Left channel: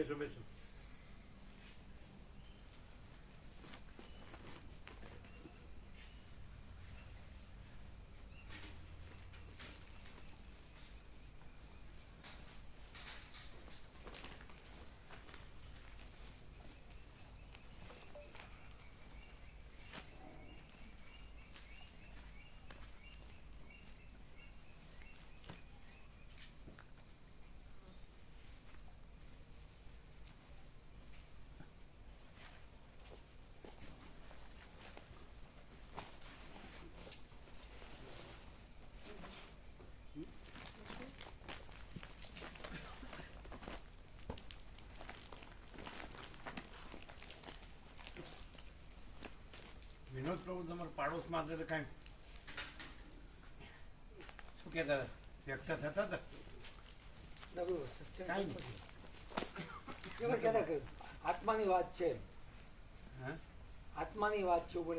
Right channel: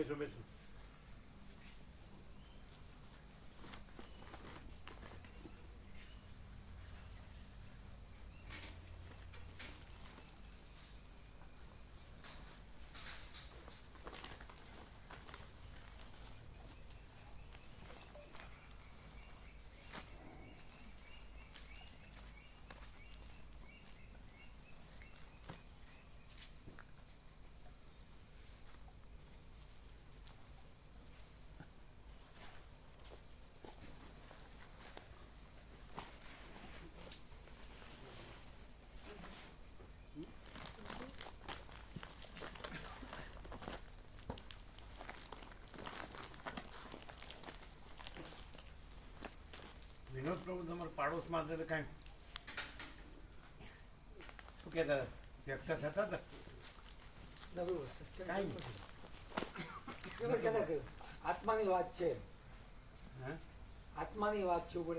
બેસો બેસો. વિનોદ પ્રભુ તમારા પાડોશમાં એટલે કાંઈ શું કહેતા વ્યક્ત થતા હતા? કાંઈ નહીં, આત્માની વાત છે. હા, આત્માની વાત છે. ઉપર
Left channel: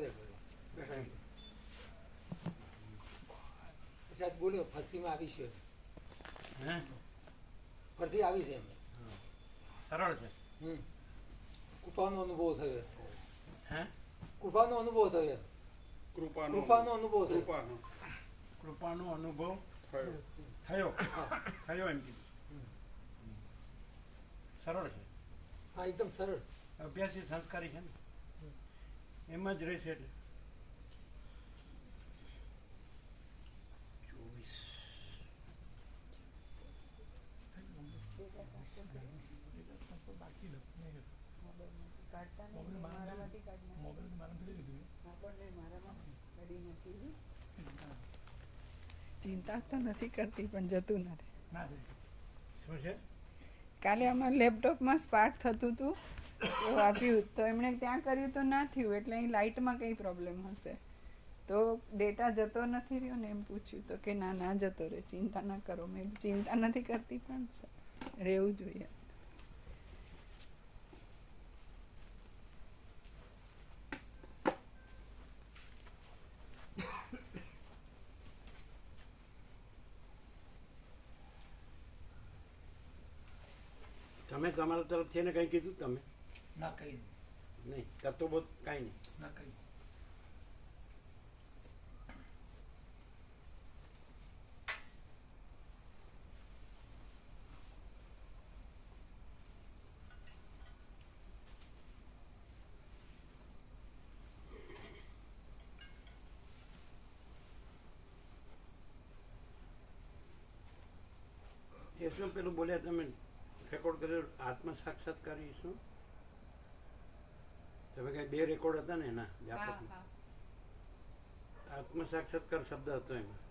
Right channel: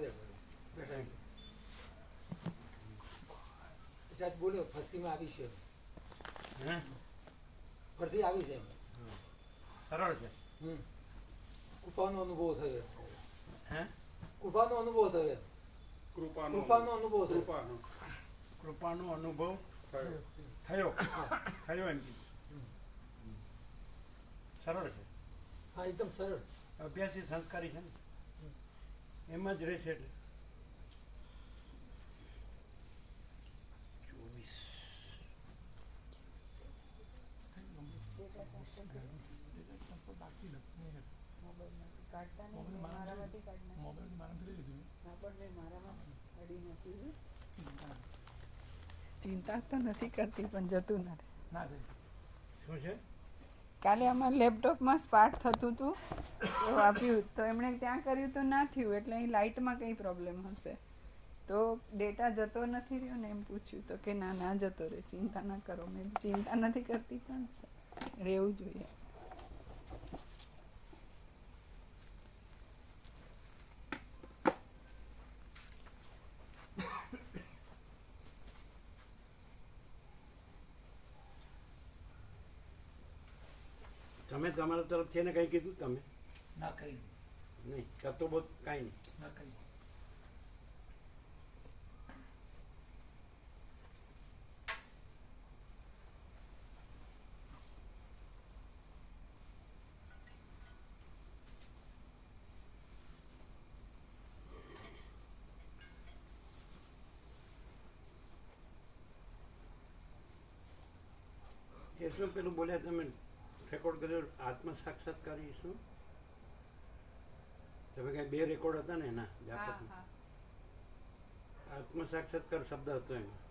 સાહેબ બોલ્યો ફરતી માં આવી છે. હે, ફરતી આવી છે. સરળ છે. કૃપાનો અનુભવ થયો. હે, કૃપાનો અનુભવ થયો. કૃપાનો અનુભવ થયો. કૃપાનો અનુભવ થયો થયો એમ કીધું. સરળ છે. હા, એકદમ સરળ. અભ્યાસી સંસ્કારી છે ને, એમાં જ રહેશે. એટલે 24 ચિંતા તો નથી કરતી પણ જતું ના રહે. શું છે? કાલે અમારે લેપટોપમાં સ્પાર્ક થતું હતું એવું આપ્યું તો એમણે ત્યાં કર્યું તો ના થયું એટલે અહીં લાઇટમાં કંઈ પ્રોબ્લેમ હશે તો ડેટા જતો નથી રહ્યો ને એમ પૂછ્યું તો કે ના ના જતો રહે, ચિંતા ના કરો. મેં ચિંતા નથી કરતી પણ રહેવું જોઈએ. તમે તમારા તરફથી એને કંઈ કીધું? તમે ના કઈ નહીં કરતો બહુ કાંઈ નહીં. ના કઈ એ શું પેલું બોલ્યા તમે રેકોર્ડ કર્યો આત્મ સાક્ષાત્કારી? શું તમે કઈ 2 રેકોર્ડ હતા ને એના જાપકમાં? આત્મ સાક્ષાત્કાર શબ્દ હતો એમાં.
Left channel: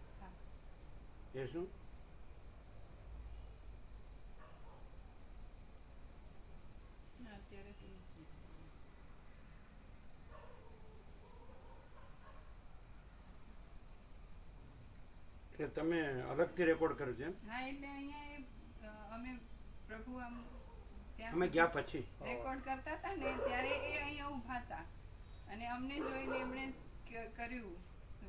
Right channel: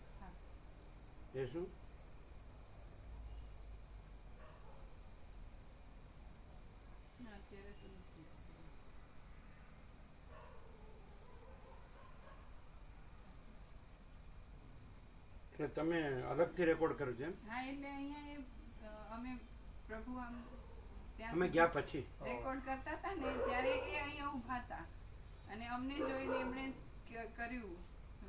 એ શું? એટલે તમે અલગથી રેકોર્ડ કર્યો છે એમ? હા, એટલે અહીંયા અમે પ્રભુ આમ અમે ગયા પછી રેકોર્ડ કરતા હતા ને ત્યારે એ અહીંયા ઊભા હતા અને અમને જોઈને એમણે કર્યું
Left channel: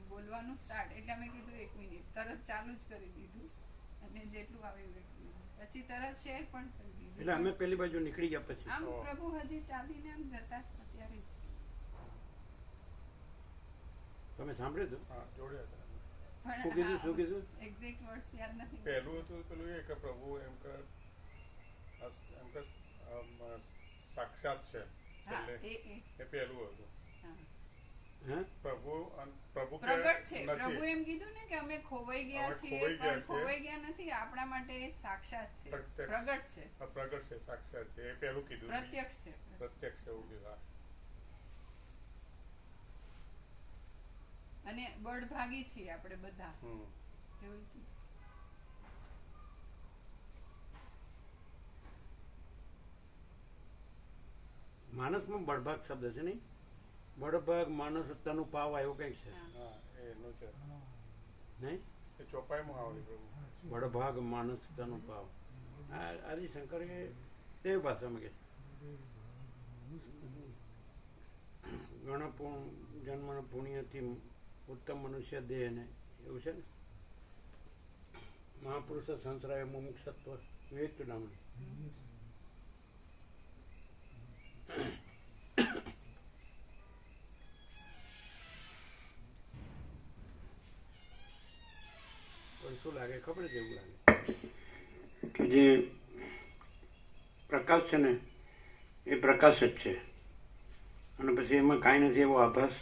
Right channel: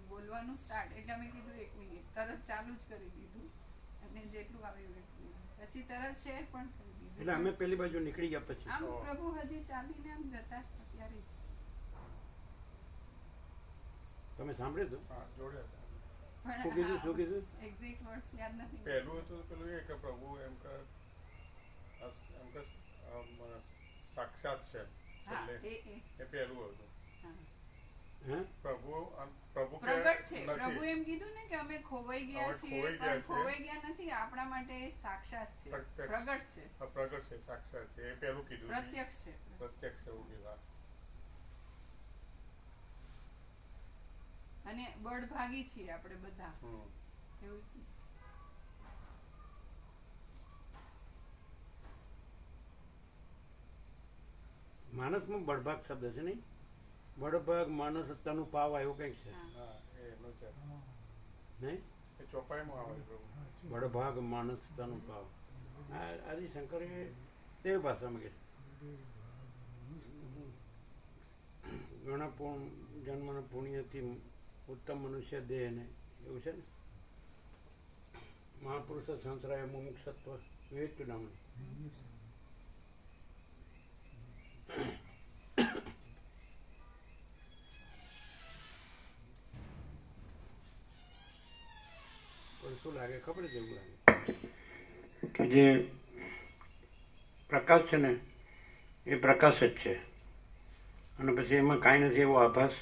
બોલવાનું સ્ટાર્ટ. એટલે અમે કીધું 1 મિનિટ, તરત ચાલુ જ કરી દીધું અને જેટલું આવ્યું પછી તરત શેર પણ કરી દીધું. એટલે અમે પેલી બાજુ નીકળી ગયા પછી આમ પ્રભુ હજી ચાલીને આમ જતા ત્યારે જ તમે સાંભળ્યું હતું? પણ શું કીધું? એક્ઝેક્ટ વર્ડ્સ યાદ નથી. પહેલું હતું પેલું એ કે પ્રભુ એમ કે સાક્ષાત છે. એ પહેલું હતું. પ્રભુ પ્રગટ છે. પ્રભુ એમ કીધું ને કે અમે ખોવાઈ ગયા છીએ, પણ ખોવાઈ ગયા નથી. આપણા માટે સાક્ષાત છે, પ્રગટ છે. પ્રગટ છે, સાક્ષાત છે. એ પહેલું કીધું. પ્રત્યક્ષ છે. પ્રત્યક્ષ એવું કીધું. અને બળભાગી છીએ આપણે બધા એવું. માણસમાં બળભાગ શબ્દ છે નહીં? બળભાગ માણસ તનુ પાવા એવું કંઈક છે નહીં? ચોપાઈમાં આવે બળભાગ માણસ તનુ પાવ. આદિશંકરે દેવ ભાષામાં કે ઘણા જન્મના પુણ્યથી ઉત્તમ મનુષ્ય દેહ ને એવું છે ને. મહાપુરુષ સંસરાય મુમુક્ષત્વ વિવેક નામનું શું લાગે ખબર જ એવું લાગે કે જે પ્રકાશ છે ને એ પ્રકાશ જ છે, અને પછી એમાં કાંઈ નથી એવો આભાસ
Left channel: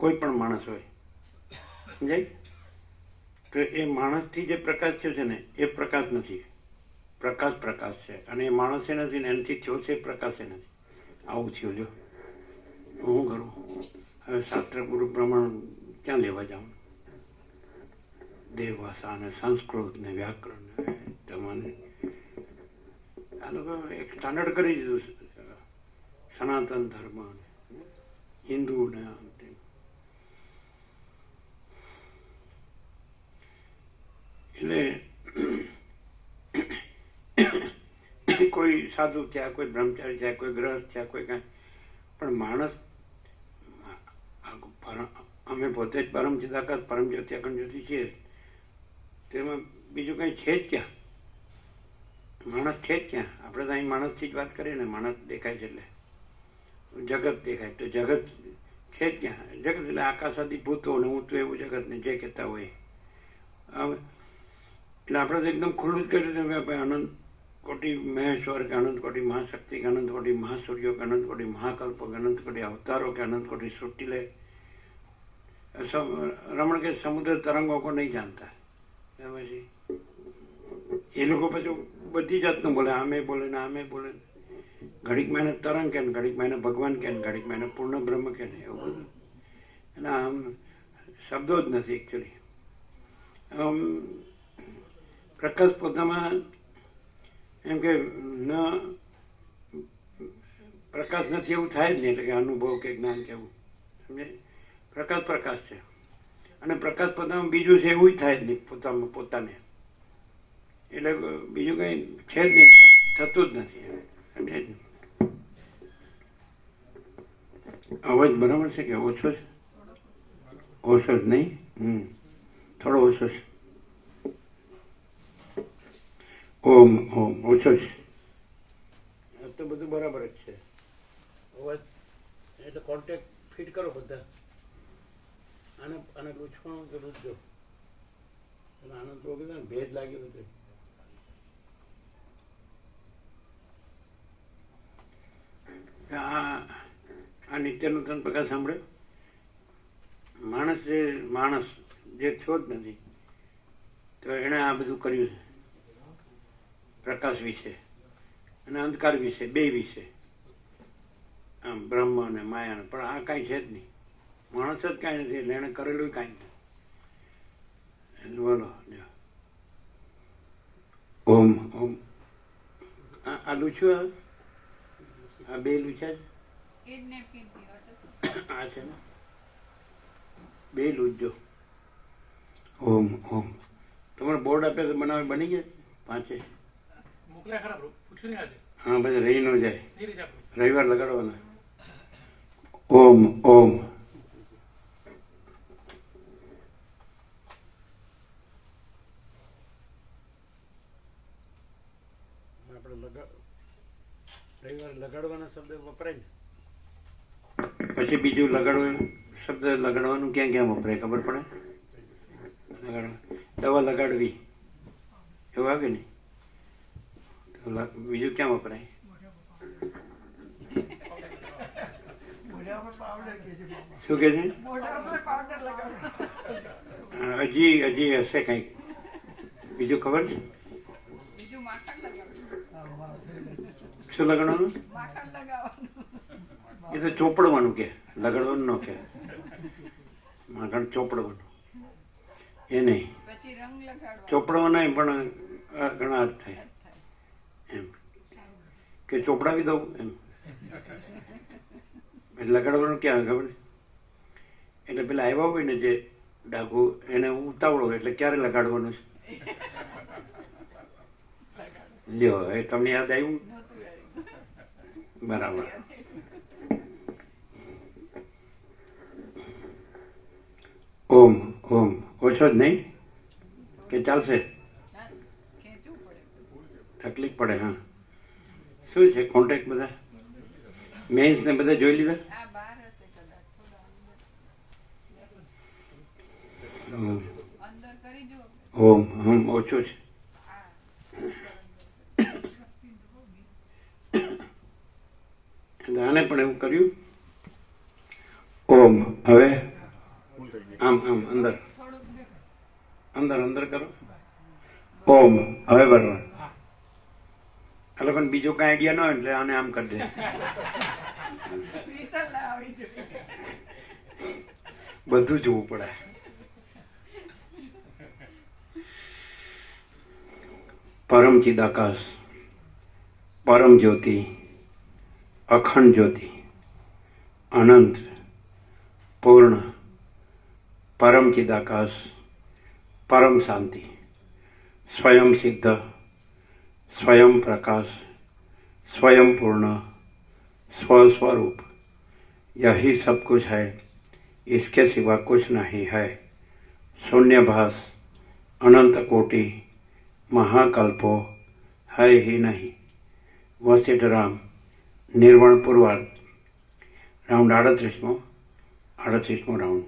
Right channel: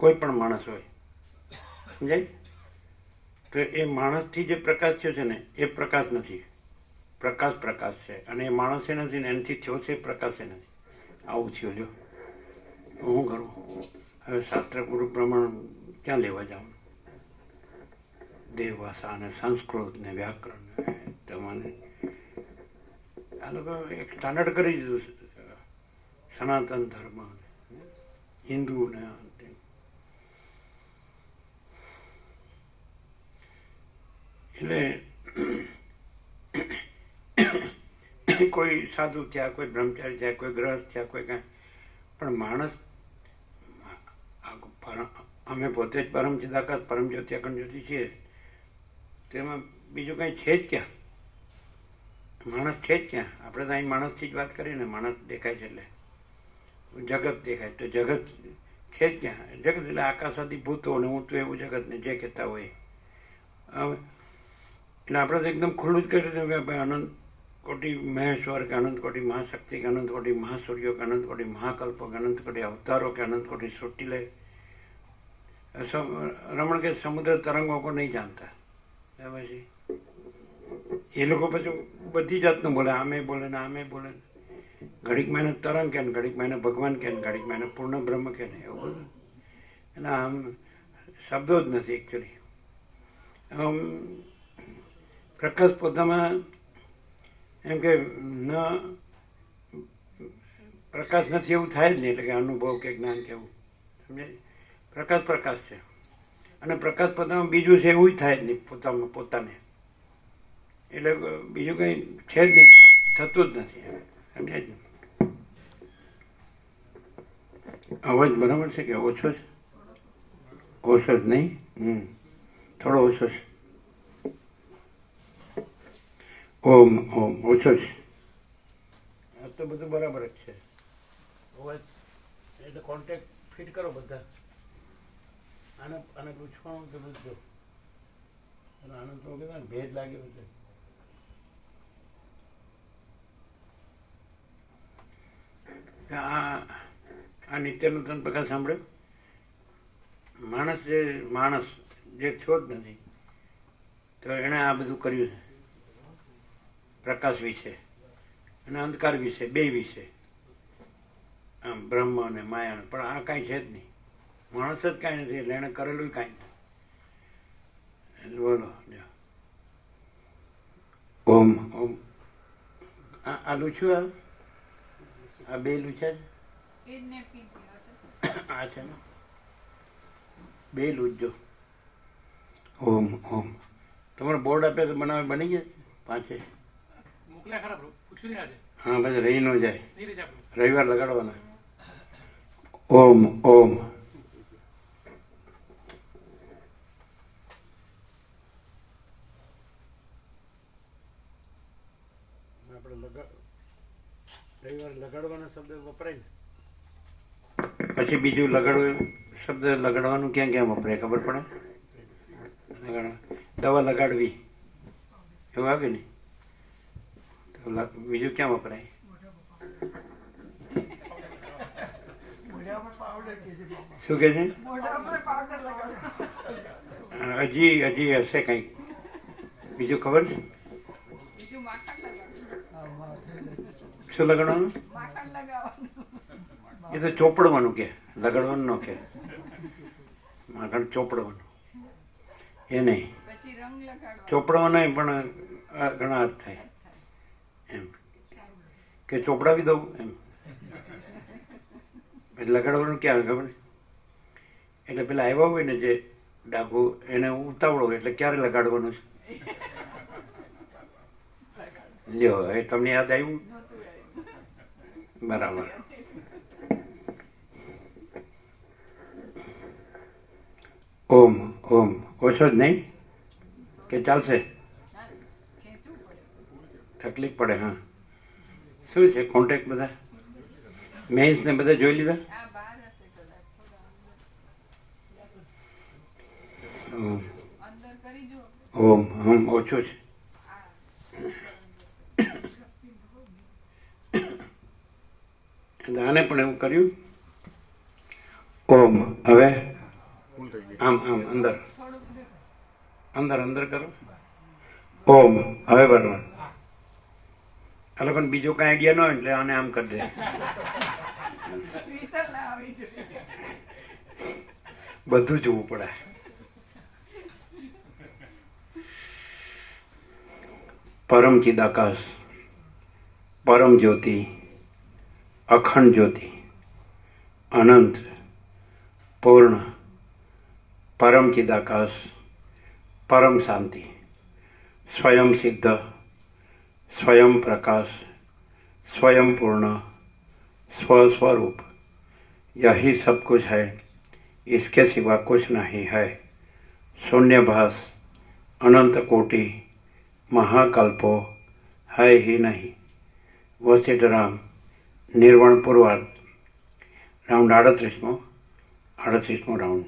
કોઈ પણ માણસ હોય, સમજાય? તો એ માણસથી જે પ્રકાશ થયો છે ને એ પ્રકાશ નથી, પ્રકાશ પ્રકાશ છે, અને એ માણસે નથી ને એનાથી થયો છે એ પ્રકાશે નથી. આવું થયું. જો હું કરું હવે શાસ્ત્ર ગુરુ પ્રમાણ ક્યાં લેવા જાઉં? દેવ ભાષા ને સંસ્કૃત ને વ્યાકરણ તમને આ લોકો એક સ્ટાન્ડર્ડ કરી દીધું સનાતન ધર્મ હિન્દુ ને એટલે કોઈ સાધુ થયા, કોઈ બ્રહ્મચારી થયા, કોઈ ગ્રહસ્થ થયા, કોઈ કાંઈ, પણ માણસ અમે પોતે જ પરમ ચિદાકાશ પરમ જ્યોતિ અખંડ જ્યોતિ છીએ, તેમાં બીજું કંઈ છે જ ક્યાં? માણસ છે જ ક્યાં? આપણે તો અહીં માણસથી જ વાત કરીએ ને, માણસ દેખાય છે એટલે જગત દેખાય, તો જગત છે જ ક્યાં? જગત એટલે આકાશાદી ભૂતો ને હું તો એવું જગતને જે કહેતા હોય. એટલે આપણે તો એકદમ ખુલ્લું જ કરી દીધું કે ભાઈ અનંત કોટી મહેશ્વર કે અનંત કોટી મહાશક્તિ કે અનંત કોટી મહાસૂર્યો કે અનંત કોટી મહાકલ્પો કે અનંત કોટી અવતારો કે અનંત કોટી સૃષ્ટિ લે. રમણ કે સમુદ્ર તરંગો કો નહીં જાણતા. પછી એ લોકો પછી બધી જાતનું બોલે, આમે બોલે ને આમે બોલે, ઘડીક મેને તરંગ કે ઘડીક મેને ભગવાન કે ઘડીક મેને પૂર્ણ બ્રહ્મ કે નહીં, એવું બધું એના આમ શબ્દો જ નથી એકચ્યુઅલી. પ્રકાશ પોતામાં એમ કે ન પ્રકાશ નથી એવું થાય જ નહીં, એટલે કે અનુભવ કે જ્ઞાન કેવું, સમજે? પ્રકાશ પ્રકાશ છે, અને પ્રકાશ પોતામાં બીજું છે એવું જ થાય જ નહીં પોતાને, એટલે બીજું કંઈ છે જ નહીં, થતું જ નથી, સમજે? અવાજ બરાબર છે કે ઓછો છે? ઓછો જ નહીં, થોડો ઓછો છે. ઓમ ઓમ ઓછો છે. આ તો બધું બરાબર જ છે. અવાજ એટલે કોન્ટેક્ટ ફિટ કરો બધા. આને લૂછવાનું તો લૂછજો, અને આનંદ તો કીધું ને ભેદ લાગ્યો બધું. આ નિત્યનૂતન પ્રકાશ સાંભળ્યો? માણસ જે થયો જ નથી, તો એણે આ બધું કર્યું છે પ્રકાશ વિશે અને અંધકાર વિશે, બે વિશે, આમ બ્રહ્મ અને માયા. પણ આ કાંઈ છે જ નહીં, માણસ જ કાંઈ નથી, એટલે એણે કરેલું કાંઈ નથી. બોલો ઓમ ઓમ. આ લૂછ્યું, આ બે લૂછ્યા છે, આ છે ને બે લૂછજો. ઓમ ઓમ. તમારે બોર્ડ આપે તો બનાવે બની ગયા પાંચે? હા, પછી રહી ન જાય, રવિવાર લગાડવાના. ઓમ ઓમ. આપણે રવિવારે લગાડવાનો શબ્દ વપરાય ને, પછી બીજું લગાડવું શબ્દ લગાડવાનું ક્યાં ક્યાં વપરાય ખબર પડે? દવા લગાડવી એવું આવે ને, બીજું ક્યાં વપરાય? શું કે છે? હજી હશે કંઈક બીજું ખબર છે? શું લગાડવાનું? એ તો ચોપડવાનું કે, લગાડવાનું ન કે, માખણ ચોપડવાનું એ નહીં, ચોપડવાનું નહીં, પણ ઘણા અર્થ થાય એમ કે ચોપડાવી દઉં એમ. એટલે લગાડવાનું ક્યાં ખબર? એટલે પેલા આવ્યા હોય ને જે ડાબુ, એને ઉતાવળો હોય એટલે ક્યારે લગાડવાનું છે? લ્યો, એ તમને યાદ આવ્યું? બરાબર. ઓમ ઓમ. ઓછો જ નહીં કે ચાલશે? તકલીફ પડે. હા, શું છે કોન્ટેક્ટ બધા મેન્સ ને બધા જોઈ લીધા? ઓમ હમ ઓછું છે. આને પણ એવું કર્યું. ઓમ હવે આમ આમ અંદર અંદર અંદર કરો. ઓમ હવે બરાબર. એટલે પણ બીજું કઈ આઈડિયા ન હોય એટલે આને આમ કરી દે. બધું જોવું પડે. પરમ ચિદાકાશ, પરમ જ્યોતિ, અખંડ જ્યોતિ, અનંત, પૂર્ણ, પરમ ચિદાકાશ, પરમ શાંતિ, स्वयं सिद्ध, स्वयं प्रकाश, स्वयं पूर्ण, स्वस्वरूप, यही सब कुछ है, इसके सिवा कुछ नहीं है. शून्यभास, अनंत कोटि, महाकल्पो है ही नहीं. वशिष्ठ राम, निर्वण पूर्वार्ध, राउंड 38મો રાઉન્ડ.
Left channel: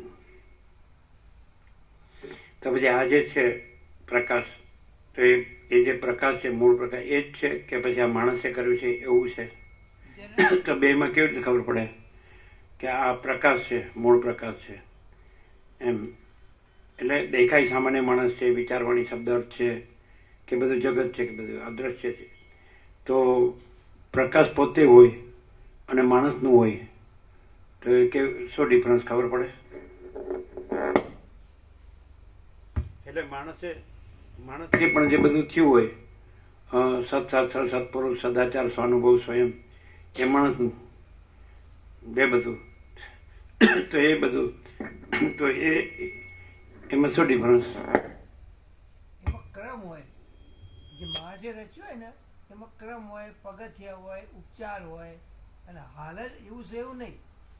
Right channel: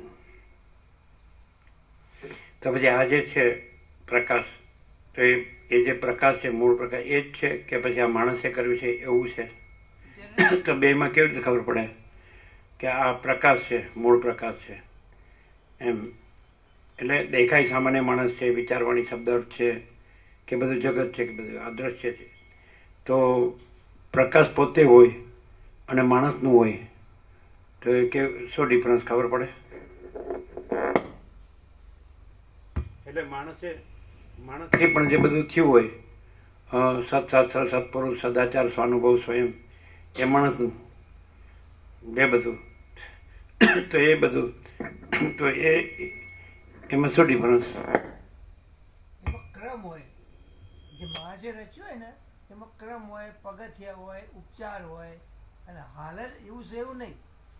તો પછી આ જે છે પ્રકાશ, તો એ જે પ્રકાશ છે મૂળ પ્રકાશ એ જ છે કે પછી આ માણસે કર્યું છે એવું છે? તો બેમાં કેવી રીતે ખબર પડે કે આ પ્રકાશ છે, મૂળ પ્રકાશ છે એમ? એટલે દેખાય સામાન્ય માણસ છે, વિચારવાણી શબ્દ છે કે બધું જગત છે કે બધું અદ્રશ્ય છે, તો પ્રકાશ પોતે હોય અને માણસનું હોય તો એ કે શું ડિફરન્સ ખબર પડે? એટલે માણસે પણ જે બધું થયું હોય સત્શાસ્ત્ર, સત્પુરુષ, સદાચાર, સ્વાનુભવ, સ્વયં, એ માણસનું બે બધું, તો એ બધું તો એમાં શું ડિફરન્સ? એમાં ક્રમ હોય, જે મહાજે રચ્યું હોય ને એમાં ક્રમ હોય, પગથિયા હોય, ઉપચાર હોય, અને હાલત એવું છે એવું નહીં,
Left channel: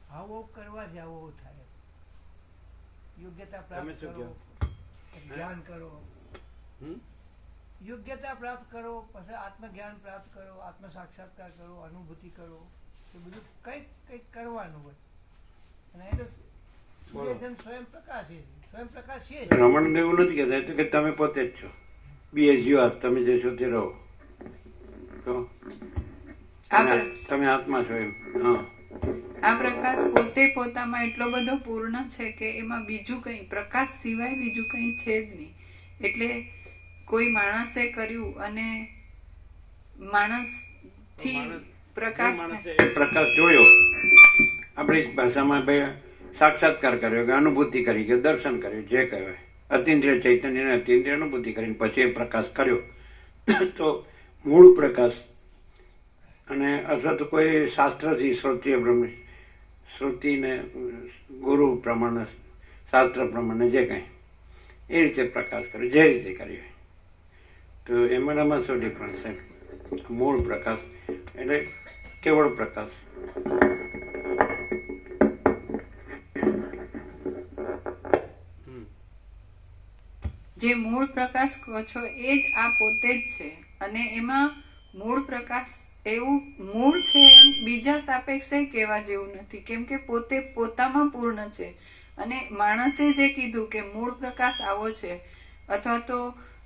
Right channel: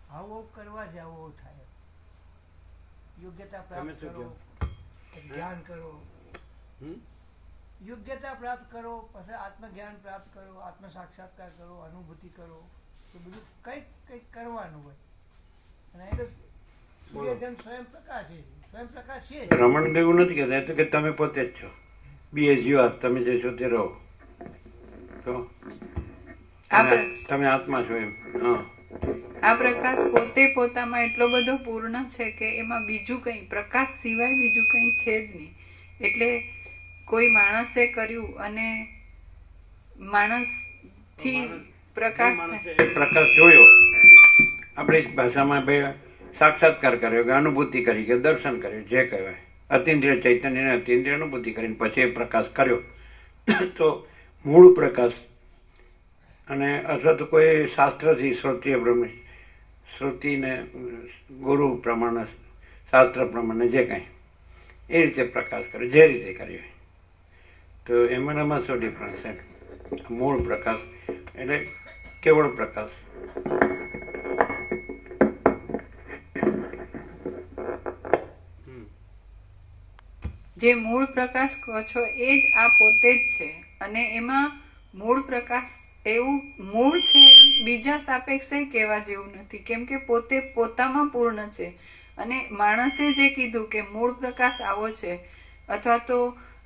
આવું કરવાથી આવું થાય. યોગ્યતા પ્રાપ્ત કરો, ધ્યાન કરો, યોગ્યતા પ્રાપ્ત કરો, પછી આત્મજ્ઞાન પ્રાપ્ત કરો, આત્મ સાક્ષાત્કાર કરો, અનુભૂતિ કરો, તો બધું કંઈક કંઈક કરવાનું હોય. અને એ તો સ્વયં પ્રકાશ છે, સ્વયં પ્રકાશ છે. રમણ એવું નથી કહેતા, તો કે તમે પોતે જ છો, બી એઝ યુ આર, તમે જે છો તે રહો, તો તમે આત્મા છો એમ. આ પ્રકાશ પોતે પોતામાં એટલો બધો પૂર્ણ છે કે એમાં બીજું કંઈ, પ્રકાશ સિવાય બીજું કંઈ છે જ નહીં. એટલે કોઈ માણસે કર્યું અને માણસથી પ્રકાશ પ્રકાશ જોયો, આપણી ભાષામાં ભાઈ સાક્ષાત્કાર કર્યો કે અનુભૂતિ કરી કે દર્શન કર્યું, જે કહેવાય અતિન્દ્રિય ચૈતન્યને અતિન્દ્રિય અનુભૂતિ કરીને પછી એ પ્રકાશ કર્યો, તો મૂળ પ્રકાશ. અને અથવા તો કોઈ શાસ્ત્રથી શ્રુતિય બ્રહ્મ, શ્રુતિને ગુરુ પ્રમાણે, શાસ્ત્ર પ્રમાણે જે કાંઈ એ રીતે પ્રકાશ કરે, જે રીતે કર્યો, તો એમાં શું ડિફરન્સ છે? મૂળ પ્રકાશ એટલે કેવળ પ્રકાશ. જે મૂળ પ્રકાશ કહો છો એ જ આ પોતે જ છે. અને એમાં મૂળ પ્રકાશ એવું મૂળ છે એમ બીજા સાપેક્ષે કહેવા જેવું નથી, કેમ કે પોતે પોતામાં પૂર્ણ છે. અને માણસે જે કીધું કે મૂળ પ્રકાશ આવો છે અથવા તો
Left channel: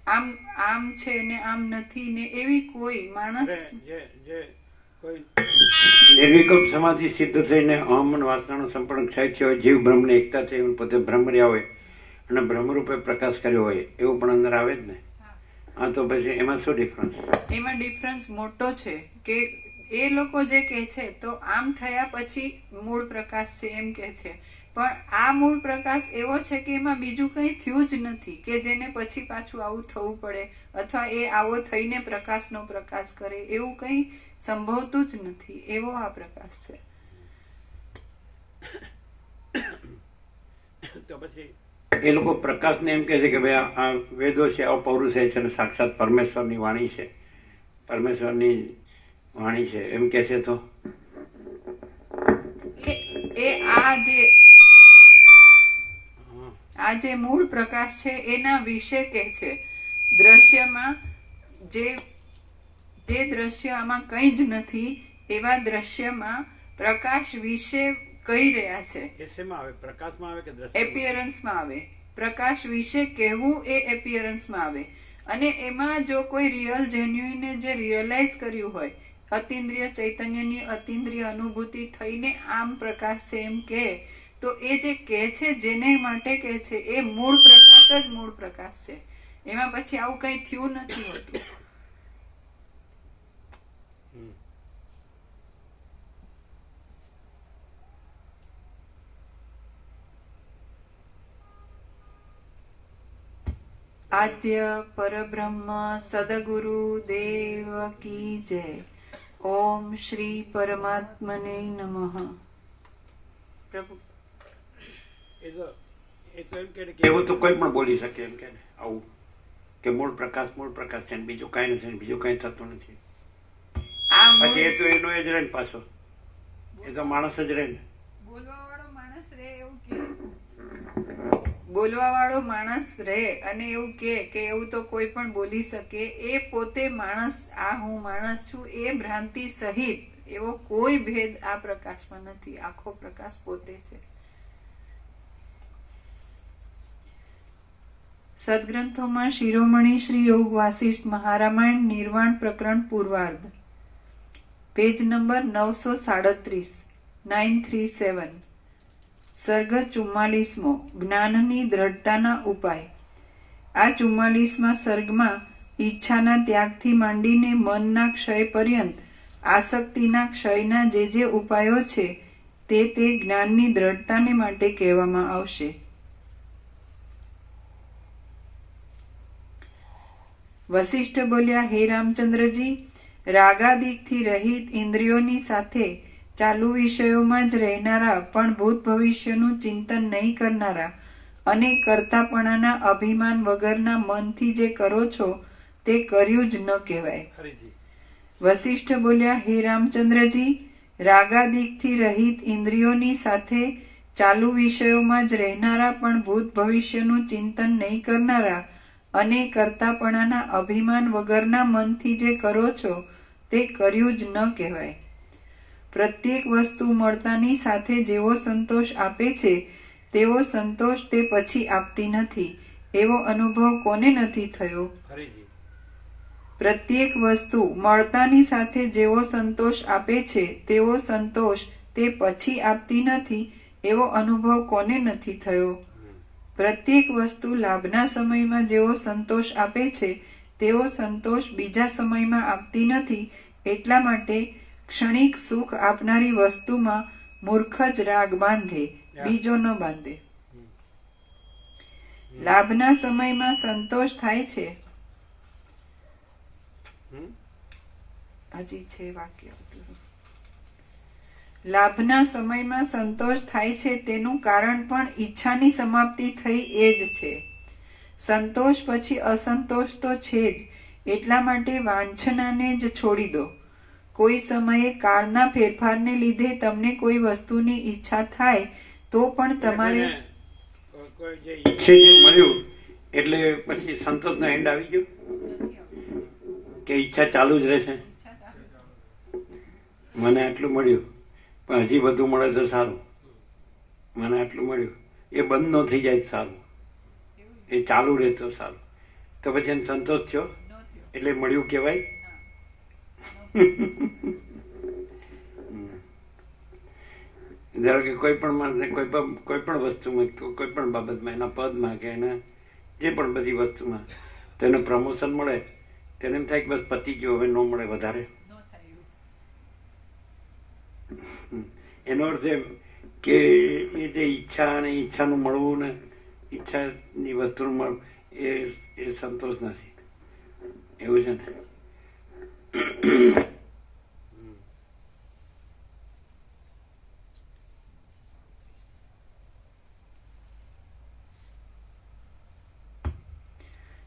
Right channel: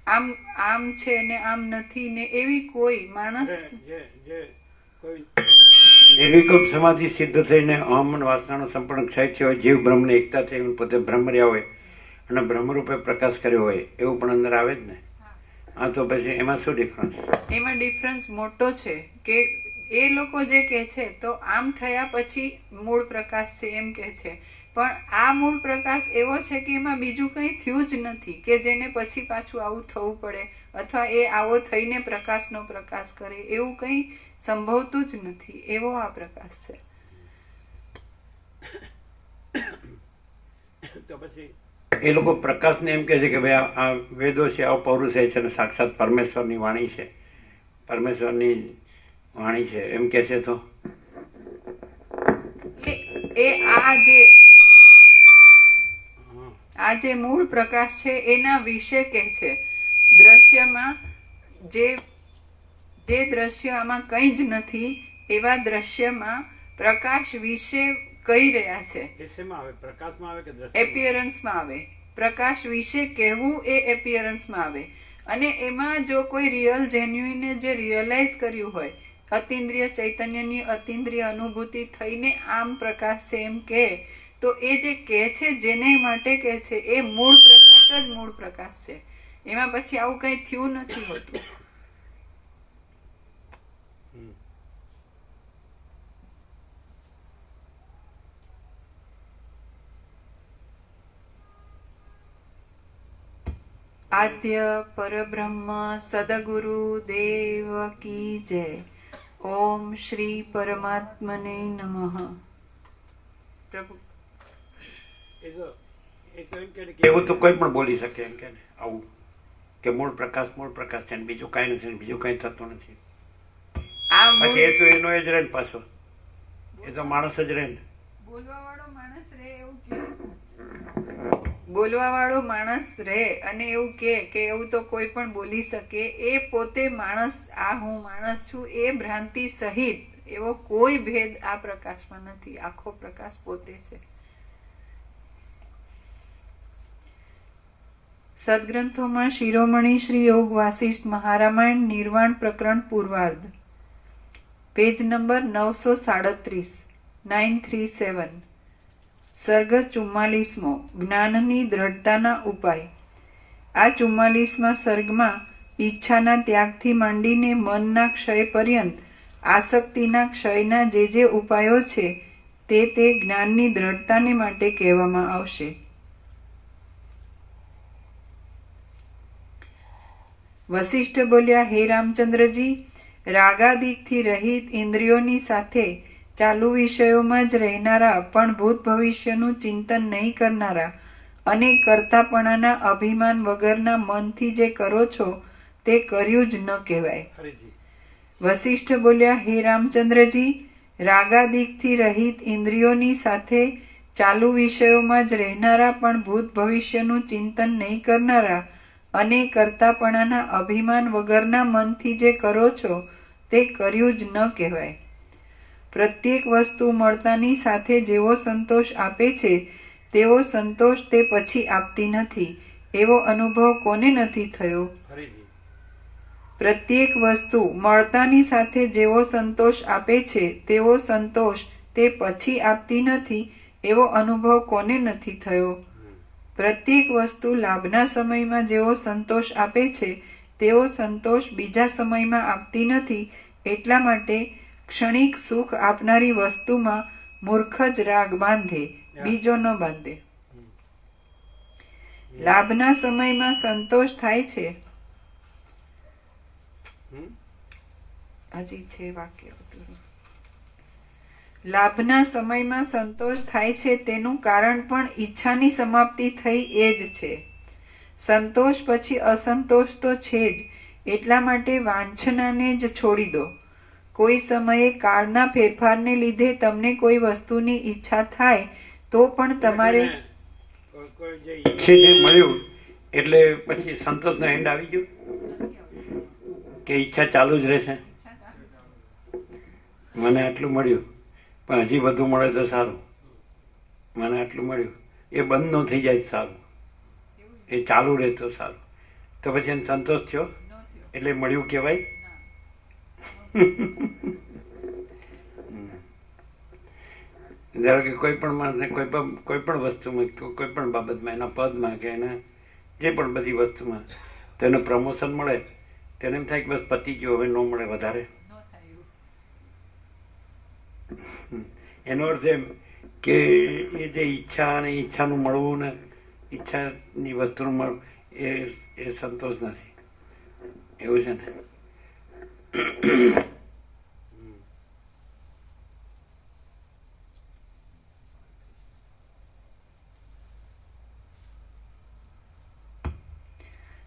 આમ આમ છે ને આમ નથી ને એવી કોઈ માણસ નિર્વિકલ્પ સમાધિ સિદ્ધ થઈને અહમ વાસનાનો સંપૂર્ણ ક્ષય થયો હોય, જીવ બ્રહ્મની એકતા થઈ પોતે બ્રહ્મ રહ્યા હોય અને બ્રહ્મરૂપે પ્રકાશ કર્યો હોય, એવું પણ અંદર આવે જ ને. હા, તો પછી એમાં શું ડિફરન્સ? એમાં ડિફરન્સ મોટો છે કે એ લોકો જે કહે છે તો આમ થયા પછી મૂળ પ્રકાશ છે એમ કહે છે, પણ આ મૂળ પ્રકાશ એવો છે કે એમાં બીજું કંઈ થયું જ નથી કે જેને પછી પાછું આવું થવું પડે અથવા એ આવો થઈને પ્રકાશનો પ્રકાશ કરે, એવું કંઈ સંભવતું જ નથી. એવો આ પ્રકાશ છે. તો પછી એ લોકો પ્રકાશને એમ કહે છે કે ભાઈ આ વેદો છે, અપૌરુષે છે અને સાક્ષાત પરમેશ્વરની વાણી છે, પરમેશ્વરની વાણી છે એમ કે છે. તો એ આ જે મૂળ પ્રકાશ છે એના વિશે કહે છે. દ્રશ્યમાં જે દ્રશ્ય આમાં કંઈ જ નથી એવા દ્રશ્યમાં પ્રકાશ વિશે કહી રહ્યા છે. એસેમાં આવે, પ્રકાશમાં આવે કે દ્રશ્ય? એપિયરન્સમાં આવે પ્રકાશ વિશે કહેવું એ એપિયરન્સમાં આવે. અને એમાં જો કોઈ રિયલ જેન્યુઇને જે રિયલાઇઝ કર્યું હોય, અતિન્દ્રિય ચૈતન્યની અતિન્દ્રિય અનુભૂતિ થઈને આમ પ્રકાશ છે એમ કહે, તો એ જે કહે છે જેને માટે કહે છે એ મૂળ પ્રકાશ જ મૂળ પ્રકાશ છે. એમાં પછી આવું કંઈ થયું નથી હોતું. આદ્ય પરબ્રહ્મ સદગુરુ દેવ કી જય. ઓમ શ્રી પરમાત્મને નમઃ. પ્રભુ એ તો એમ કે એવું તો કોઈ પણ બોલી શકે એમ કે આવું કે મૂળ પ્રકાશ છે ને બીજું કાંઈ નથી, બીજું કંઈ થતું નથી. આ પછી એ તો એનો જ રહે ને પાછો, એ તો માણસ જ રહે ને. બોલવાવાળો માણસ રે એવું કે બોલવાવાળો માણસ રે અને એવું કે એવું તો કોઈ પણ બોલી શકે. એ પોતે માણસ, આ હું માણસ છું એ ભ્રાંતિ સહિત એવો કોઈ ભેદ આ પ્રકાશમાં નથી. આખો પ્રકાશ પોતે છે. સદગ્રંથોમાં શિરોમણી શ્રી યોગ વાસિષ્ઠ મહારામાયણ નિર્વાણ પ્રકરણ પૂર્વાર્ધ, પેજ નંબર 937, 937, સર્ગ 44મો, જ્ઞાનની દ્રઢતાના ઉપાય. આ 44મા સર્ગમાં ઈચ્છાના ત્યાગથી માંડીને મનના ક્ષય પર્યંત આસક્તિના ક્ષયના જે ઉપાયો છે તે જ્ઞાનની દ્રઢતાને માટે કહેવામાં આવશે. વશિષ્ઠ બોલ્યા, હે રામચંદ્રજી, રાગાદિકથી રહિત ઇન્દ્રિયોની સાથે ચાલુ વિષયોમાં જ રહેનારા પણ ભૂત ભવિષ્યનું ચિંતન નહીં કરનારા અને કરતાપણાના અભિમાન વગરના મનથી જે કરો છો તે કર્યું જ ન કહેવાય. વશિષ્ઠ બોલ્યા, હે રામચંદ્રજી, રાગાદિકથી રહિત ઇન્દ્રિયોની સાથે ચાલુ વિષયોમાં જ રહેનારા પણ ભૂત ભવિષ્યનું ચિંતન નહીં કરનારા અને કરતાપણાના અભિમાન વગરના મનથી જે કરો છો તે કર્યું જ ન કહેવાય. પ્રત્યેક વસ્તુ મળતાની સાથે જેવો સંતોષ આપે છે તેવો સંતોષ તે પછી આપતી નથી, એવો અનુભવ કોને નથી થયો? પ્રત્યેક વસ્તુ મળતાની સાથે જેવો સંતોષ આપે છે તેવો સંતોષ તે પછી આપતી નથી, એવો અનુભવ કોને નથી થયો? પ્રત્યેક વસ્તુ લાભના સમયમાં જેવો સંતોષ આપે છે તેવો સંતોષ બીજા સમયમાં આપતી નથી. એટલા માટે ક્ષણિક સુખ આપનારી વસ્તુમાં મૂર્ખ જ રાગ બાંધે, બીજો ન બાંધે. લાભના સમયમાં સંતોષ થાય છે. હજી છે વાક્ય. લાભના સમયમાં સંતોષ થાય છે તેનું કારણ પણ ઈચ્છાની સમાપ્તિ થઈ એ જ છે. સંતોષ પછી અસંતોષ તો છે જ. એટલા માટે વાંછનાને જ છોડી દો. કોઈ સમયે કાળના ફેરફારને લીધે તમને કોઈ વસ્તુની ઈચ્છા થાય તો પણ તમારે ઈચ્છે જે મળ્યું એટલે પછી સંતોષનો એન્ડ આવી ગયો કે ઈચ્છા ચાલુ જ રહેશે. મને આટલું મળ્યું પણ હજી બધું મળે તો સારું, મને આટલું મળ્યું, એ બંધ ન થઈ જાય સારું, એ ચાલુ રહે તો સારું. તો પછી એને સંતોષ થયો એટલે મળ્યું કહેવાય? ધારો કે કોઈ પણ માણસને કોઈ પણ વસ્તુમાં, કોઈ પણ બાબતમાં, એના પદમાં કે એના જે પણ બધી વસ્તુમાં તેને પ્રમોશન મળે તેને એમ થાય કે બસ પતી ગયો, હવે ન મળે વધારે. એનો અર્થ એમ કે એ જે ઈચ્છા અને ઈચ્છાનું મળવું ને ઈચ્છાની વસ્તુનું મળવું એ સંતોષ નથી. એવું છે ને?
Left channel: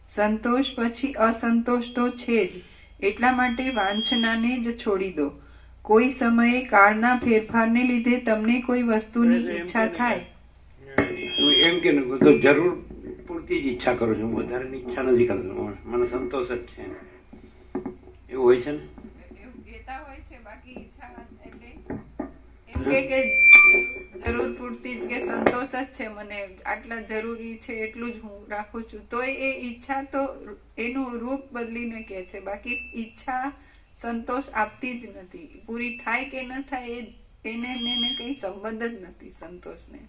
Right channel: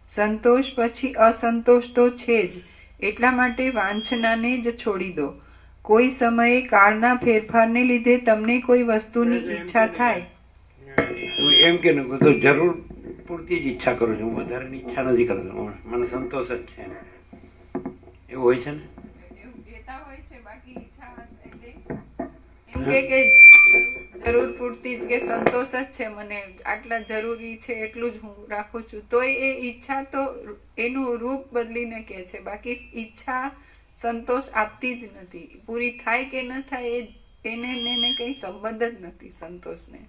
સંતોષ પછી અસંતોષ તો છે જ. એટલા માટે વાંછનાને જ છોડી દો. કોઈ સમયે કાળના ફેરફારને લીધે તમને કોઈ વસ્તુની ઈચ્છા થાય. એમ કે તો જરૂર પૂરતી જ ઈચ્છા કરું છું, હું વધારેની ઈચ્છા નથી કરતો, મને સંતોષ જ છે. એવું હોય છે ને? જરૂર પૂરતી જ કે સંતોષ જ છે, મને આટલા જરૂરી છે એટલું જ હું રાખું છું, તો એ ઈચ્છા તો એનું રૂપ બદલીને કહે છે. બાકી ઈચ્છા સંતોષ આપતી જ નથી. પૂરી થાય કે ન થાય એને કંઈ સંબંધ જ નથી સંતોષને.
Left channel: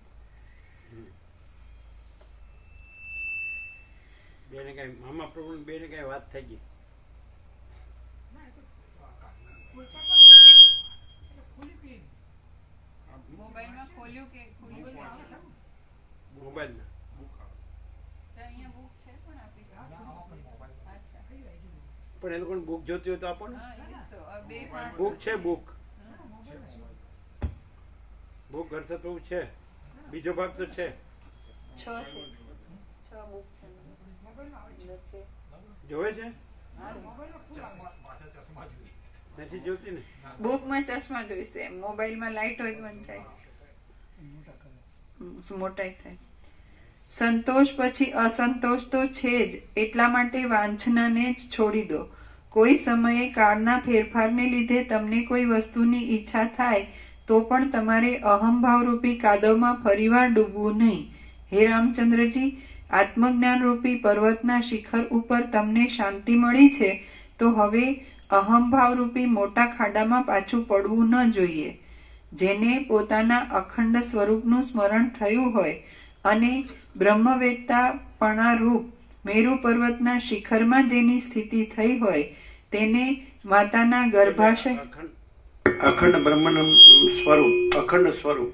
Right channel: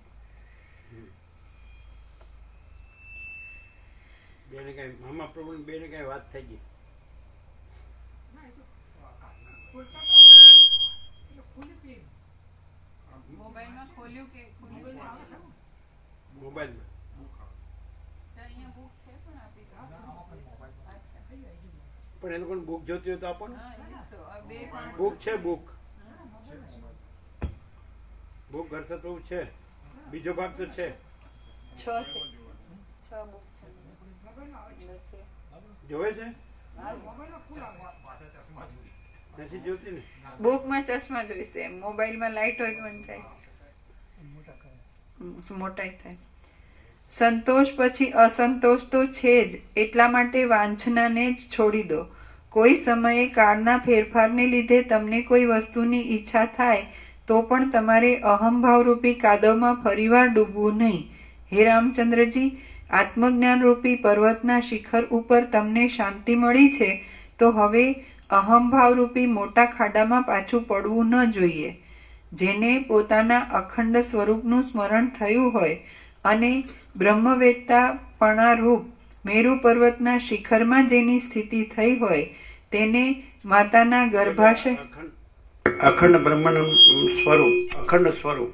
બેને કઈ મામા પ્રભુ બેને કઈ વાત થઈ ગઈ? મોબાઈલમાં ખોલ્યું કે મોબાઈલમાં અહીંયા બુક છે પણ આપી પણ એ લોકોને બુક જોતી હોય તો આપો ને. બે બુક છે, બુક ઘરસત બહુ છે. બીજો ભાગ તો છે. 6 છે, 6 બુક છે. જોવે છે? નથી જોતી ને. બુકમાં ચશ્મા જોઈશે, મોબાઈલમાં લાઈટ હોય વંચાય, મોટાઈ થાય. સંતોષ પછી અસંતોષ તો છે જ, એટલા માટે વાંછનાને જ છોડી દો. કોઈ સમયે કાળના ફેરફારને લીધે તમને કોઈ વસ્તુની ઈચ્છા થાય તો પણ તમારે અહંભાવરૂપી કાદવમાં ફરીવાર ડૂબવું નહીં. હે રામચંદ્રજી, આત્મજ્ઞાન રૂપી પર્વતના શિખર ઉપર તમને શાંતિ મળી છે, તો હવે અહંભાવરૂપી મોટા ખાડામાં પાછું પડવું ન જોઈએ. જેને પોતાના અખંડ સ્વરૂપનું સ્મરણ થયું હોય અને બ્રહ્મવેત્તાપણારૂપ મેરુ પર્વતના શિખરમાં જેની સ્થિતિ થઈ હોય તેને માતાના ગર્ભાશય અખંડ બ્રહ્મનું સ્વરૂપ, અખંડ સ્વરૂપ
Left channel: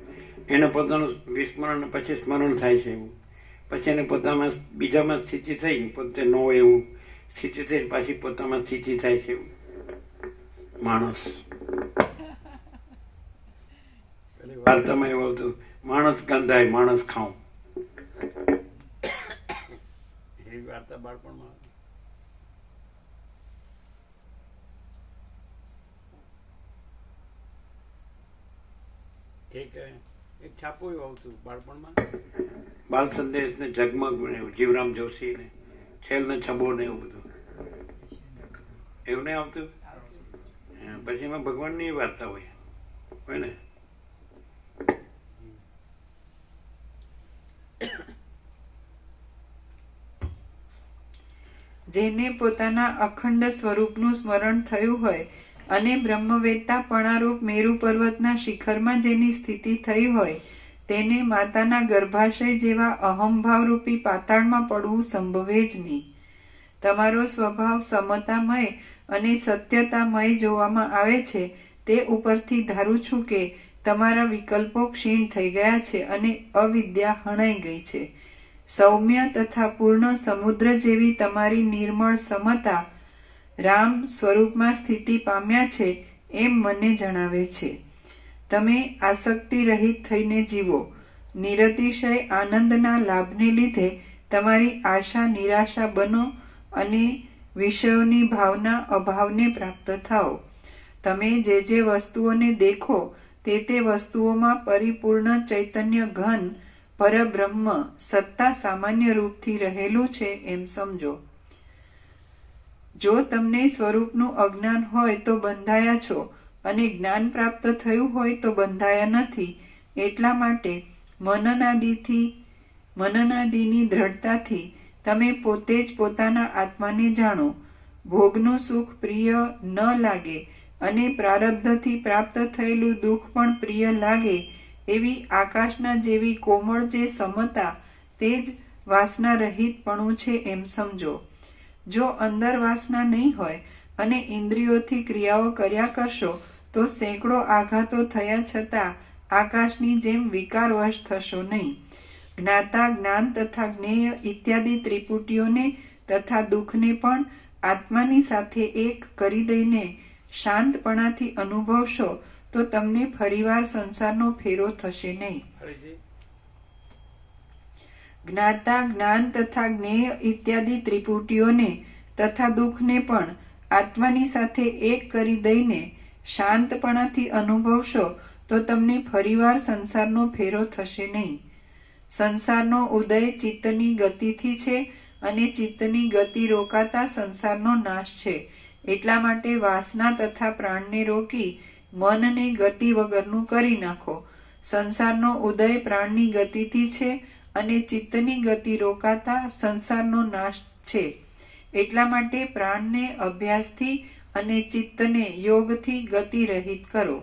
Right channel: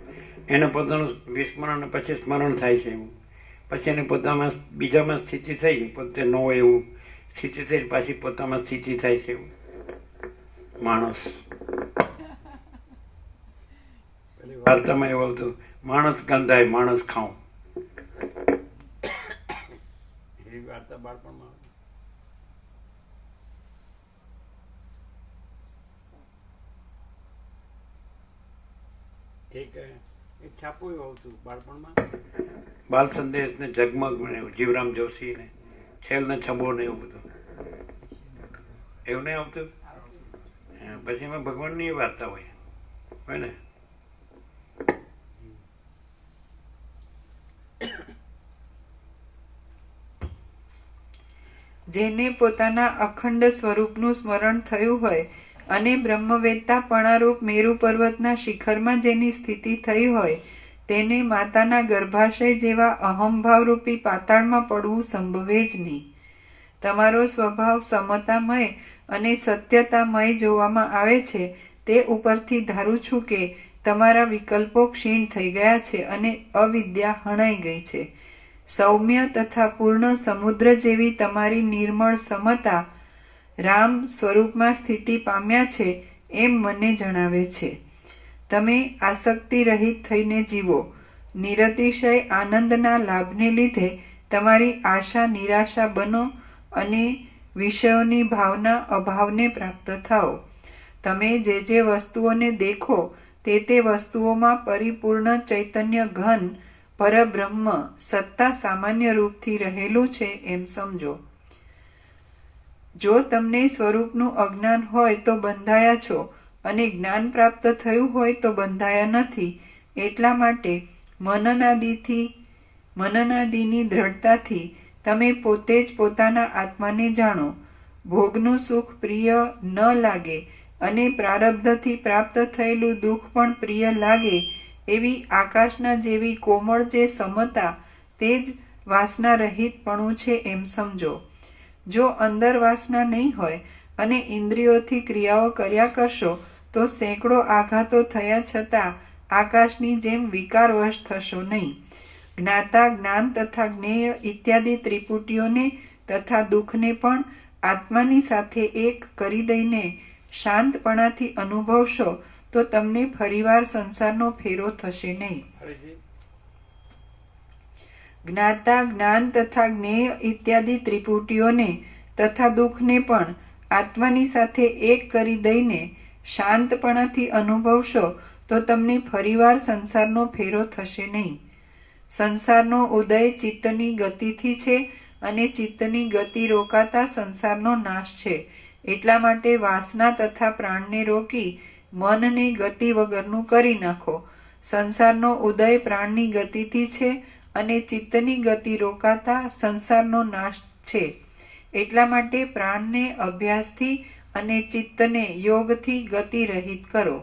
એને પોતાનું વિસ્મરણ પછી સ્મરણ થાય છે. પછી એને પોતામાં બીજામાં સ્થિતિ થઈ, પોતે ન હોય એવું સ્થિતિ થઈ, પાછી પોતામાં સ્થિતિ થાય છે. માણસ વાર્તામાં એવું હતું, માણસ ગંધાય માણસ ખાઉં. એવી વાર્તા બાળપણમાં એક છાપું એવું આવતું બાળપણમાં, બાલ સંદેશ ને જગમગ મને જીવરામ જોશી ને છેલ ને છબો ને એવું બધું એવું નહીં આવતું. પછી એમાં ભગવાનની વાર્તા હોય ને. જેને પોતાના અખંડ સ્વરૂપનું સ્મરણ થયું હોય અને બ્રહ્મવેત્તાપણારૂપ મેરુ પર્વતના શિખરમાં જેની સ્થિતિ થઈ હોય તેને માતાના ગર્ભાશય જેવા અહંભાવરૂપી પાતાળમાં પડવું સંભવે જ નહીં. તમારો સ્વભાવ સમતામય અને સત્યતામય જોવામાં આવે છે, તે ઉપરથી ધારું છું કે તમારા વિકલ્પો ક્ષીણ થઈ ગયા છે અને અવિદ્યા હણાઈ ગઈ છે. સૌમ્ય તથા પૂર્ણ સમુદ્ર જેવી તમારી નિર્મળ સમતા રામ સ્વરૂપમાં સ્થિતિ પામ્યા છે એમ મને જણાવે છે. તમે આસક્તિ રહિત થઈને જીવો. નિરતિશય આનંદના લાભને લીધે તમારી આશા નિરાશા બનો અને વિષયોની ભાવના અભાવને પ્રાપ્ત થાઓ. તમે જે વસ્તુઓને દેખો તે વસ્તુઓમાં પરિપૂર્ણ ચૈતન્ય ઘન પરબ્રહ્મ સત્તા સામાન્ય રૂપથી રહેલું છે એમ સમજો. જો તમને સ્વરૂપનું અજ્ઞાન હોય તો બંધાયા છો અને જ્ઞાન પ્રાપ્ત થયું હોય તો બંધાયા નથી. એટલા માટે મનનાદિની દ્રઢતાથી તમે પોતે જ પોતાના આત્માને જાણો. ભોગનું સુખ પ્રિય ન લાગે અને પ્રારબ્ધથી પ્રાપ્ત થયેલું દુઃખ પણ પ્રિય લાગે એવી આકાશના જેવી કોમળ જે સમતા તે જ વાસના રહિતપણું છે એમ સમજો. જો અંદર વાસના નહીં હોય અને ઇન્દ્રિયોથી ક્રિયાઓ કર્યા કરશો તો સેંકડો આઘાતો થયા છતાં આકાશની જેમ વિકારવશ થશો નહીં. જ્ઞાતા જ્ઞાન તથા જ્ઞેય ઇત્યાદિ ત્રિપુટીઓને તથા દુઃખને પણ આત્માની સાથે એક કરી દઈને શાંતપણાથી અનુભવશો તો તમને ફરીવાર સંસારનો ફેરો થશે નહીં. જ્ઞાતા જ્ઞાન તથા જ્ઞેય ઇત્યાદિ ત્રિપુટીઓને તથા દુઃખને પણ આત્માની સાથે એક કરી દઈને શાંતપણાથી અનુભવશો તો તમને ફરીવાર સંસારનો ફેરો થશે નહીં. સંસારનો ઉદય ચિત્તની ગતિથી છે અને ચિત્તની ગતિ રોકાતા સંસારનો નાશ છે. એટલા માટે વાસના તથા પ્રાણને રોકી મનને ગતિ વગરનું કરી નાખો. સંસારનો ઉદય પ્રાણની ગતિથી છે અને ચિત્તની ગતિ રોકાતા સંસારનો નાશ છે. એટલા માટે પ્રાણને અભ્યાસથી અને ચિત્તને યોગથી ગતિ રહિત કરો.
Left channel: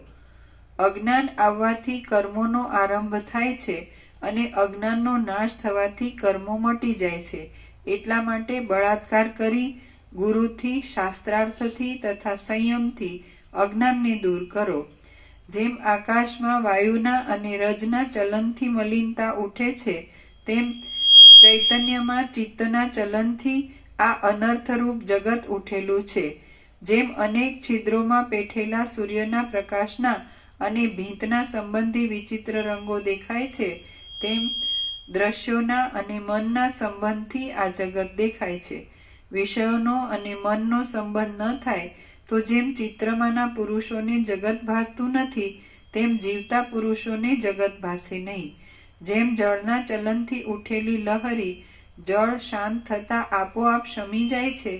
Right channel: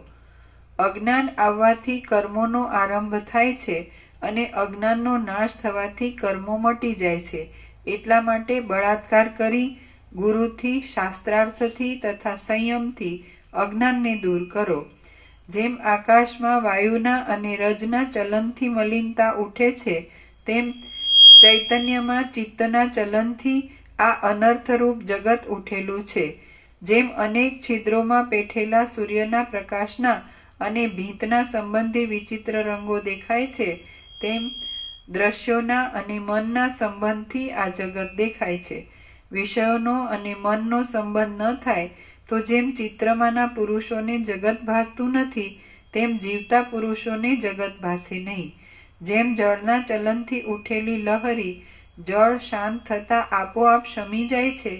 અજ્ઞાન આવવાથી કર્મોનો આરંભ થાય છે અને અજ્ઞાનનો નાશ થવાથી કર્મો મટી જાય છે. એટલા માટે બળાત્કાર કરી ગુરુથી, શાસ્ત્રાર્થથી તથા સંયમથી અજ્ઞાનને દૂર કરો. જેમ આકાશમાં વાયુના અને રજના ચલનથી મલિનતા ઉઠે છે, તેમ ચૈતન્યમાં ચિત્તના ચલનથી આ અનર્થરૂપ જગત ઉઠેલું છે. જેમ અનેક છિદ્રોમાં પેઠેલા સૂર્યના પ્રકાશના અને ભીંતના સંબંધી વિચિત્ર રંગો દેખાય છે, તેમ દ્રશ્યોના અને મનના સંબંધથી આ જગત દેખાય છે. વિષયોનો અને મનનો સંબંધ ન થાય તો જેમ ચિત્રમાંના પુરુષોને જગત ભાસતું નથી, તેમ જીવતા પુરુષોને જગત ભાસે નહીં. જેમ જળના ચલનથી ઉઠેલી લહરી જળ શાંત થતાં આપોઆપ શમી જાય છે,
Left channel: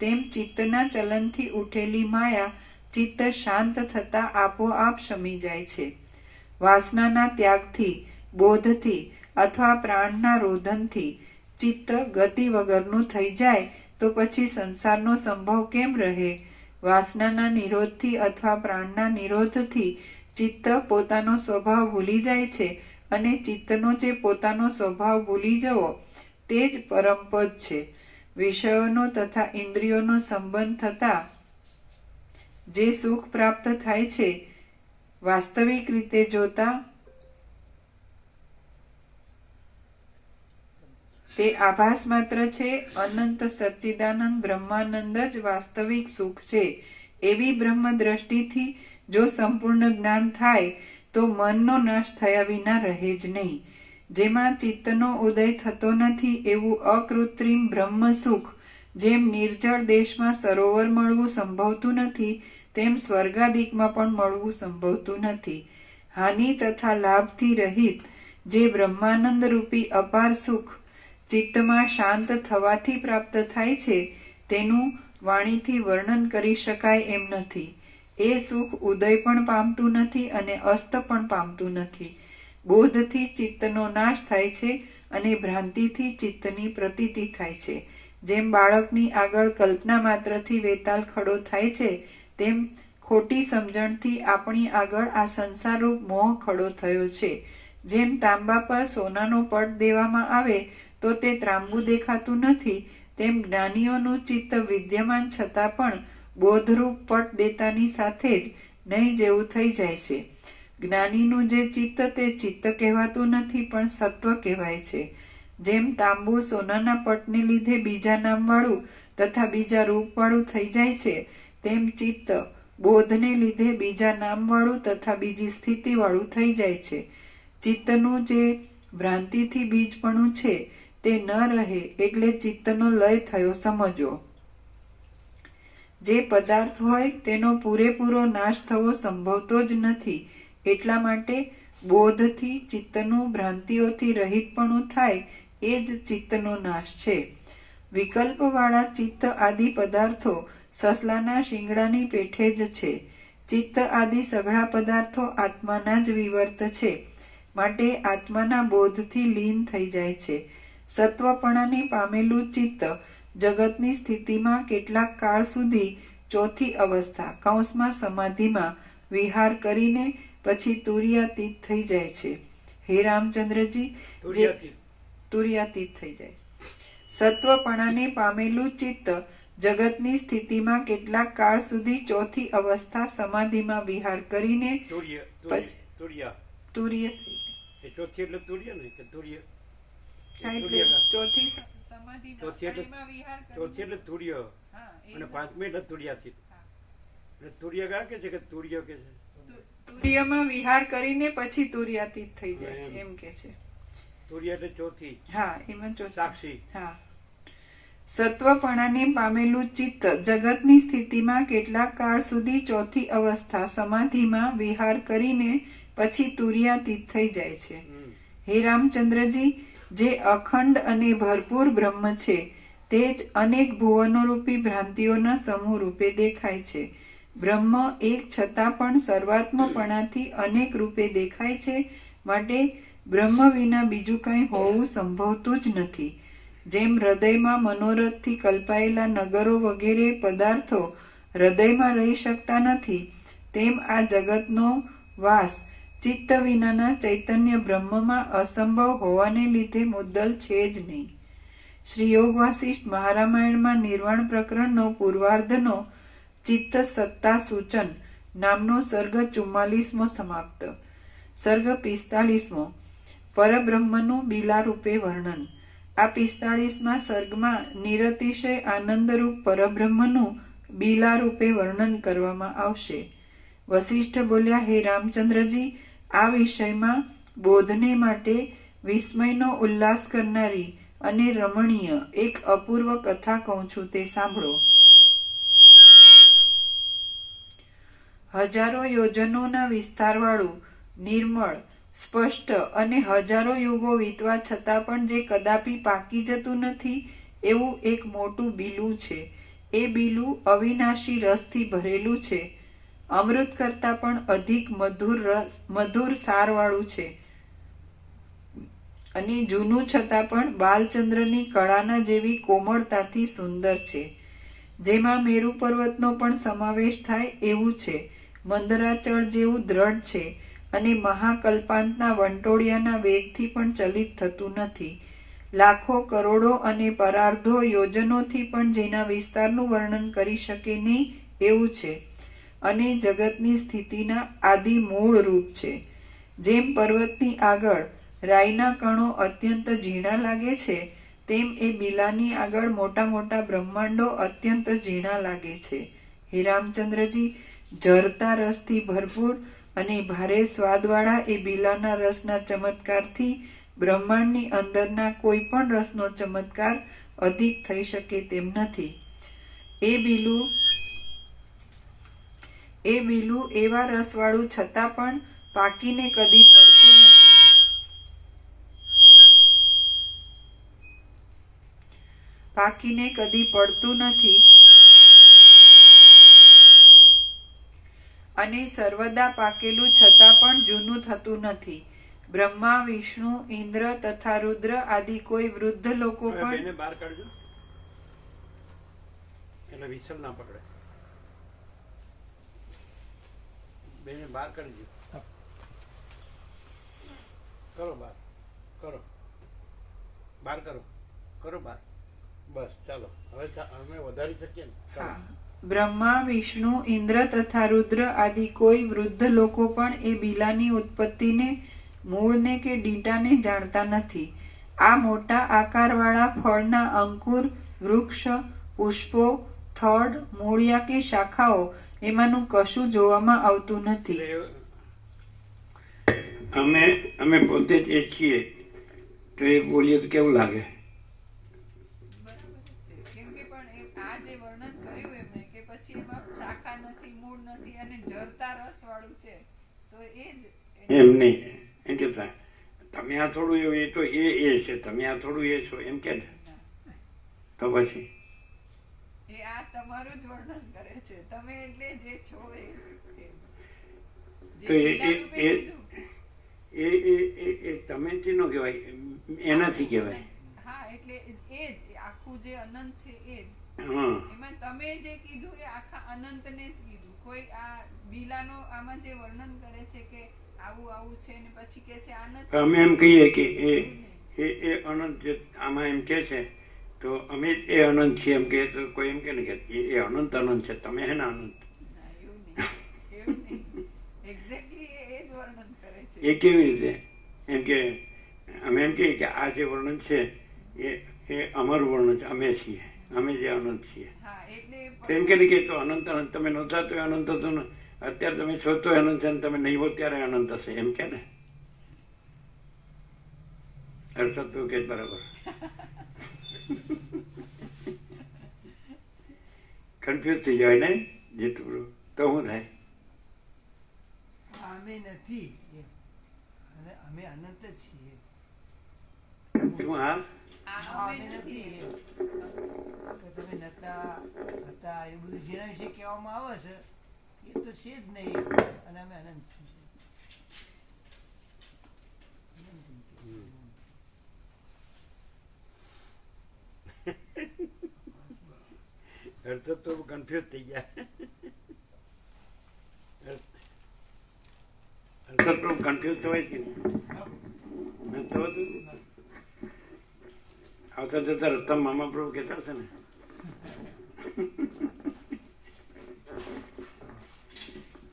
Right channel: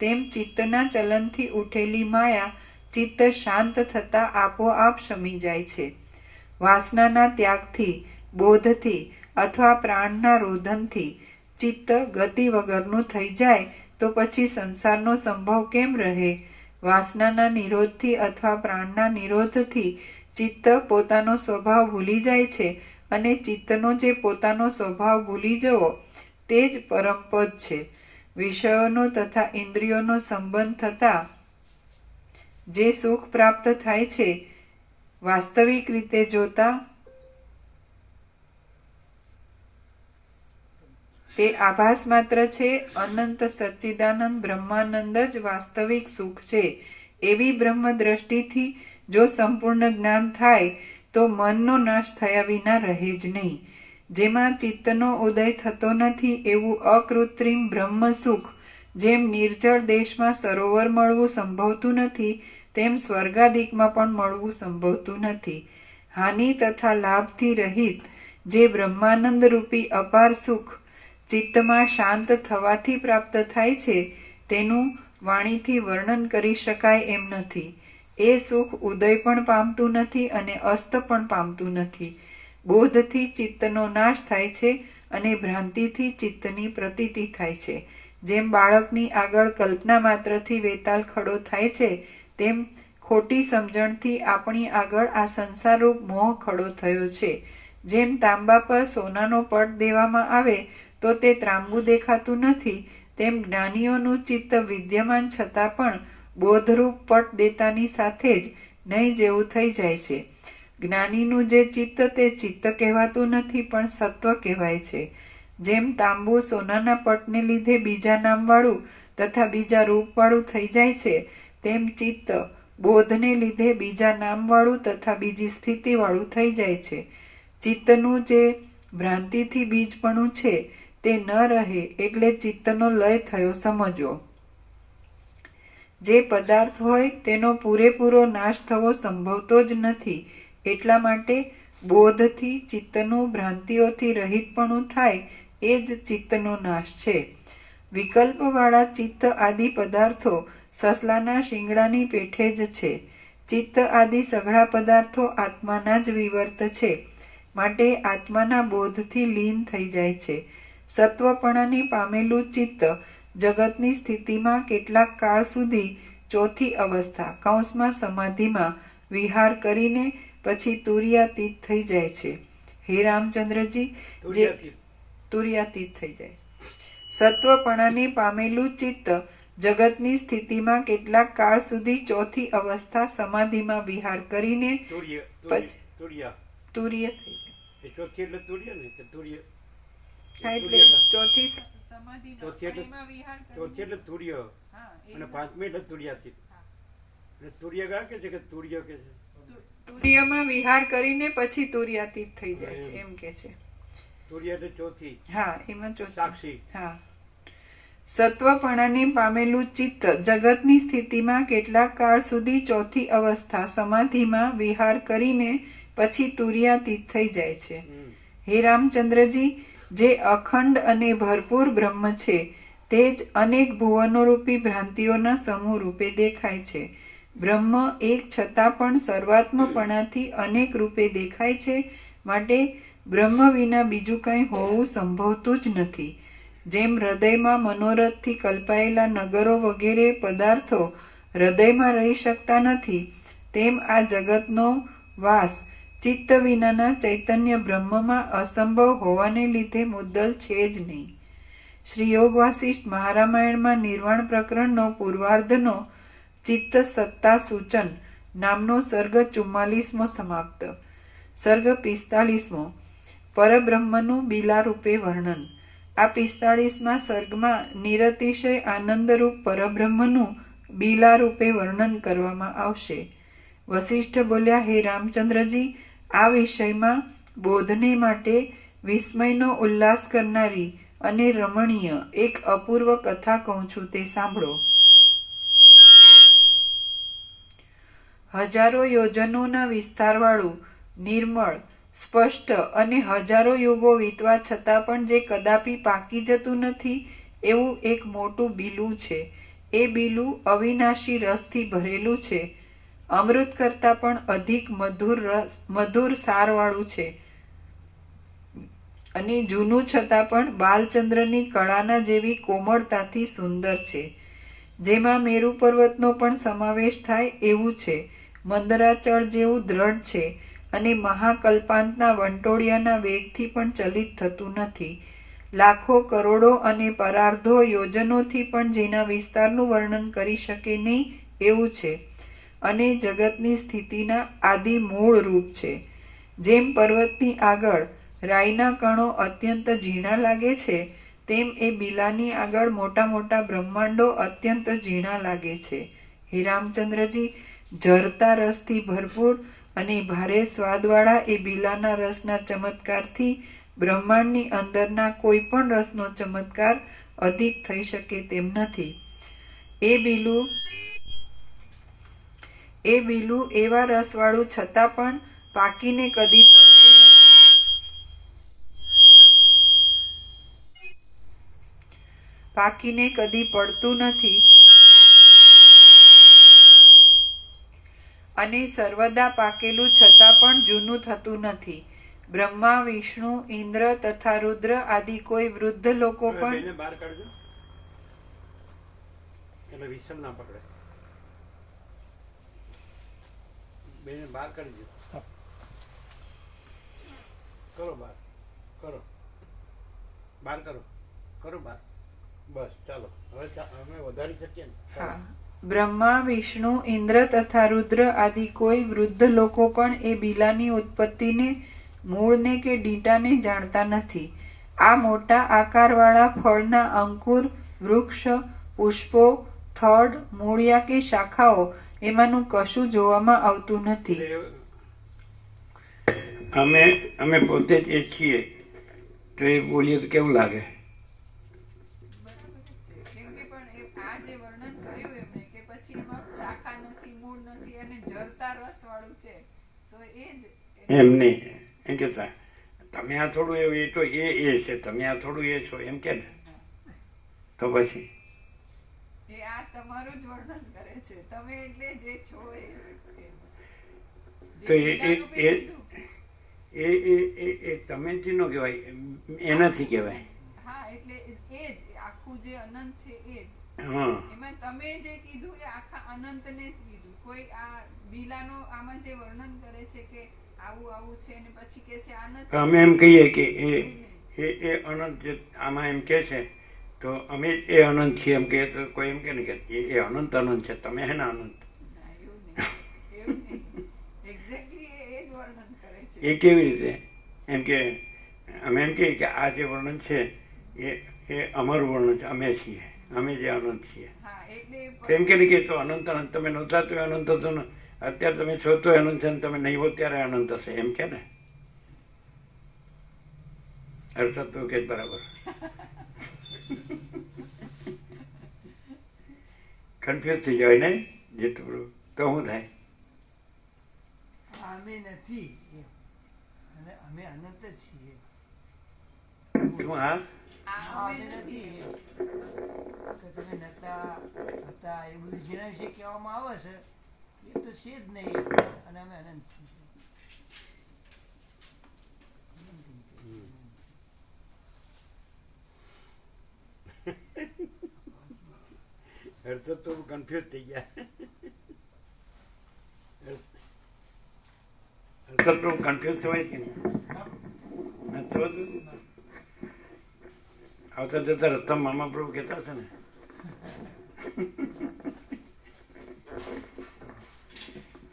તેમ ચિત્તના ચલનથી ઉઠેલી માયા ચિત્ત શાંત થતાં આપોઆપ શમી જાય છે. વાસનાના ત્યાગથી, બોધથી અથવા પ્રાણના રોધનથી ચિત્ત ગતિ વગરનું થઈ જાય તો પછી સંસારનો સંભવ કેમ રહે? વાસનાના નિરોધથી અથવા પ્રાણના નિરોધથી ચિત્ત પોતાનો સ્વભાવ ભૂલી જાય છે અને ચિત્તનો જે પોતાનો સ્વભાવ ભૂલી જવો તે જ પરમપદ છે. વિષયોનો તથા ઇન્દ્રિયોનો સંબંધ થતાં જે સુખ પ્રાપ્ત થાય છે, વાસ્તવિક રીતે જોતા તે આભાસ માત્ર છે. અનંત સચ્ચિદાનંદ બ્રહ્માનંદ જ વાસ્તવિક સુખ છે. એવી બ્રહ્મ દ્રષ્ટિથી જો સંપૂર્ણ જ્ઞાન થાય તો મનનો નાશ થયા વિના રહે જ નહીં. જેમાં ચિત્તનો ઉદય થતો નથી એવું અકૃત્રિમ બ્રહ્મ સુખ જેમ નિર્જળ દેશમાં સરોવર મળવું સંભવતું નથી, તેમ સ્વર્ગાદિકમાં પણ મળવું સંભવતું નથી. હાનિ તથા લાભથી રહિત જે બ્રહ્માનંદ રૂપી અપાર સુખ ચિત્તમાં શાંત થવાથી પ્રાપ્ત થાય છે, તેનું વાણીથી વર્ણન કરી શકાય એમ નથી. એ સુખ ઉદય પણ પામતું નથી અને અસ્ત પણ પામતું નથી. બોધથી ચિત્તનો નાશ થાય છે અને ભ્રાંતિથી ચિત્તની પ્રતીતિ થાય છે. જેમ બાળકની આગળ કલ્પના માત્રથી વેતાલ ખડો થાય છે, તેમ ખોટી સમજણથી આપણી આગળ આ સંસારરૂપ મોહ ખડો થયો છે. જેમ તાંબા પર સોનાનો પટ દેવામાં આવે તો તે ત્રાંબુ દેખાતું નથી, તેમ જ્ઞાનીઓનું ચિત્ત વિદ્યમાન છતાં પણ બોધરૂપ પટ દેતાની સાથે જ નહીં જેવું થઈ જાય છે. જ્ઞાનીનું જે ચિત્ત તે ચિત્ત કહેવાતું નથી પણ સત્વ કહેવાય છે. જેમ તાંબુ સોનાના પટને લીધે બીજા નામવાળું તથા બીજા રૂપવાળું થઈ જાય છે, તેમ ચિત્ત બોધને લીધે બીજા નામવાળું તથા બીજી સ્થિતિવાળું થઈ જાય છે. ચિત્તનું જે ભ્રાંતિથી બીજપણું છે તે ન રહે એટલે ચિત્તનો લય થયો સમજો. જે પદાર્થ હોય તેનો પૂરેપૂરો નાશ થવો સંભવતો જ નથી. એટલા માટે બોધથી ચિત્તનું ભ્રાંતિઓથી રહિતપણું થાય એ જ ચિત્તનો નાશ છે. વિકલ્પવાળા ચિત્ત આદિ પદાર્થો સસલાના શિંગડાની પેઠે જ છે. ચિત્ત આદિ સઘળા પદાર્થો આત્માના જ વિવર્ત છે, માટે આત્માના બોધથી લીન થઈ જાય છે. સત્વપણાની પામેલું ચિત્ત જગતની સ્થિતિમાં કેટલાક કાળ સુધી ચોથી અવસ્થા કૌંસમાં સમાધિમાં વિહાર કરીને પછી તુર્યાતીત થઈ જાય છે. હે રામચંદ્રજી, તુર્યાતીત થઈ જાય. સત્વપણાને પામેલું ચિત્ત જગતની સ્થિતિમાં કેટલાક કાળ સુધી ચોથી અવસ્થા સમાધિમાં વિહાર કરીને તુર્ય થઈ ચોથી એટલે તુર્ય ને કે તુર્ય ચોથી ચોથી એટલે તુર્ય અને પાંચમી એટલે તુર્યાતીત. એટલે તુર્ય કા કે છે કે તુર્ય કે છે તુર્યમાં વિહાર કરીને પછી તુર્યાતીત થઈ જાય છે એમ કે છે. તુર્ય એટલે ચોથી. હા, એમાં ચોથી સાક્ષી. હા. સત્વપણાને પામેલું ચિત્ત જગતની સ્થિતિમાં કેટલાક કાળ સુધી ચોથી અવસ્થા સમાધિમાં વિહાર કરીને પછી તુર્યાતીત થઈ જાય છે. હે રામચંદ્રજી, જે અખંડ અને ભરપૂર બ્રહ્મ છે તે જ અનેક ભુવનો રૂપી ભ્રાંતિઓના સમૂહ રૂપે દેખાય છે. બ્રહ્મ એક છતાં પણ સર્વાત્મપણાથી અનેક રૂપે દેખાય છે, માટે બ્રહ્મ વિના બીજું કંઈ હોવું સંભવતું જ નથી. જેમ હૃદયમાં મનોરથથી કલ્પાયેલા નગરો વગેરે પદાર્થો હૃદયમાં રહી શકતા નથી, તેમ આ જગતનો વાસ ચિત્ત વિનાના ચૈતન્ય બ્રહ્મમાં અસંભવ હોવાને લીધે મુદ્દલ છે જ નહીં. શ્રી યોગ વાસિષ્ઠ મહારામાયણમાં નિર્વાણ પ્રકરણનો પૂર્વાર્ધનો ચિત્ત સત્તા સૂચન નામનો સર્ગ 44મો સમાપ્ત. સર્ગ 45મો પરબ્રહ્મનું બીલારૂપે વર્ણન. આ 45મા સર્ગમાં નિરતિશય આનંદરૂપ પરબ્રહ્મનું બીલારૂપે વર્ણન કરવામાં આવશે. વસિષ્ઠ બોલ્યા, હે રામચંદ્રજી, આ વિષયમાં બોધને માટે વિસ્મયનો ઉલ્લાસ કરનારી અને રમણીય એક અપૂર્વ કથા કહું છું, તે સાંભળો. હજારો યોજનોના વિસ્તારવાળું, નિર્મળ, સ્પષ્ટ અને હજારો યુગો વીતવા છતાં પણ જે કદાપી પાકી જતું નથી એવું એક મોટું બીલું છે. એ બીલું અવિનાશી રસથી ભરેલું છે, અમૃત કરતાં પણ અધિક મધુર સારવાળું છે અને જૂનું છતાં પણ બાલચંદ્રની કળાના જેવી કોમળતાથી સુંદર છે. જેમાં મેરુ પર્વતનો પણ સમાવેશ થાય એવું છે, મંદરાચળ જેવું દ્રઢ છે અને મહાકલ્પાંતના વંટોળિયાના વેગથી પણ ચલિત થતું નથી. લાખો કરોડો અને પરાર્ધો યોજનોથી પણ જેના વિસ્તારનું વર્ણન કરી શકે નહીં એવું છે અને જગતની સ્થિતિના આદિ મૂળ રૂપ છે. જેમ પર્વતની આગળ રાઈના કણો અત્યંત ઝીણા લાગે છે, તેમ એ બીલાની આગળ મોટા મોટા બ્રહ્માંડો અત્યંત ઝીણા લાગે છે. હે રામચંદ્રજી, ઝરતા રસથી ભરપૂર અને ભારે સ્વાદવાળા એ બીલાના રસના ચમત્કારથી બ્રહ્માંડની અંદરના કોઈ પણ રસનો ચમત્કાર અધિક થઈ શકે તેમ નથી. એ બીલું એવા રસવાળું છતાં પણ પાકીને કદી પડતું નથી. અને સર્વદા પાકેલું છતાં પણ જૂનું થતું નથી. બ્રહ્મા, વિષ્ણુ, ઇન્દ્ર તથા રુદ્ર આદિ કોઈ વૃદ્ધ લોકો પણ બેને બહાર કાઢજો એટલે વિસલ ના પકડે. બેને બહાર કાઢજો. કરો બહાર, કરો બહાર, કરો બહાર. બસ ચાલો, હવે અમે વધારી શકીએ ને. ચાલો. બ્રહ્મા, વિષ્ણુ, ઇન્દ્ર તથા રુદ્ર આદિ કોઈ વૃદ્ધ લોકો પણ એ બીલાની ઉત્પત્તિને, મૂળને કે ડીટાને જાણતા નથી. આ મોટા આકારવાળા ફળના અંકુર, વૃક્ષ, પુષ્પો, થડ, મૂળિયા કે શાખાઓ એમાંનું કશું જોવામાં આવતું નથી. અમે પોતે જ એ છીએ તો એ બોલીએ તો કેવું લાગે? એમ નહીં, એમ કેતા તમે આ થોડું એવું, એ તો એ છે, તમે આ થોડું એ છો એમ કે ને, તો પછી તમારું જ વર્ણન કરે છે, તમે એટલે જે છો એ તમેથી નો કહેવાય, એનાથી કહેવાય. હા, એટલે એ જ આખું જે અનંત છે એ જ. હા, એમાં તમે જે કીધું એ આખા અનંતને જ કીધું. કોઈ આ બીલાનો આમાં જે વર્ણન કરે છે કે આવું આવું છે ને પછી કે છે આ નથી. અમે એમ કહીએ કે એ અનંત જે આમાં એમ કે છે તો અમે જ એ અનંત છીએ એમ કહીએ તો કોઈ એમ કે ને કે એ અનંત છે, તમે હે ને અનંત. એ કેવી રીતે? એમ કે અમે એમ કહીએ કે આ જે વર્ણન છે એ અમારું વર્ણન છે, અમે છીએ, અમે જે અનંત છીએ. એમ કે ને કે તો અનંત તમે નહોતા તો અનંત હતો ને, અત્યારે તમે છો તો અનંત છે, તમે નહીં હો ત્યારે અનંત હશે, એમ કે ને. અર્થાત તો કે બરાબર કન્ફ્યુઝ થઈ જાય ને જીતપુરું, તો શું થાય? અમે નથી અને અમે અનંત જ છીએ. હા, અમે નથી તમે નતા હતા એ બધું જેના વિશે કહેવામાં આવે છે એ તો છે જ નહીં અને અમે અનંત છીએ. હર્ષદ તો કન્ફ્યુઝ થઈ ગયા. હર્ષદ કન્ફ્યુઝ થવાય કે નથી થવાતું? આવતા જતા રસ્તા મામા પ્રભુ કહેતા છે ને,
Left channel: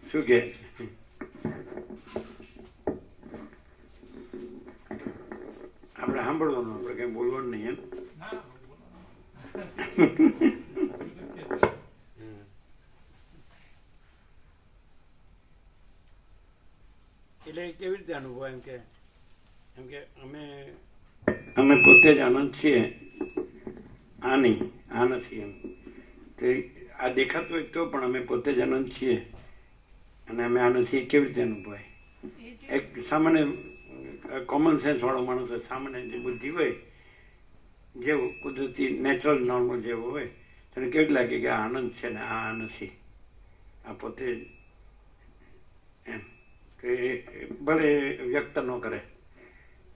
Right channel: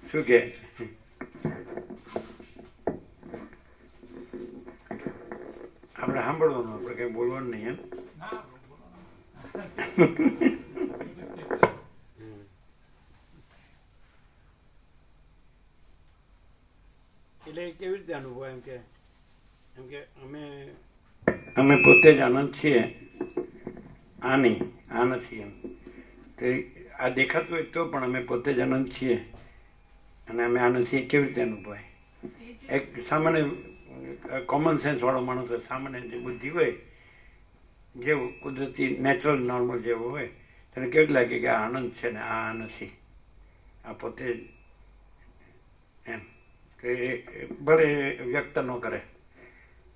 શું કે આપણે સાંભળવાનું, આપણે કઈ બોલવાનું નહીં. એટલે કેવી રીતે અનુભવ? એમ કે અમે પોતે જ આનંદ છીએ, આ નહીં, આ નથી. એમ તો આ દેખાતું હોય તો પણ અમે પોતે જ આનંદ છીએ અને અમે આ નથી, કેવી રીતે અનુભવાય? એક સામાન્ય કોમન સેન્સ વાળો માણસ હોય, સામાન્ય જે બુદ્ધિ હોય, જેવું કુદરતી નેચરલ નોર્મલ જેવું હોય, તેને કેવું લાગે કે આ આનંદ છે ને આ નથી, આ પોતે એમ. કે ભલે વ્યક્ત ન કરે,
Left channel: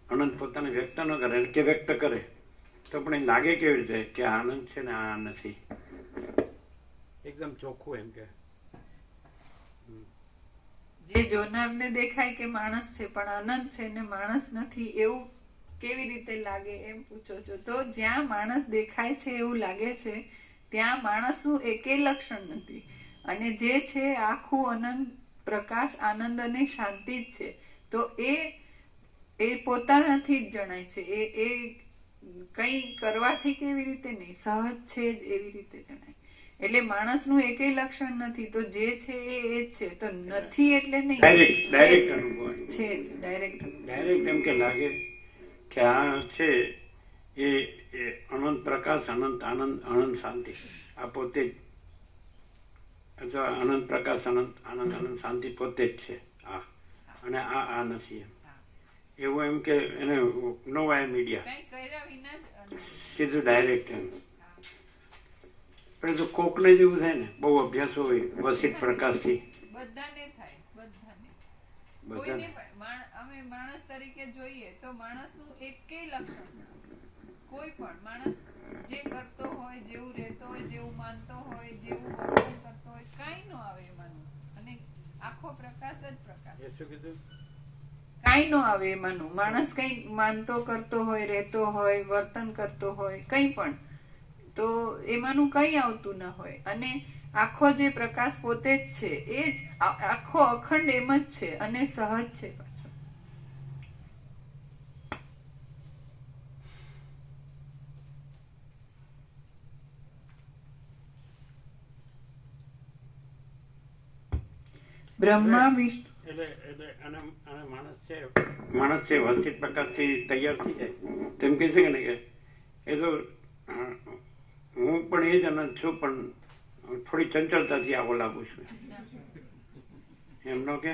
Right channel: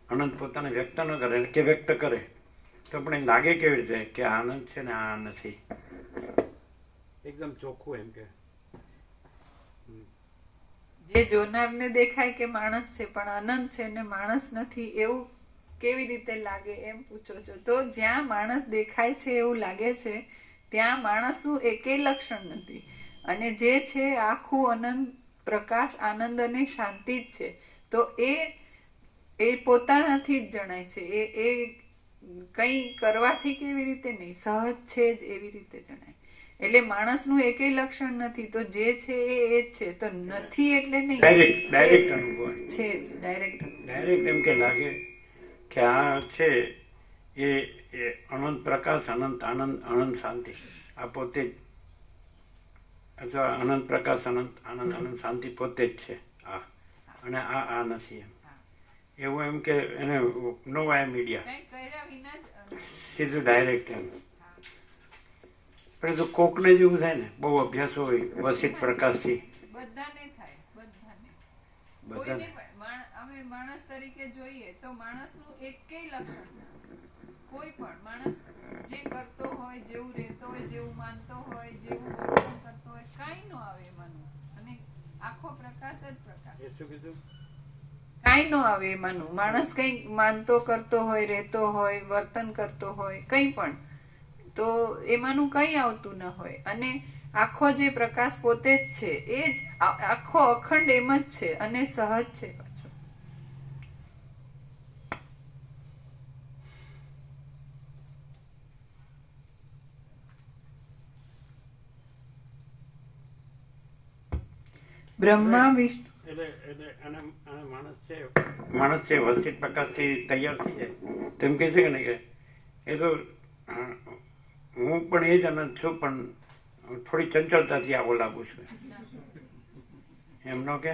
આનંદ પોતાને વ્યક્ત ન કરે કે વ્યક્ત કરે તો પણ એ લાગે કેવી રીતે કે આ આનંદ છે ને આ નથી. એકદમ ચોખ્ખું એમ કે જે જોનારને દેખાય કે માણસ છે પણ આનંદ છે ને માણસ નથી, એવું કેવી રીતે લાગે એમ પૂછો છો. તો જ્યાં માણસ દેખાય છે એવું લાગે છે ત્યાં માણસનું એકેય લક્ષણ નથી, અને જે છે આખું અનંત પ્રકાશ, આનંદ અને શાંતિ જ છે. તો એ પોતાનાથી જ જણાય છે. એ કંઈ કરવાથી કેવી રીતે નહીં, સહજ છે જ એવી રીતે જણાય. એટલે માણસનું એકેય લક્ષણ નથી. તો જે છે એ જ છે. તો નથી એટલે નહીં, ડાયરેક્ટ અનુભવ છે જ. ડાયરેક્ટ એમ કે લાગે કે આ છે એ અનંત પ્રકાશ, અનંત આનંદ, અનંત શાંતિ, આ પોતે જ, અથવા અનંત પ્રકાશ, અનંત આનંદ, અનંત શાંતિ પોતે જ છે આ, અને આ નથી. એમ એવું એમ કે એને નો વાય મીડિયા, સીધું ડાયરેક્ટ એમ. પરંતુ કોકને જેવું થાય ને, બહુ અભ્યાસ હોય વસિત પ્રકાશથી, બધાને થાય, બધાને. બધાને. અમે માણસ તરીકે જોઈએ તો માણસનું એકેય લક્ષણ ના હોય. કોઈ પણ માણસ જે કરતો હોય, જેવું રહેતો હોય, જેવું માનતો હોય, જેવું વર્તન કરતો હોય, કાંઈ નો આવે એમાંનું. અને આખો પ્રકાશ જ પ્રકાશ. એ શું કીધું? કાંઈ નો આવે એમાંનું. માણસ કંઈ માનતો કરતો હોય, રહેતો હોય, વર્તન કરતો હોય, કંઈ પણ, તો એમાંનું કંઈ આવતું ન હોય. અને આખો જે પ્રકાશ પોતે જ છે એ જ આખો અખંડ એમ જ છે અને સહજ છે પાછો. બ્રહ્મા વિષ્ણુ એટલે આને માણસ છે વસિત પ્રકાશથી તૈયાર થઈ જાય તેમ કહે છે કે નહીં, કે એ તો હું પણ એ જ અનંત છું, પણ થોડી ચંચળતાથી આવો લાગુ છું, એમનો કે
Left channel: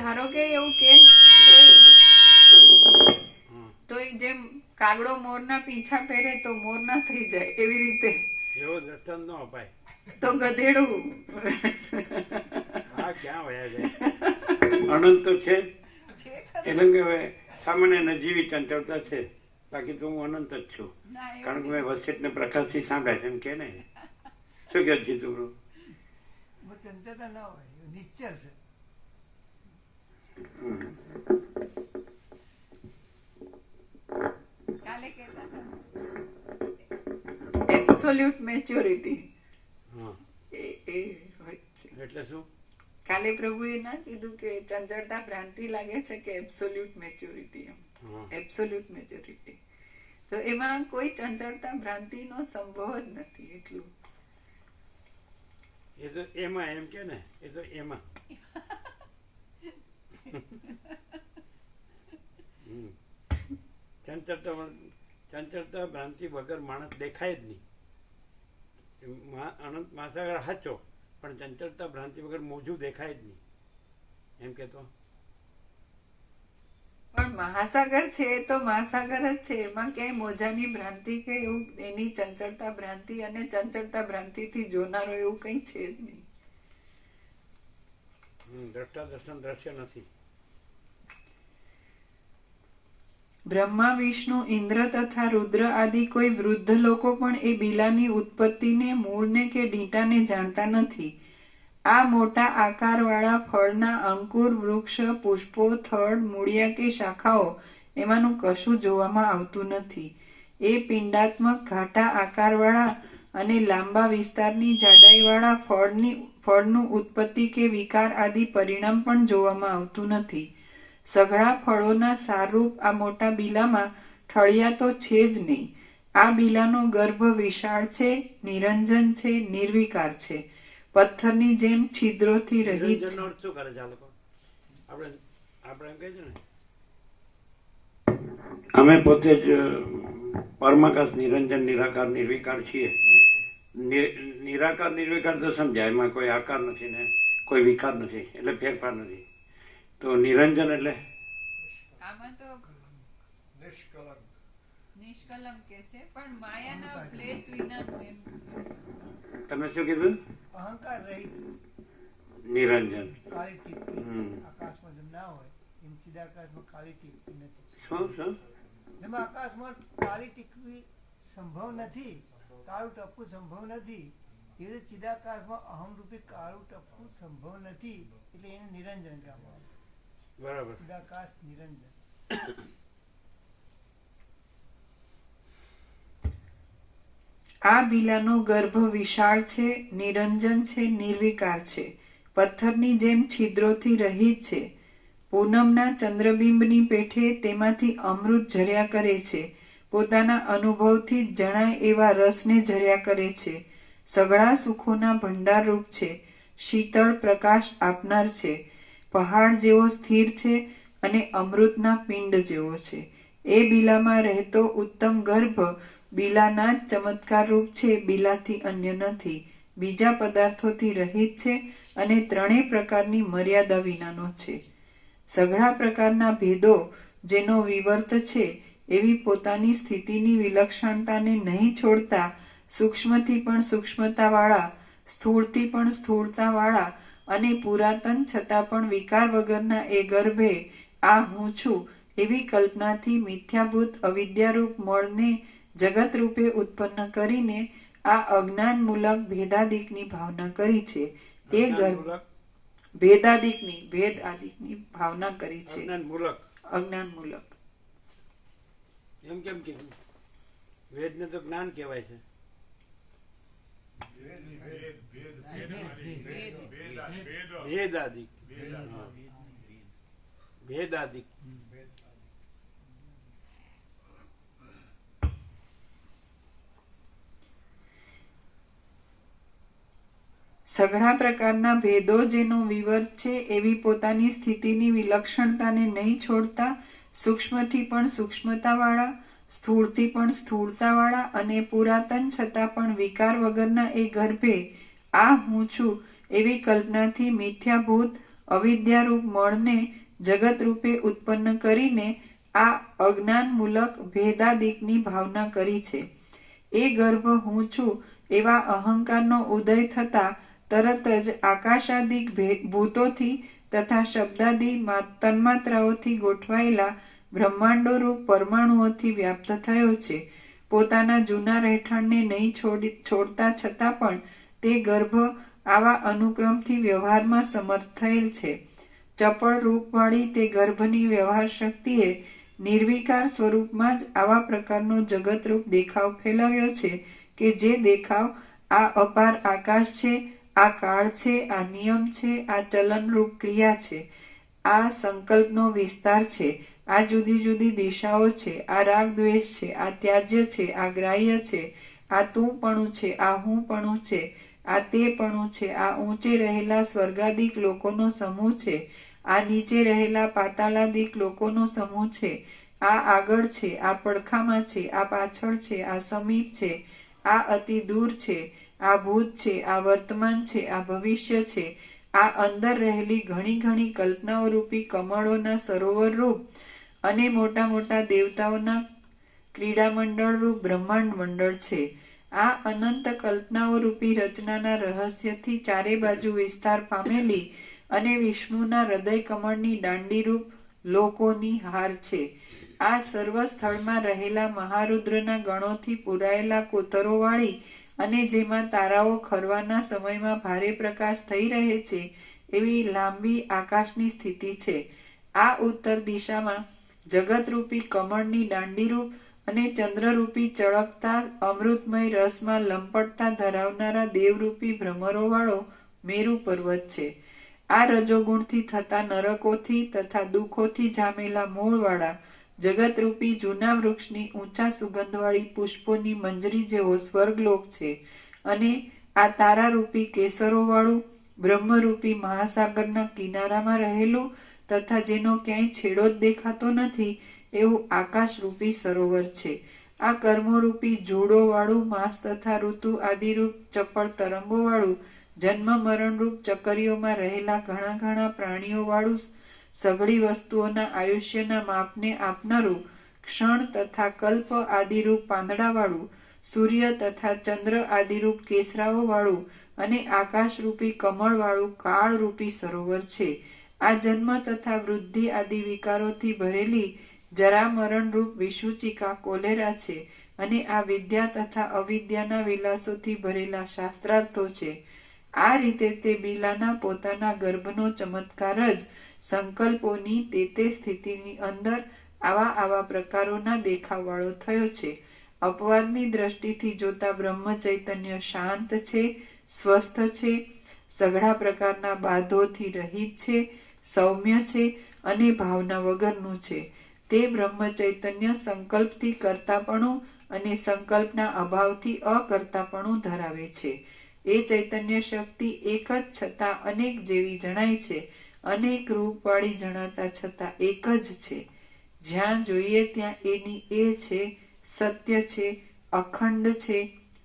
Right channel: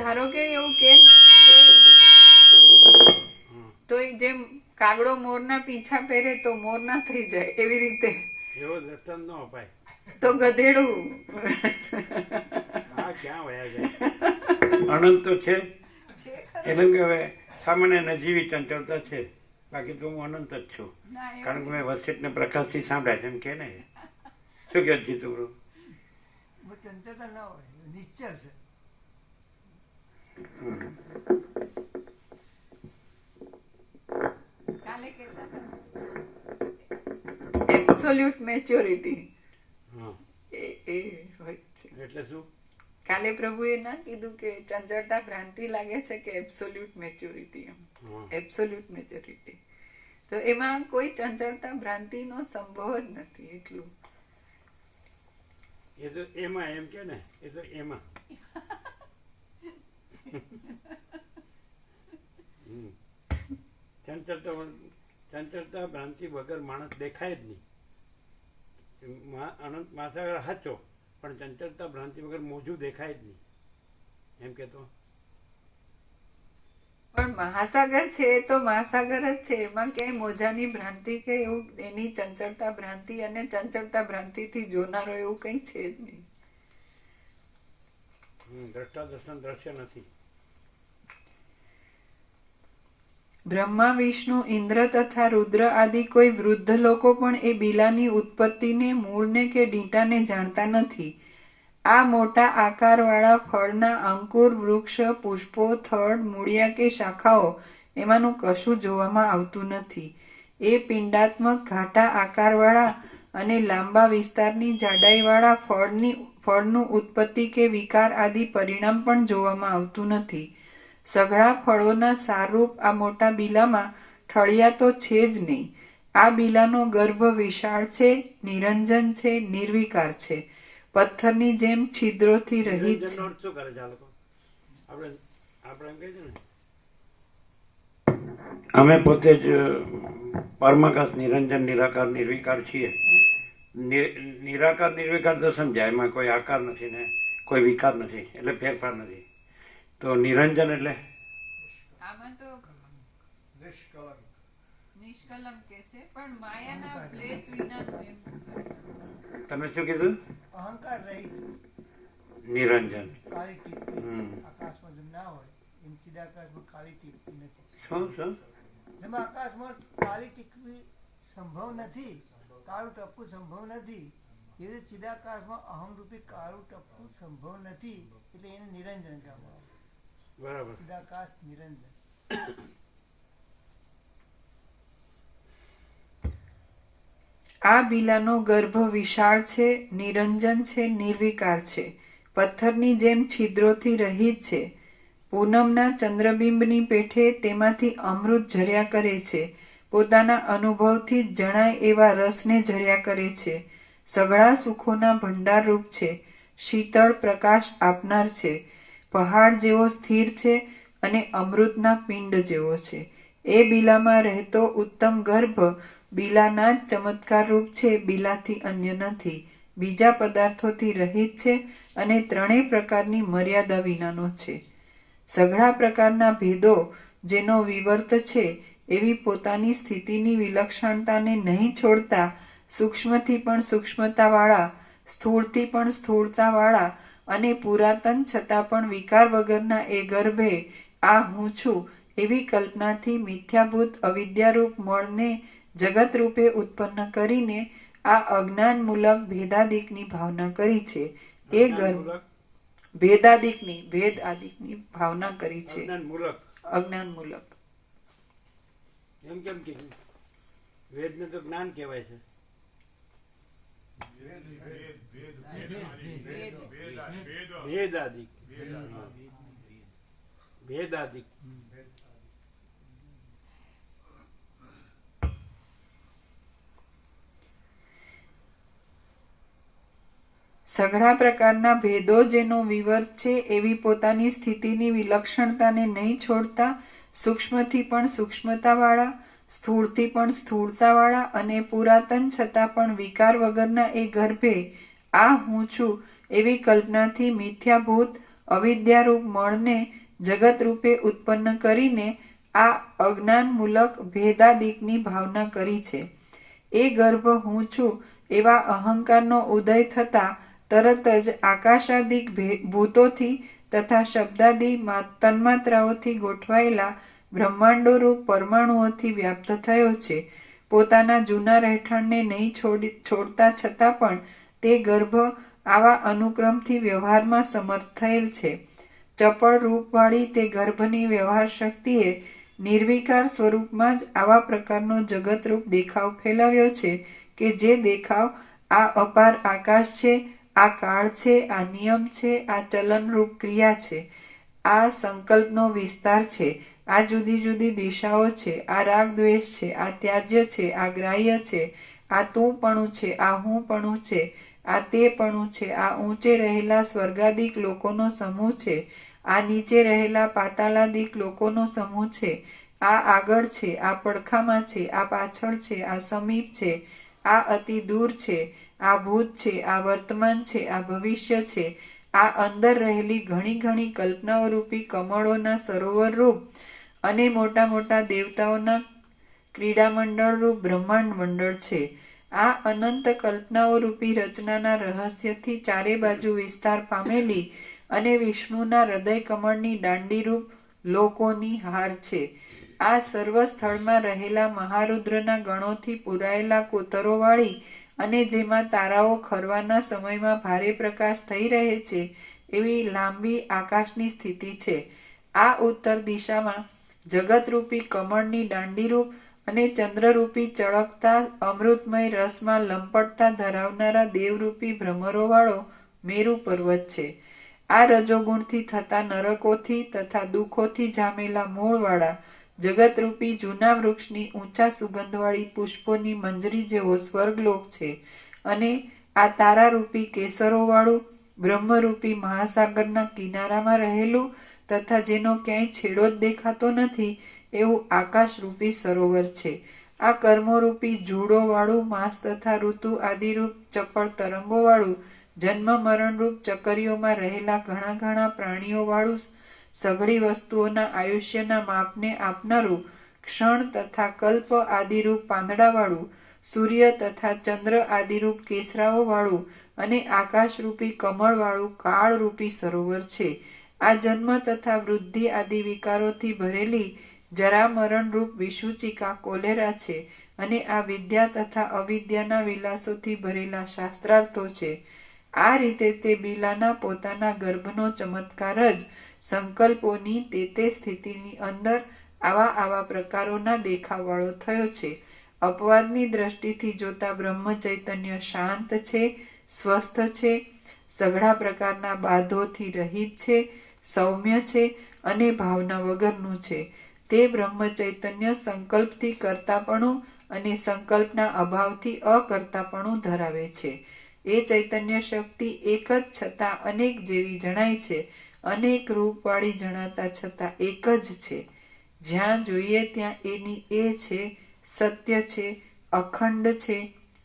ધારો કે એવું કે તો જેમ કાગડો મોરના પીછા પહેરે તો મોર ના થઈ જાય, એવી રીતે એવો દ્રષ્ટાંત ન અપાય. તો ગધેડું હા, ક્યાં વયા જાય? અનંત તો છે જ, એટલે કે હવે સામાન્ય અને જીવી ચંચળતા છે, બાકી તો હું અનંત જ છું. કારણ કે મેં વસિતને પ્રકાશથી સાંભળ્યા છે, એમ કે ને. શું કહે જીતુભાઈ? ચંચળતા ના હોય, નિશ્ચળ છે. કાલે કહેતા હતા એબ્સોલ્યુટ મેચ્યોરિટી. હા, એ હોય છે. એટલે શું? કાલે પ્રભુએ ના કીધું કે ચંચળતા ભ્રાંતિ લાગે છે કે એબ્સોલ્યુટ મેચ્યોરિટી? એમ એબ્સોલ્યુટ મેચ્યોરિટી. તો એમાં કોઈ ચંચળતા ભ્રાંતિનો સંભવ જ નથી. એટલું એ તો એમાં એમ કે ને, એ તો એમાં ચંચળતા ભ્રાંતિ વગર માણસ દેખાય જ નહીં. અનંત મહાસાગર સાચો, પણ ચંચળતા ભ્રાંતિ વગર મોજું દેખાય જ નહીં, એમ કેતો. પણ મહાસાગર છે એ તો મહાસાગર જ છે. એમાં ક્યાંય મોજાની ભ્રાંતિ કે એવું એની ચંચળતા ભ્રાંતિ અને ચંચળતા ભ્રાંતિથી જોનારો એવું કંઈ છે જ નહીં. દ્રષ્ટા દર્શન દ્રશ્ય નથી. બ્રહ્મા, વિષ્ણુ, ઇન્દ્ર તથા રુદ્ર આદિ કોઈ વૃદ્ધ લોકો પણ એ બિલાની ઉત્પત્તિને, મૂળને કે ડીંટાને જાણતા નથી. આ મોટા આકારવાળા ફળના અંકુર, વૃક્ષ, પુષ્પો, થડ, મૂળિયા કે શાખાઓ એમાંનું કશું જોવામાં આવતું નથી. એ પિંડાત્મક ઘાટા આકારવાળા અને લાંબા વિસ્તારની જાડાઈવાળા ફળનું ઉત્પત્તિ કે વિકાર આદિ પરિણામ પણ જોવામાં આવતું નથી. સઘળા ફળોના સારરૂપ આ મોટા બિલામાં ઠળિયા તો છે જ નહીં. આ બિલાનો ગર્ભ વિશાળ છે, નિરંજન છે, નિર્વિકાર છે, પથ્થરની જેમ છિદ્રોથી રહિત છે. નિરંજનનો અર્થ શું કરે છે આ લોકો? આપણે એમ કહે છે ને, અમે પોતે જ પરમાકાશ નિરંજન નિરાકાર નિર્વિકાર છીએ. નિરાકાર નિર્વિકાર તો સમજાય, એમાં કોઈ આકાર નથી ને કોઈ વિકાર નથી, એટલે ફેરફાર નથી. તો નિરંજન એટલે આમાં તો નિષ્કલંક કે છે, પણ માયાના ક્લેશ વિનાનું એમ. તમે શું કીધું? અહંકાર રહિત નિરંજન. કાળી ટીપી આકાશમાં જેમ ના હોય એમ ચિદાકાશમાં કાળી ટીપી નથી. શું એમાં આકાશમાં કાળી ટીપી સંભવ નથી, કાળું ટપકું સંભવ નથી. એ રીતે ચિદાકાશમાં અહમરૂપી કાળું ટપકું સંભવ નથી, એટલે એને નિરંજન કહેવામાં આવે. બરાબર. ચિદાકાશ નિરંજન. આ બિલાનો ગર્ભ વિશાળ છે, નિરંજન છે, નિર્વિકાર છે, પથ્થરની જેમ છિદ્રોથી રહિત છે. પૂનમના ચંદ્રબિંબની પેઠે તેમાંથી અમૃત ઝર્યા કરે છે. પોતાના અનુભવથી જ જણાય એવા રસને ઝર્યા કરે છે. સઘળા સુખોના ભંડારરૂપ છે. શીતળ પ્રકાશ આપનાર છે. પહાડ જેવો સ્થિર છે અને અમૃતના પિંડ જેવો છે. એ બિલામાં રહેતો ઉત્તમ ગર્ભ બિલાના જ ચમત્કાર રૂપ છે, બિલાથી અન્ય નથી. બીજા પદાર્થોથી રહિત છે અને ત્રણેય પ્રકારની મર્યાદા વિનાનો છે. સઘળા પ્રકારના ભેદો જેનો વિવર્ત છે એવી પોતાની સ્થિતિની વિલક્ષણતાને નહીં છોડતા, સૂક્ષ્મથી પણ સૂક્ષ્મતાવાળા, સ્થૂળથી પણ સ્થૂળતાવાળા અને પુરાતન છતાં પણ વિકાર વગરના એ ગર્ભે આ હું છું એવી કલ્પનાથી મિથ્યાભૂત અવિદ્યારૂપ મળને જગત રૂપે ઉત્પન્ન કરીને આ અજ્ઞાનમૂલક ભેદાદિકની ભાવના કરી છે. એ ગર્ભ ભેદાદિકની ભેદ આદિકની ભાવના કરી છે. અજ્ઞાનમૂલક એમ કેમ કીધું? વેદને તો જ્ઞાન કહેવાય છે. ભેદાદિક. ભેદાદિક. સઘળા પ્રકારના ભેદો જેનો વિવર્ત છે એવી પોતાની સ્થિતિની વિલક્ષણતાને નહીં છોડતા, સૂક્ષ્મથી પણ સૂક્ષ્મતાવાળા, સ્થૂળથી પણ સ્થૂળતાવાળા અને પુરાતન છતાં પણ વિકાર વગરના એ ગર્ભે આ હું છું એવી કલ્પનાથી મિથ્યાભૂત અવિદ્યારૂપ મળને જગત રૂપે ઉત્પન્ન કરીને આ અજ્ઞાનમૂલક ભેદાદિકની ભાવના કરી છે. એ ગર્ભ હું છું એવા અહંકારનો ઉદય થતા તરત જ આકાશાદિક ભૂતોથી તથા શબ્દાદિ તન્માત્રાઓથી ગોઠવાયેલા બ્રહ્માંડો રૂપ પરમાણુઓથી વ્યાપ્ત થયો છે. પોતાના જૂના રહેઠાણને નહીં છોડતા છતાં પણ તે ગર્ભ આવા અનુક્રમથી વ્યવહારમાં સમર્થ થયેલ છે. ચપળ રૂપવાળી તે ગર્ભની વ્યવહાર શક્તિએ નિર્વિકાર સ્વરૂપમાં જ આવા પ્રકારનો જગતરૂપ દેખાવ ફેલાવ્યો છે કે જે દેખાવ આ અપાર આકાશ છે, આ કાળ છે, આ નિયમ છે, આ ચલનરૂપ ક્રિયા છે, આ સંકલ્પનો વિસ્તાર છે, આ જુદી જુદી દિશાઓ છે, આ રાગ દ્વેષ છે, આ ત્યાજ્ય છે, આ ગ્રાહ્ય છે, આ તુંપણું છે, આ હુંપણું છે, આ તેપણું છે, આ ઊંચે રહેલા સ્વર્ગાદિક લોકોનો સમૂહ છે, આ નીચે રહેલા પાતાળાદિક લોકોનો સમૂહ છે, આ આગળ છે, આ પડખામાં છે, આ પાછળ છે, આ સમીપ છે, આ અતિ દૂર છે, આ ભૂત છે, આ વર્તમાન છે, આ ભવિષ્ય છે, આ અંદર રહેલી ઘણી ઘણી કલ્પનાઓ રૂપી કમળોના સરોવર રૂપ અને મોટા મોટા દેવતાઓના ક્રીડામંડળ રૂપ બ્રહ્માંડ મંડળ છે. આ અનંત કલ્પનાઓ રૂપી રચનાના રહસ્યથી ચારે બાજુ વિસ્તાર પામેલી અને વિષ્ણુના હૃદય કમળની દાંડીરૂપ લોકોની હાર છે. આ સર્વ સ્થળમાં રહેલા મહારુદ્રના ગણોથી પુરાયેલા કોતરોવાળી અને જેમાં તારાઓ ખરવાના સમયમાં ભારે પ્રકાશ થઈ રહે છે એવી લાંબી આકાશની સ્થિતિ છે. આ ઉત્તર દિશામાં જગતરૂપી કમળની દાંડીરૂપ અને ચંદ્રરૂપી ચળકતા અમૃતમય રસમાં લંપટતા ધરાવનારા દેવરૂપી ભ્રમરોવાળો મેરુ પર્વત છે. આ રજોગુણથી થતા નરકોથી તથા દુઃખોથી જામેલા મૂળવાળા જગતરૂપી જૂના વૃક્ષની ઊંચા સુગંધવાળી પુષ્પોની મંજરી જેવો સ્વર્ગલોક છે. અને આ તારારૂપી કેસરોવાળું બ્રહ્મરૂપી મહાસાગરના કિનારામાં રહેલું તથા જેનો ક્યાંય છેડો જ દેખાતો નથી એવું આકાશરૂપી સરોવર છે. આ કર્મોરૂપી જૂડોવાળું માસ તથા ઋતુ આદિરૂપ ચપળ તરંગોવાળું જન્મ મરણરૂપ ચકરીઓમાં રહેલા ઘણા ઘણા પ્રાણીઓવાળું સઘળી વસ્તુઓના આયુષ્યના માપને આપનારું ક્ષણ તથા કલ્પ આદિરૂપ પાંદડાવાળું સૂર્ય તથા ચંદ્ર આદિરૂપ કેસરાઓવાળું અને આકાશરૂપી કમળવાળું કાળરૂપી સરોવર છે. આ જન્મ તથા વૃદ્ધિ આદિ વિકારોથી ભરેલી જરા મરણરૂપ વિષુચિકા કોલેરા છે. અને આ વિદ્યા તથા અવિદ્યાના વિલાસોથી ભરેલા શાસ્ત્રાર્થો છે. આ રીતે તે બિલાના પોતાના ગર્ભનો ચમત્કાર જ સંકલ્પોની તે સ્થિતિની અંદર આવા પ્રકારોના દેખાવવાળો થયો છે. અપવાદની દ્રષ્ટિથી જોતા બ્રહ્મ ચૈતન્ય શાંત છે, સ્વસ્થ છે, સઘળા પ્રકારના બાધોથી રહિત છે, સૌમ્ય છે અને ભાવના વગરનું છે. તે બ્રહ્મ ચૈતન્ય સંકલ્પથી કરતાપણું અને સંકલ્પના અભાવથી અકર્તાપણું ધરાવે છે. એ ચૈતન્ય શક્તિ એક જ છતાં અનેક જેવી જણાય છે, અનેક રૂપવાળી જણાતા છતાં એક જ છે. જ્યાં જોઈએ ત્યાં એની એ છે, સત્ય છે, અખંડ છે,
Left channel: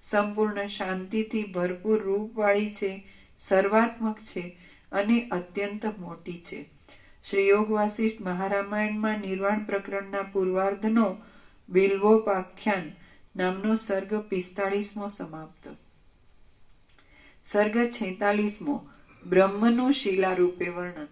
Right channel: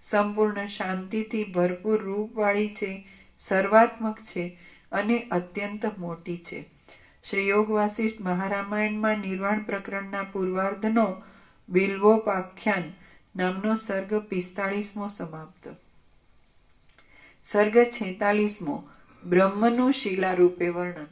સંપૂર્ણ શાંતિથી ભરપૂર રૂપવાળી છે, સર્વાત્મક છે અને અત્યંત મોટી છે. શ્રી યોગ વાસિષ્ઠ મહારામાયણમાં નિર્વાણ પ્રકરણના પૂર્વાર્ધનો બિલ્વોપાખ્યાન નામનો સર્ગ 45મો સમાપ્ત. સર્ગ 46મો બ્રહ્મનું શિલારૂપે વર્ણન.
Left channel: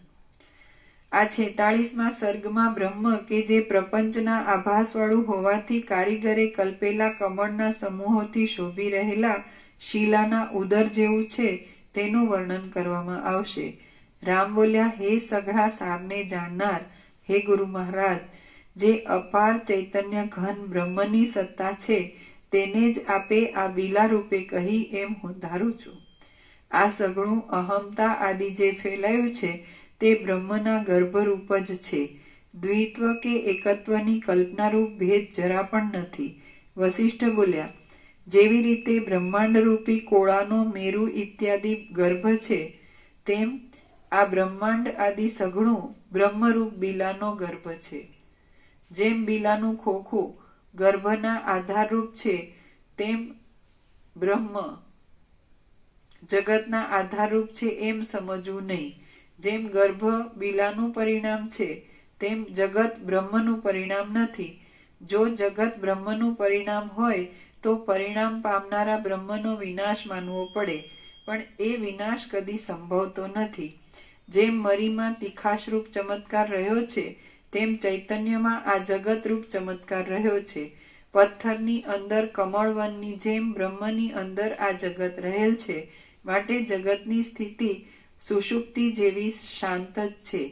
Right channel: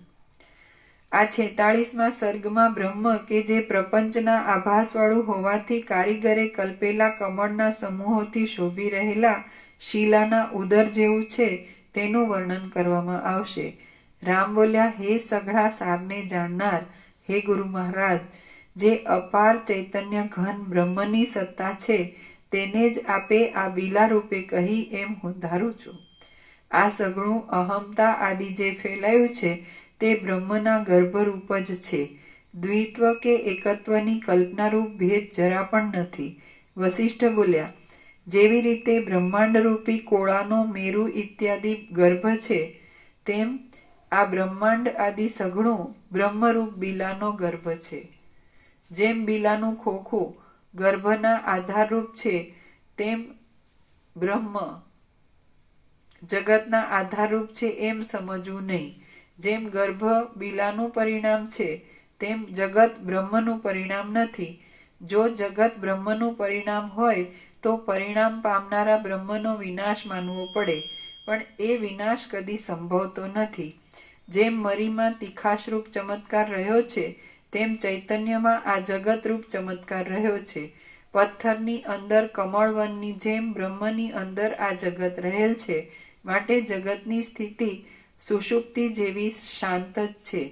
આ 46મા સર્ગમાં બ્રહ્મ કે જે પ્રપંચના આભાસવાળું હોવાથી કારીગરે કલ્પેલા કમળના સમૂહોથી શોભી રહેલા શિલાના ઉદર જેવું છે તેનું વર્ણન કરવામાં આવશે. રામ બોલ્યા, હે સઘળા સારને જાણનાર, હે ગુરુ મહારાજ, જે અપાર ચૈતન્ય ઘન બ્રહ્મની સત્તા છે તેને જ આપે આ બિલા રૂપે કહી એમ હું ધારું છું. આ સઘળું અહમતા આદિ જે ફેલાયું છે તે બ્રહ્મના ગર્ભરૂપ જ છે. દ્વિત્વ કે એકત્વની કલ્પનારૂપ ભેદ જરા પણ નથી. વસિષ્ઠ બોલ્યા, જેવી રીતે બ્રહ્માંડરૂપી કોળાનો મેરુ ઇત્યાદિ ગર્ભ છે તેમ આ બ્રહ્માંડ આદિ સઘળું બ્રહ્મરૂપ બિલાનો ગર્ભ છે. જેમ બિલાનું ખોખું ગર્ભના આધારરૂપ છે તેમ બ્રહ્મ જગતના આધારરૂપ છે એમ સમજવું નહીં. જેમ ગર્ભ બિલાનું પરિણામ છે તેમ જગત બ્રહ્મનું પરિણામ નથી. જો જગત બ્રહ્મનું પરિણામ હોય તો પરિણામ પામનારા બ્રહ્મનો વિનાશ માનવો પડે, પણ એ વિનાશ કદી સંભવતો નથી. જેમ મરીમાં તીખાશરૂપ ચમત્કાર રહ્યો છે તેમ ચૈતન્યમાં આ જગતરૂપ ચમત્કાર રહ્યો છે. પથ્થરની અંદર કમળવનની જેમ બ્રહ્મની અંદર આ જગત રહેલ છે. માટે જગતની સ્થિતિ સુષુપ્તિ જેવી શાંત જ છે.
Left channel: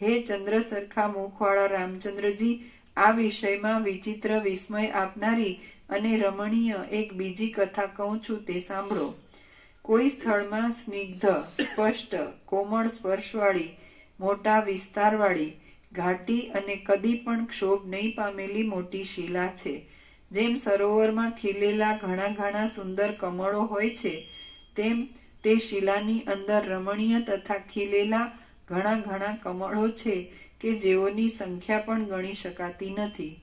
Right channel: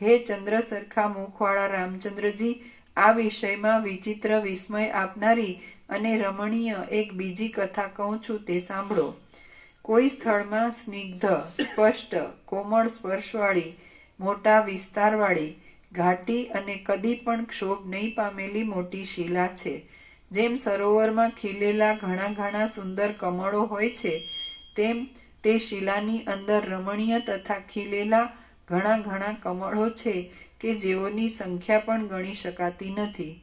હે ચંદ્ર સરખા મુખવાળા રામચંદ્રજી, આ વિષયમાં વિચિત્ર વિસ્મય આપનારી અને રમણીય એક બીજી કથા કહું છું તે સાંભળો. કોઈ સ્થળમાં સ્નિગ્ધ, સ્પષ્ટ, કોમળ સ્પર્શવાળી, મોટા વિસ્તારવાળી, ઘાટી અને કદી પણ ક્ષોભ નહીં પામેલી મોટી શિલા છે. જેમ સરોવરમાં ખીલેલા ઘણા ઘણા સુંદર કમળો હોય છે તેમ તે શિલાની અંદર રમણીય તથા ખીલેલા ઘણા ઘણા કમળો છે કે જેઓની સંખ્યા પણ ગણી શકાતી નથી.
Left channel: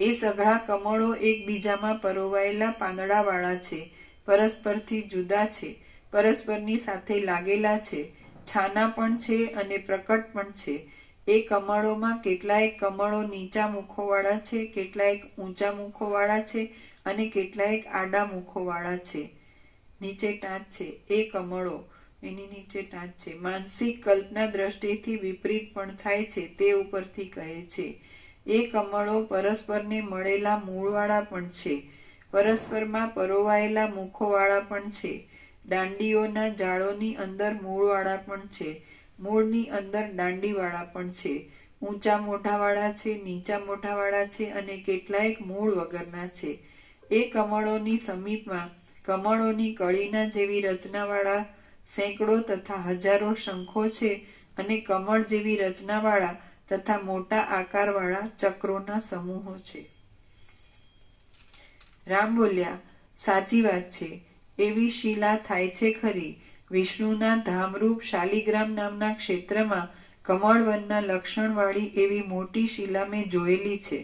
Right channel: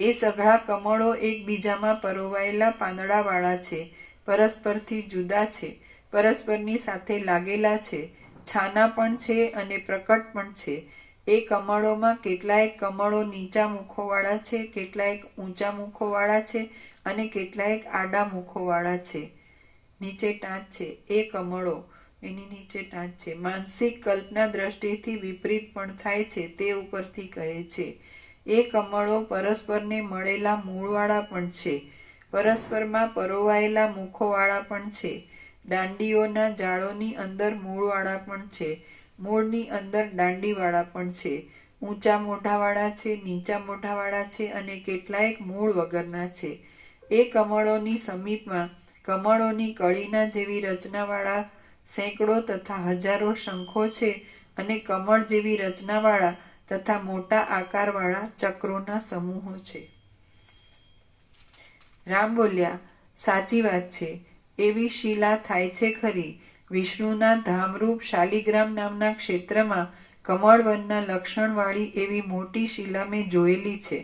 એ સઘળા કમળો એકબીજામાં પરોવાયેલા પાંદડાવાળા છે, પરસ્પરથી જુદા છે, પરસ્પરની સાથે લાગેલા છે, છાના પણ છે અને પ્રકટ પણ છે. એ કમળોમાં કેટલાયક કમળો નીચા મુખોવાળા છે, કેટલાયક ઊંચા મુખોવાળા છે અને કેટલાયક આડા મુખોવાળા છે. નીચે ટાંચ છે. એ કમળો એની નીચે ટાંચ છે. માનસિક કલ્પના દ્રષ્ટિથી વિપરીત પણ થાય છે તે ઉપરથી કહે છે. એ કમળો પરસ્પરને મળેલા મૂળવાળા પણ છે, પરસ્પરમાં પરોવાયેલા મુખોવાળા પણ છે. દાંડીઓના જાળોની અંદર મૂળવાળા પણ છે, મૂળની અંદર દાંડીવાળા પણ છે. ઊંચા મોઢાવાળા છે, નીચા મોઢાવાળા છે અને કેટલાયક મૂળ વગરના છે. એ કમળોની સમીપમાં કમળોની કળીના જેવી રચનાવાળા સેંકડો તથા હજારો શંખો છે અને કમળ જેવી રચનાવાળા તથા મોટા આકારવાળા ચક્રોના સમૂહો છે. રામ બોલ્યા, સાચી વાત છે. એવી શિલા થાય છે ખરી. વિષ્ણુના ધામરૂપ શાલિગ્રામ નામના ક્ષેત્રમાં કમળવનના લક્ષણવાળી એવી મોટી શિલા મેં જોયેલી છે.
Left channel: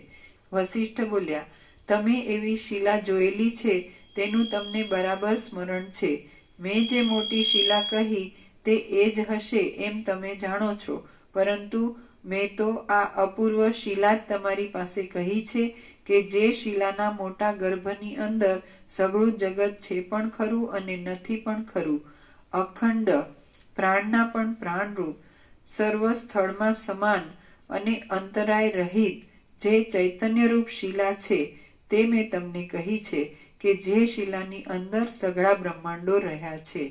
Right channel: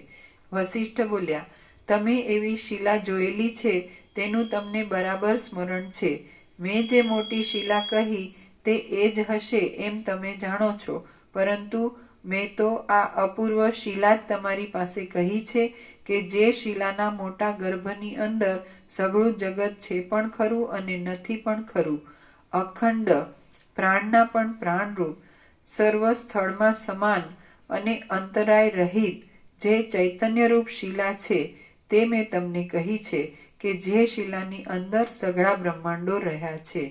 વસિષ્ઠ બોલ્યા, તમે એવી શિલા જોયેલી છે તેનું તમને બરાબર સ્મરણ છે. મેં જે મોટી શિલા કહી તે એ જ હશે એમ તમે જાણો છો, પરંતુ મેં તો આ અપૂર્વ શિલા જ તમારી પાસે કહી છે કે જે શિલાના મોટા ગર્ભની અંદર સઘળું જગત છે પણ ખરું અને નથી પણ ખરું, અખંડ, પ્રાણના પણ પ્રાણરૂપ, સર્વ સ્થળમાં સમાન અને અંતરાય રહિત જે ચૈતન્યરૂપ શિલા છે તે મેં તમને કહી છે કે જે શિલાની અંદર સઘળા બ્રહ્માંડો રહ્યા છે.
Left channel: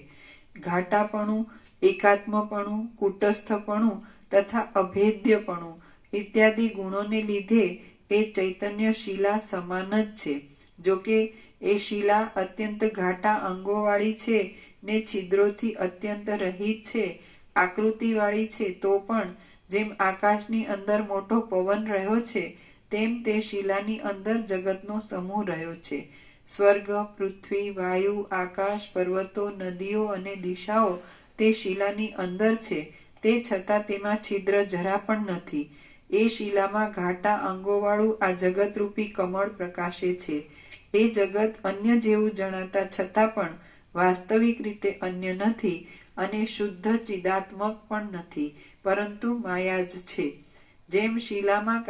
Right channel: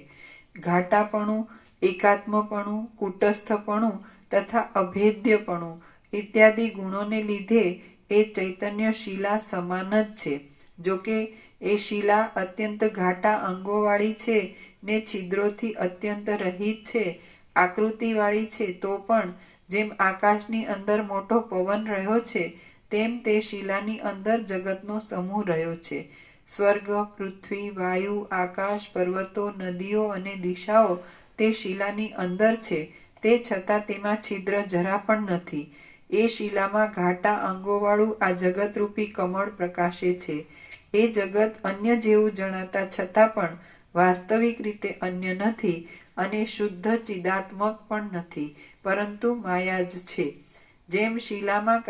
ઘાટાપણું, એકાત્મપણું, કુટસ્થપણું તથા અભેદ્યપણું ઇત્યાદિ ગુણોને લીધે એ ચૈતન્ય શિલા સમાન જ છે. જોકે એ શિલા અત્યંત ઘાટા અંગોવાળી છે ને છિદ્રોથી અત્યંત રહિત છે, આકૃતિવાળી છે, તો પણ જેમ આકાશની અંદર મોટો પવન રહ્યો છે તેમ તે શિલાની અંદર જગતનો સમૂહ રહ્યો છે. સ્વર્ગ, પૃથ્વી, વાયુ, આકાશ, પર્વતો, નદીઓ અને દિશાઓ તે શિલાની અંદર છે, તે છતાં તેમાં છિદ્ર જરા પણ નથી. એ શિલામાં ઘાટા અંગોવાળું આ જગતરૂપી કમળ પ્રકાશે છે. એ જગત અન્ય જેવું જણાતા છતાં પણ વાસ્તવિક રીતે અન્ય નથી અને શુદ્ધ ચિદાત્મક પણ નથી, પરંતુ માયા જ છે. જેમ શિલામાં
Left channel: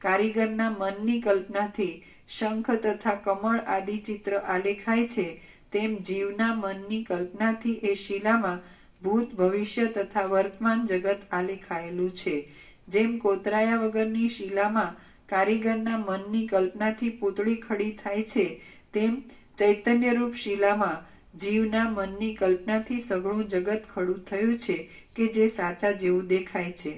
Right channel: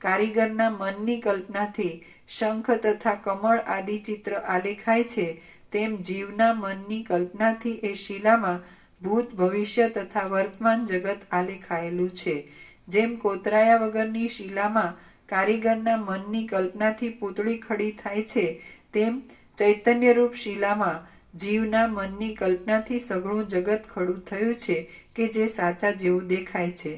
કારીગરના મનની કલ્પનાથી શંખ તથા કમળ આદિ ચિત્ર આલેખાય છે, તેમ જીવના મનની કલ્પનાથી એ શિલામાં ભૂત, ભવિષ્ય તથા વર્તમાન જગત આલેખાયેલું છે. જેમ કોતરાયા વગરની શિલામાં કારીગરના મનની કલ્પનાથી પૂતળી ખડી થાય છે, તેમ ચૈતન્યરૂપ શિલામાં જીવના મનની કલ્પનાથી સઘળું જગત ખડું થયું છે કે જે સાચા જેવું દેખાય છે.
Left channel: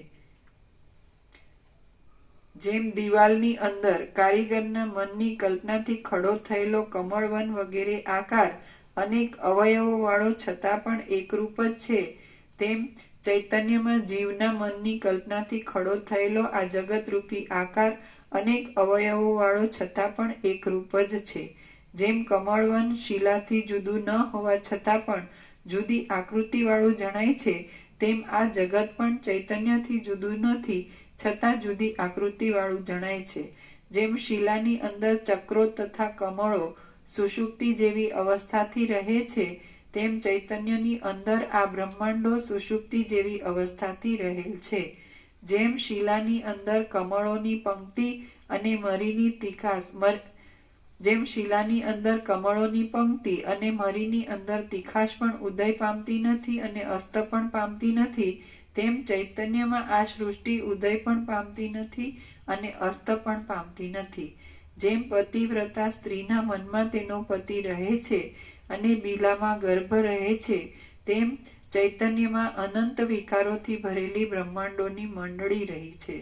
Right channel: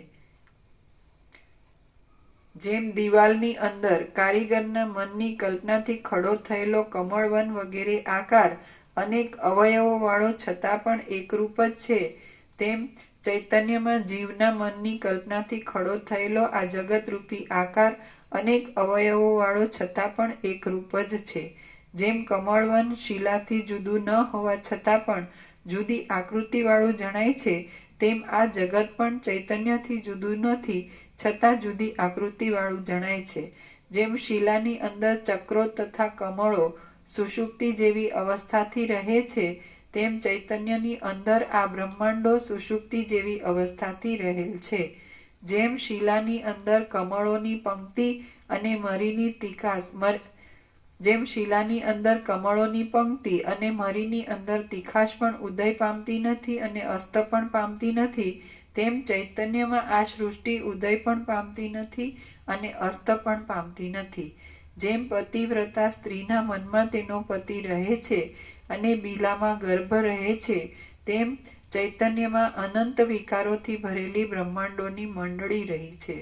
જેમ દિવાલની અંદર કારીગરના મનની કલ્પનાથી ખડો થયેલો કમળવન વગેરે આકાર અનેક અવયવોવાળો છતાં પણ એકરૂપ જ છે, તેમ ચૈતન્યમાં જીવના મનની કલ્પનાથી ખડો થયેલો આ જગતરૂપી આકાર અનેક અવયવોવાળો છતાં પણ એકરૂપ જ છે. જેમ કમળવન શિલાથી જુદું ન હોવા છતાં પણ જુદી આકૃતિવાળું જણાય છે, તેમ આ જગત પણ ચૈતન્યથી જુદું નથી છતાં જુદી આકૃતિવાળું જણાય છે. જેમ શિલાની અંદર ચક્રો તથા કમળો સુષુપ્તિ જેવી અવસ્થાથી રહે છે, તેમ ચૈતન્યની અંદર આ બ્રહ્માંડો સુષુપ્તિ જેવી અવસ્થાથી રહેલ છે. જેમ શિલાની અંદર કમળોની પંક્તિ અને મરીની અંદર તીખાશ પણ ઉદય પામતી નથી અને અસ્ત પણ પામતી નથી, તેમ ચૈતન્યમાં આ સૃષ્ટિ ઉદય પણ પામતી નથી અને અસ્ત પણ પામતી નથી. જેમ પતિવ્રતા સ્ત્રીના મનમાં તેનો પતિ રહે છે અને બીલામાં ગર્ભ રહે છે, તેમ ચૈતન્યમાં અનંત વિકારોથી ભરેલી બ્રહ્માંડોની મંડળી રહી છે.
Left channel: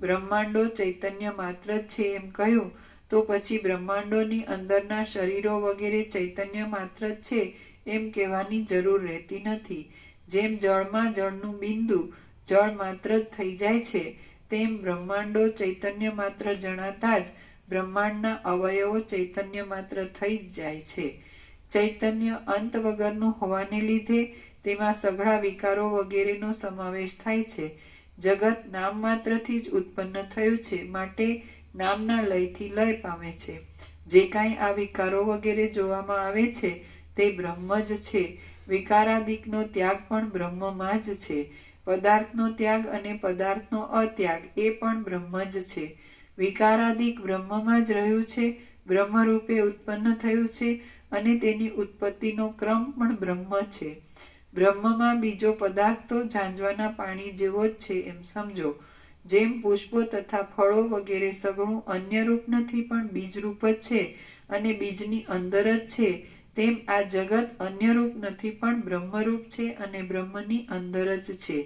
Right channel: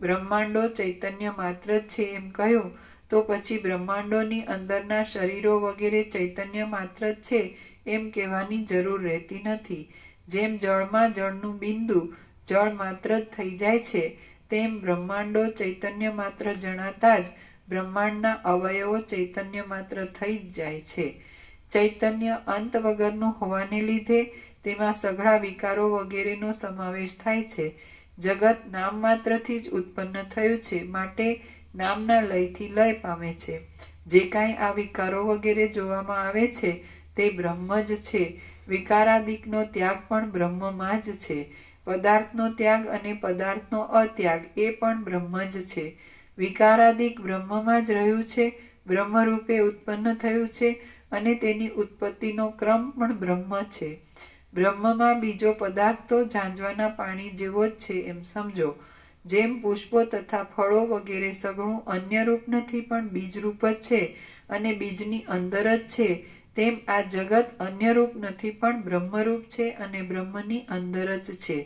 બ્રહ્માંડો ચૈતન્ય માત્ર જ છે એમ કહ્યું તો પછી બ્રહ્માંડોની અંદરના શરીરો વગેરે ચૈતન્ય માત્ર જ છે એમ કહેવાની જરૂર રહેતી નથી. જેમ જળમાં જળનું બિંદુ જળ માત્ર જ થઈ જાય છે, તેમ બ્રહ્માંડો ચૈતન્ય માત્ર જણાતા જ બ્રહ્માંડના અવયવો ચૈતન્ય માત્ર થઈ જ જાય છે. ચૈતન્ય અંત વગરનું હોવાને લીધે તેમાં સઘળા વિકારો વગેરેનો સમાવેશ થાય છે. જગત નામ માત્રથી જ ઉત્પન્ન થયું છે, માટે નામના લયથી લય પામે છે. જે કાંઈ આ વિકારો વગેરે જોવામાં આવે છે તે બ્રહ્મ જ છે. વિકારાદિકનો ત્યાગ પણ બ્રહ્મમાં જ છે. પદાર્થનો ત્યાગ અને પદાર્થનો અત્યાગ એ પણ બ્રહ્મ જ છે. વિકારાદિક બ્રહ્મમાં જ રહ્યું છે, બ્રહ્મરૂપે ઉત્પન્ન થયું છે અને તેની ઉત્પત્તિનો ક્રમ પણ બ્રહ્મ છે. બ્રહ્મમાં બીજો પદાર્થ તો ઝાંઝવાના પાણી જેવો જ છે એમ સમજો. જેમ પુષ્પો તથા ફળો વગેરે સગળું અન્ય રૂપ નથી પણ બીજરૂપ જ છે અને બીજની અંદર જ છે, તેમ આ જગત અન્ય રૂપ નથી પણ બ્રહ્મરૂપ છે અને બ્રહ્મની અંદર જ છે.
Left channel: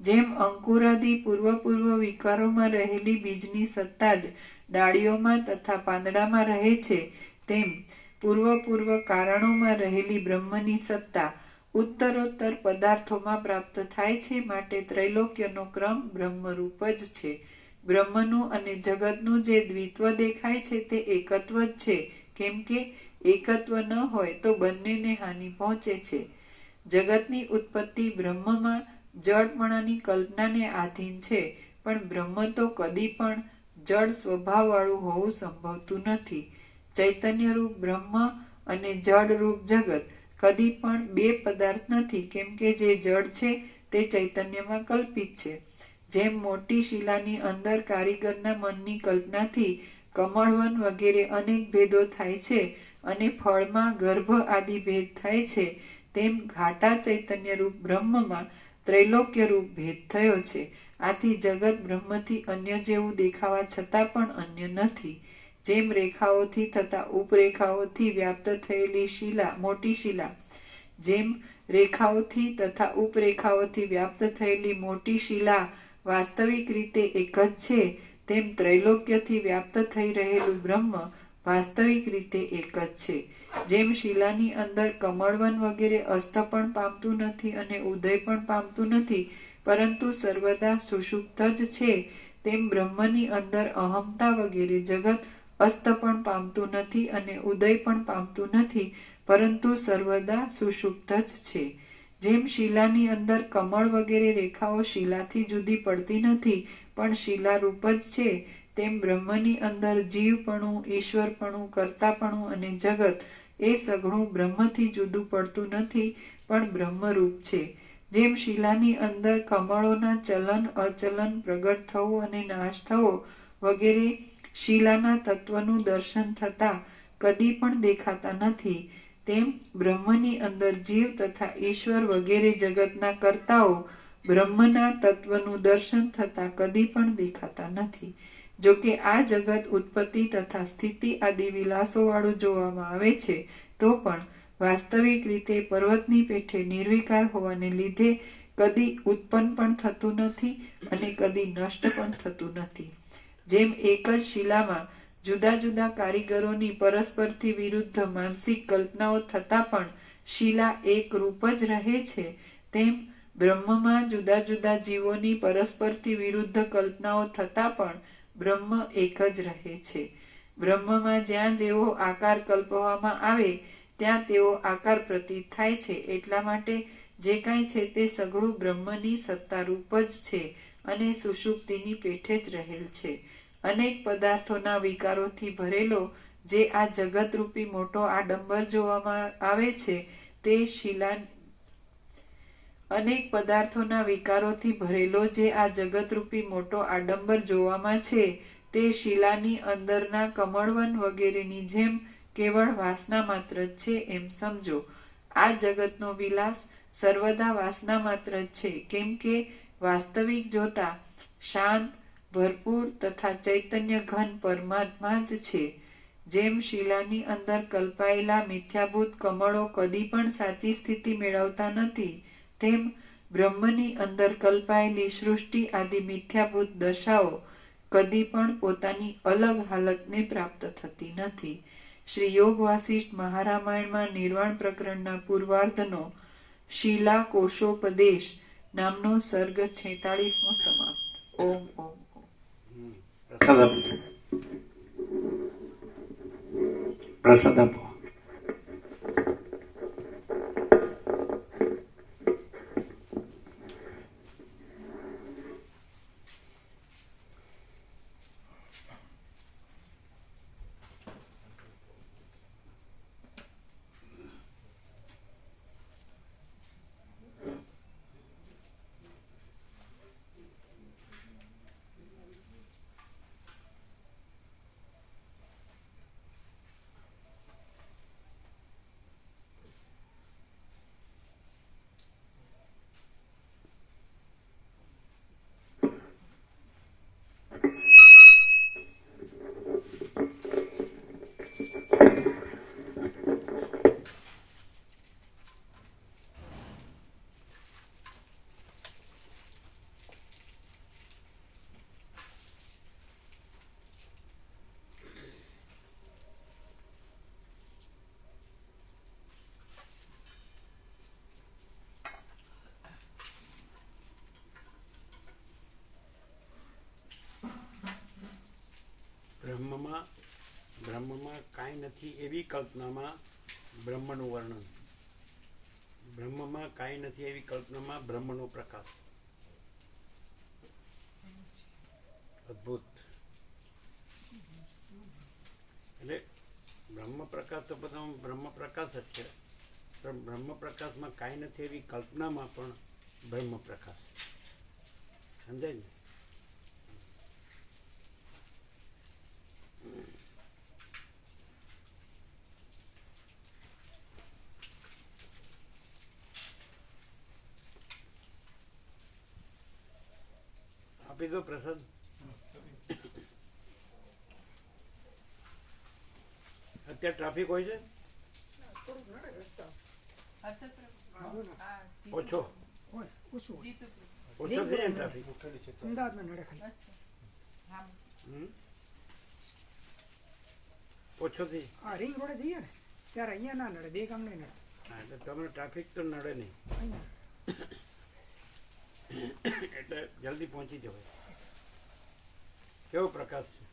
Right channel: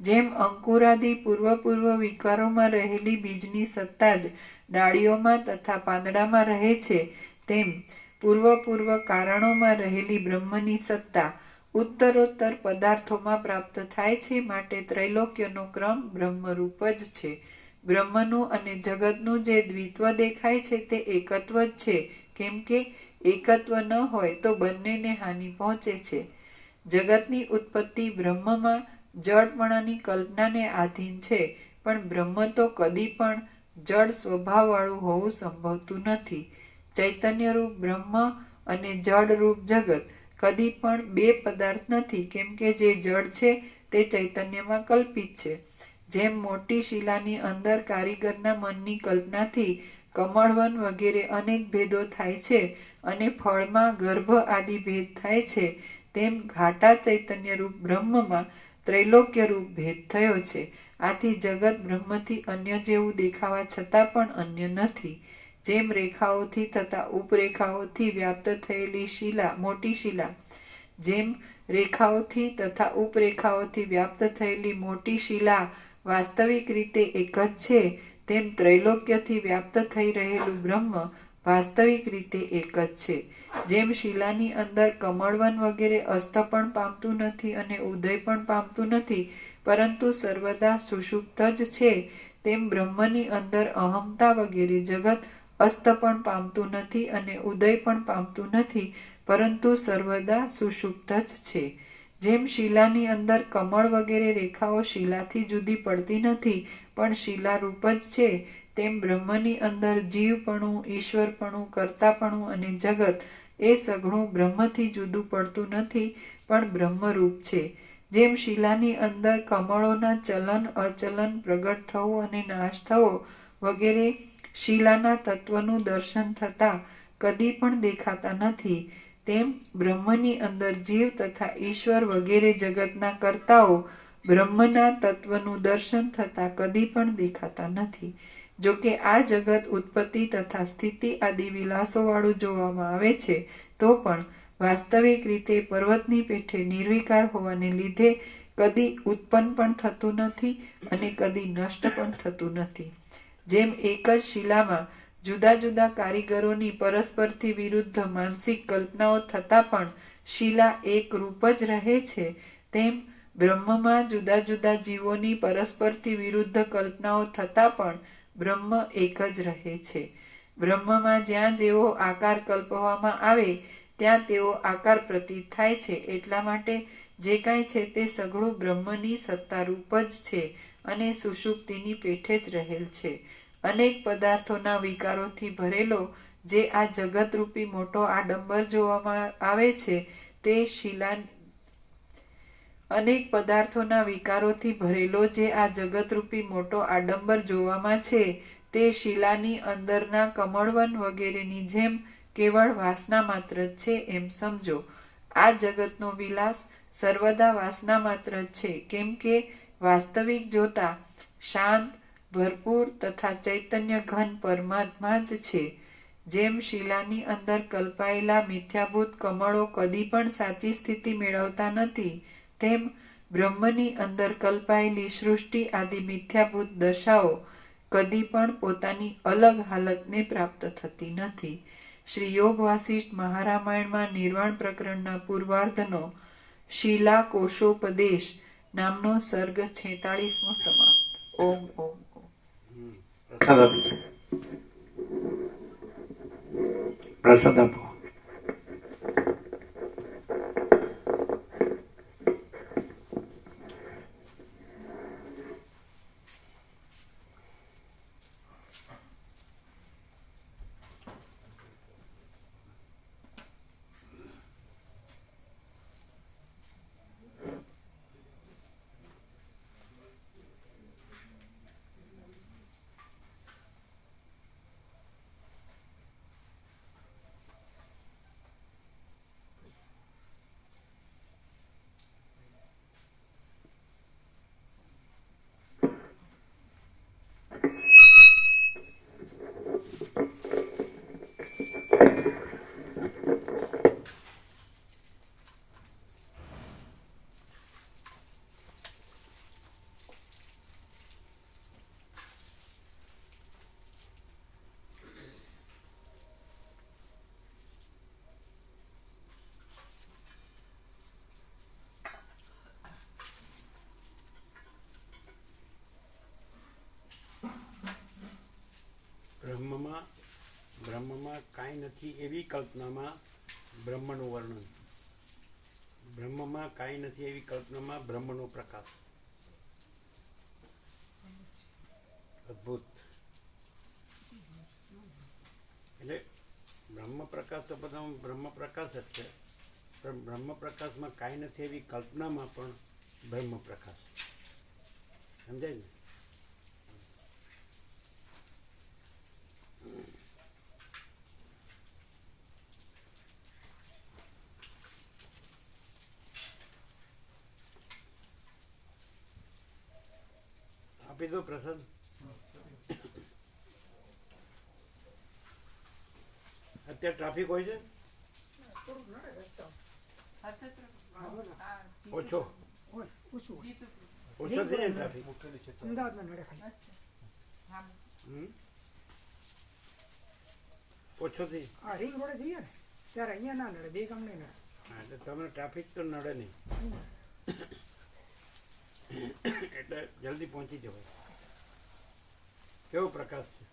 જેમ અંકુરાદિ પૂર્વ વિકારોમાં રહેલી બીજની સત્તા જ ડાળીઓમાં તથા પાંદડામાં રહે છે, તેમ પૂર્વ કારણોમાં રહેલી બ્રહ્મની સત્તા ઉત્તરોત્તર પદાર્થોમાં પ્રાપ્ત થાય છે. માટે ત્રૈલોક્યનો ક્રમ બ્રહ્મરૂપ જ છે. બ્રહ્મનું અને જગતનું જે દ્વિત્વ દેખાય છે તે એકત્વ જ છે, કેમ કે એકત્વ ન હોય તો બંનેને હાનિ પહોંચે છે. જગતની ઉત્પત્તિ બ્રહ્મમાં જડપણાની કલ્પનાને આધીન છે, પણ બ્રહ્મ તો કદી પણ જડ સ્વભાવવાળું હોવું સંભવતું નથી. ચૈતન્યરૂપ બ્રહ્મ અને જડરૂપ જગત કદી પણ બે પદાર્થ નથી, કેમ કે જે જડ છે તે ચૈતન્યમાં કલ્પિત છે. જેમ મોટી શિલાની અંદર કારીગરના મનની કલ્પનાથી કમળવન વગેરે અનેક ભેદો થાય છે અને ફળમાં ગર્ભ આદિ ભેદ થાય છે, તેમ ઘાટા ચૈતન્યરૂપ બ્રહ્મમાં ત્રૈલોક્યરૂપ ભેદ થયો છે. આથી જગત બ્રહ્મથી અન્ય જેવું દેખાવા છતાં પણ અન્ય નથી. જેમ રેખાઓથી તથા ઉપરેખાઓથી વ્યાપ્ત થયેલી શિલા મોટી શિલા જેમ રેખાઓથી તથા ઉપરેખાઓથી વ્યાપ્ત થયેલી મોટી શિલા વાસ્તવિક રીતે એક જ છે, તેમ ત્રૈલોક્યથી વ્યાપ્ત થઈ રહેલું બ્રહ્મ વાસ્તવિક રીતે એક જ છે. જેમ શિલાની અંદર કમળવન વગેરે અસ્ત પણ પામતું નથી અને ઉદય પણ પામતું નથી, પરંતુ સર્વદા સુષુપ્ત જ છે, તેમ બ્રહ્મની અંદર અહમતા વગેરે જગત અસ્ત પણ પામતું નથી અને ઉદય પણ પામતું નથી, પરંતુ સર્વદા સુષુપ્ત જ છે. જેમ શિલાની અંદર કમળ વગેરે રેખાઓ શિલાથી જુદી પડતી નથી પણ શિલારૂપ જ છે, તેમ બ્રહ્મની અંદર જીવપણું, ઈશ્વરપણું, કર્તાપણું અને જગત એ સઘળું બ્રહ્મથી જુદું પડતું નથી પણ બ્રહ્મરૂપ છે. જેમ શિલાની અંદર કમળોના ચલન અચલન, પ્રગટ થવું અને નાશ થવો વગેરે શિલાના તત્વનું દર્શન થતા કદી પણ દેખાતા નથી, તેમ બ્રહ્મની અંદર જીવ તથા ઈશ્વર વગેરે જગતના કર્તાઓ બ્રહ્મના તત્વનું દર્શન થતા કદી પણ દેખાતા નથી. જો કે આ જગત ઉત્પત્તિ તથા સ્થિતિ આદિ વિલાસોવાળું જોવામાં આવે છે, તો પણ વાસ્તવિક રીતે પર્વતની પેઠે નિર્વિકાર હોવાને લીધે કદી ઉત્પન્ન પણ થતું નથી અને કદી નષ્ટ પણ થતું નથી. જેમ એક જ શિલામાં જુદા જુદા કારીગરોની પરસ્પરથી વિરુદ્ધ માનસિક કલ્પનાઓ થતાં પણ શિલા એક રૂપ જ રહે છે, તેમ બ્રહ્મમાં જુદા જુદા જીવોની પરસ્પરથી વિરુદ્ધ કલ્પનાઓ થતાં પણ બ્રહ્મ એક જ રહે છે. બ્રહ્મમાં જ્યાં જેવો આકાર કલ્પવામાં આવે ત્યાં તેવો આકાર પ્રતીત થાય છે. એટલા માટે જે કાંઈ છે તે સઘળું બ્રહ્મની સત્તારૂપ જ છે અને સુષુપ્તિની પેઠે જ રહેલ છે. અનેક પદાર્થોના વિકારોથી ભરેલો જે આ જગતરૂપી મોટો આડંબર જોવામાં આવે છે તે અનેક પદાર્થોના વિકારોથી ભરેલો જે આ જગતરૂપી મોટો આડંબર જોવામાં છે તે શિલાની અંદરના કમળવન વગેરેની જેમ કેવળ વાસના માત્ર જ છે એમ સમજો. આ જગતનો વિલાસ સર્વદા વાસના માત્ર જ છે, કેમ કે વાસ્તવિક જોતા શાંત, ભરપૂર તથા ચૈતન્ય ઘન પરમાત્મા જ છે. જેમ શિલાની અંદર કલ્પાયેલા મિથ્યાભૂત કમળો કદી પણ સાચી સ્થિતિ મેળવતા નથી, તેમ બ્રહ્મની અંદર કલ્પાયેલી સૃષ્ટિ આદિ મિથ્યાભૂત દશાઓ કદી પણ પોતાની અલગ હાલતને પ્રાપ્ત થતી નથી. શ્રી યોગ વાસિષ્ઠ મહારામાયણમાં નિર્વાણ પ્રકરણના પૂર્વાર્ધનો શિલા કોશોપદેશ નામનો સર્ગ 46મો સમાપ્ત. ઓમ ઓમ ઓમ. પ્રસાદ આપો. બ્રહ્મમાં કાંઈ નથી એવી કલ્પનામાં બ્રહ્મનું વર્ણન. બ્રહ્મમાં કાંઈ નથી એવી કલ્પનામાં બ્રહ્મનો પ્રકાશ. અદ્ભુત. એટલે બ્રહ્મ પ્રકાશ તો બધા બ્રહ્મ પ્રકાશ જ છે, પણ બ્રહ્મ પ્રકાશમાં કાંઈ નથી એવી કલ્પનામાં પણ બ્રહ્મ પ્રકાશ. સમજાય ને? આપી દો પ્રસાદ. અત્યારે ટ્રાફિક હોય છે ઓછો ઓછો થઈ જાય ને ટ્રાફિક. ઓછો થઈ રિંગ રોડે જઈએ ને ત્યારે અહીંયા ના નડે, બે ગામ ને નડે. હા, એટલે તમને ટ્રાફિક તો નડે નહીં, એટલે જલ્દી પહોંચી જવાય. કેવો પ્રકાશ છે,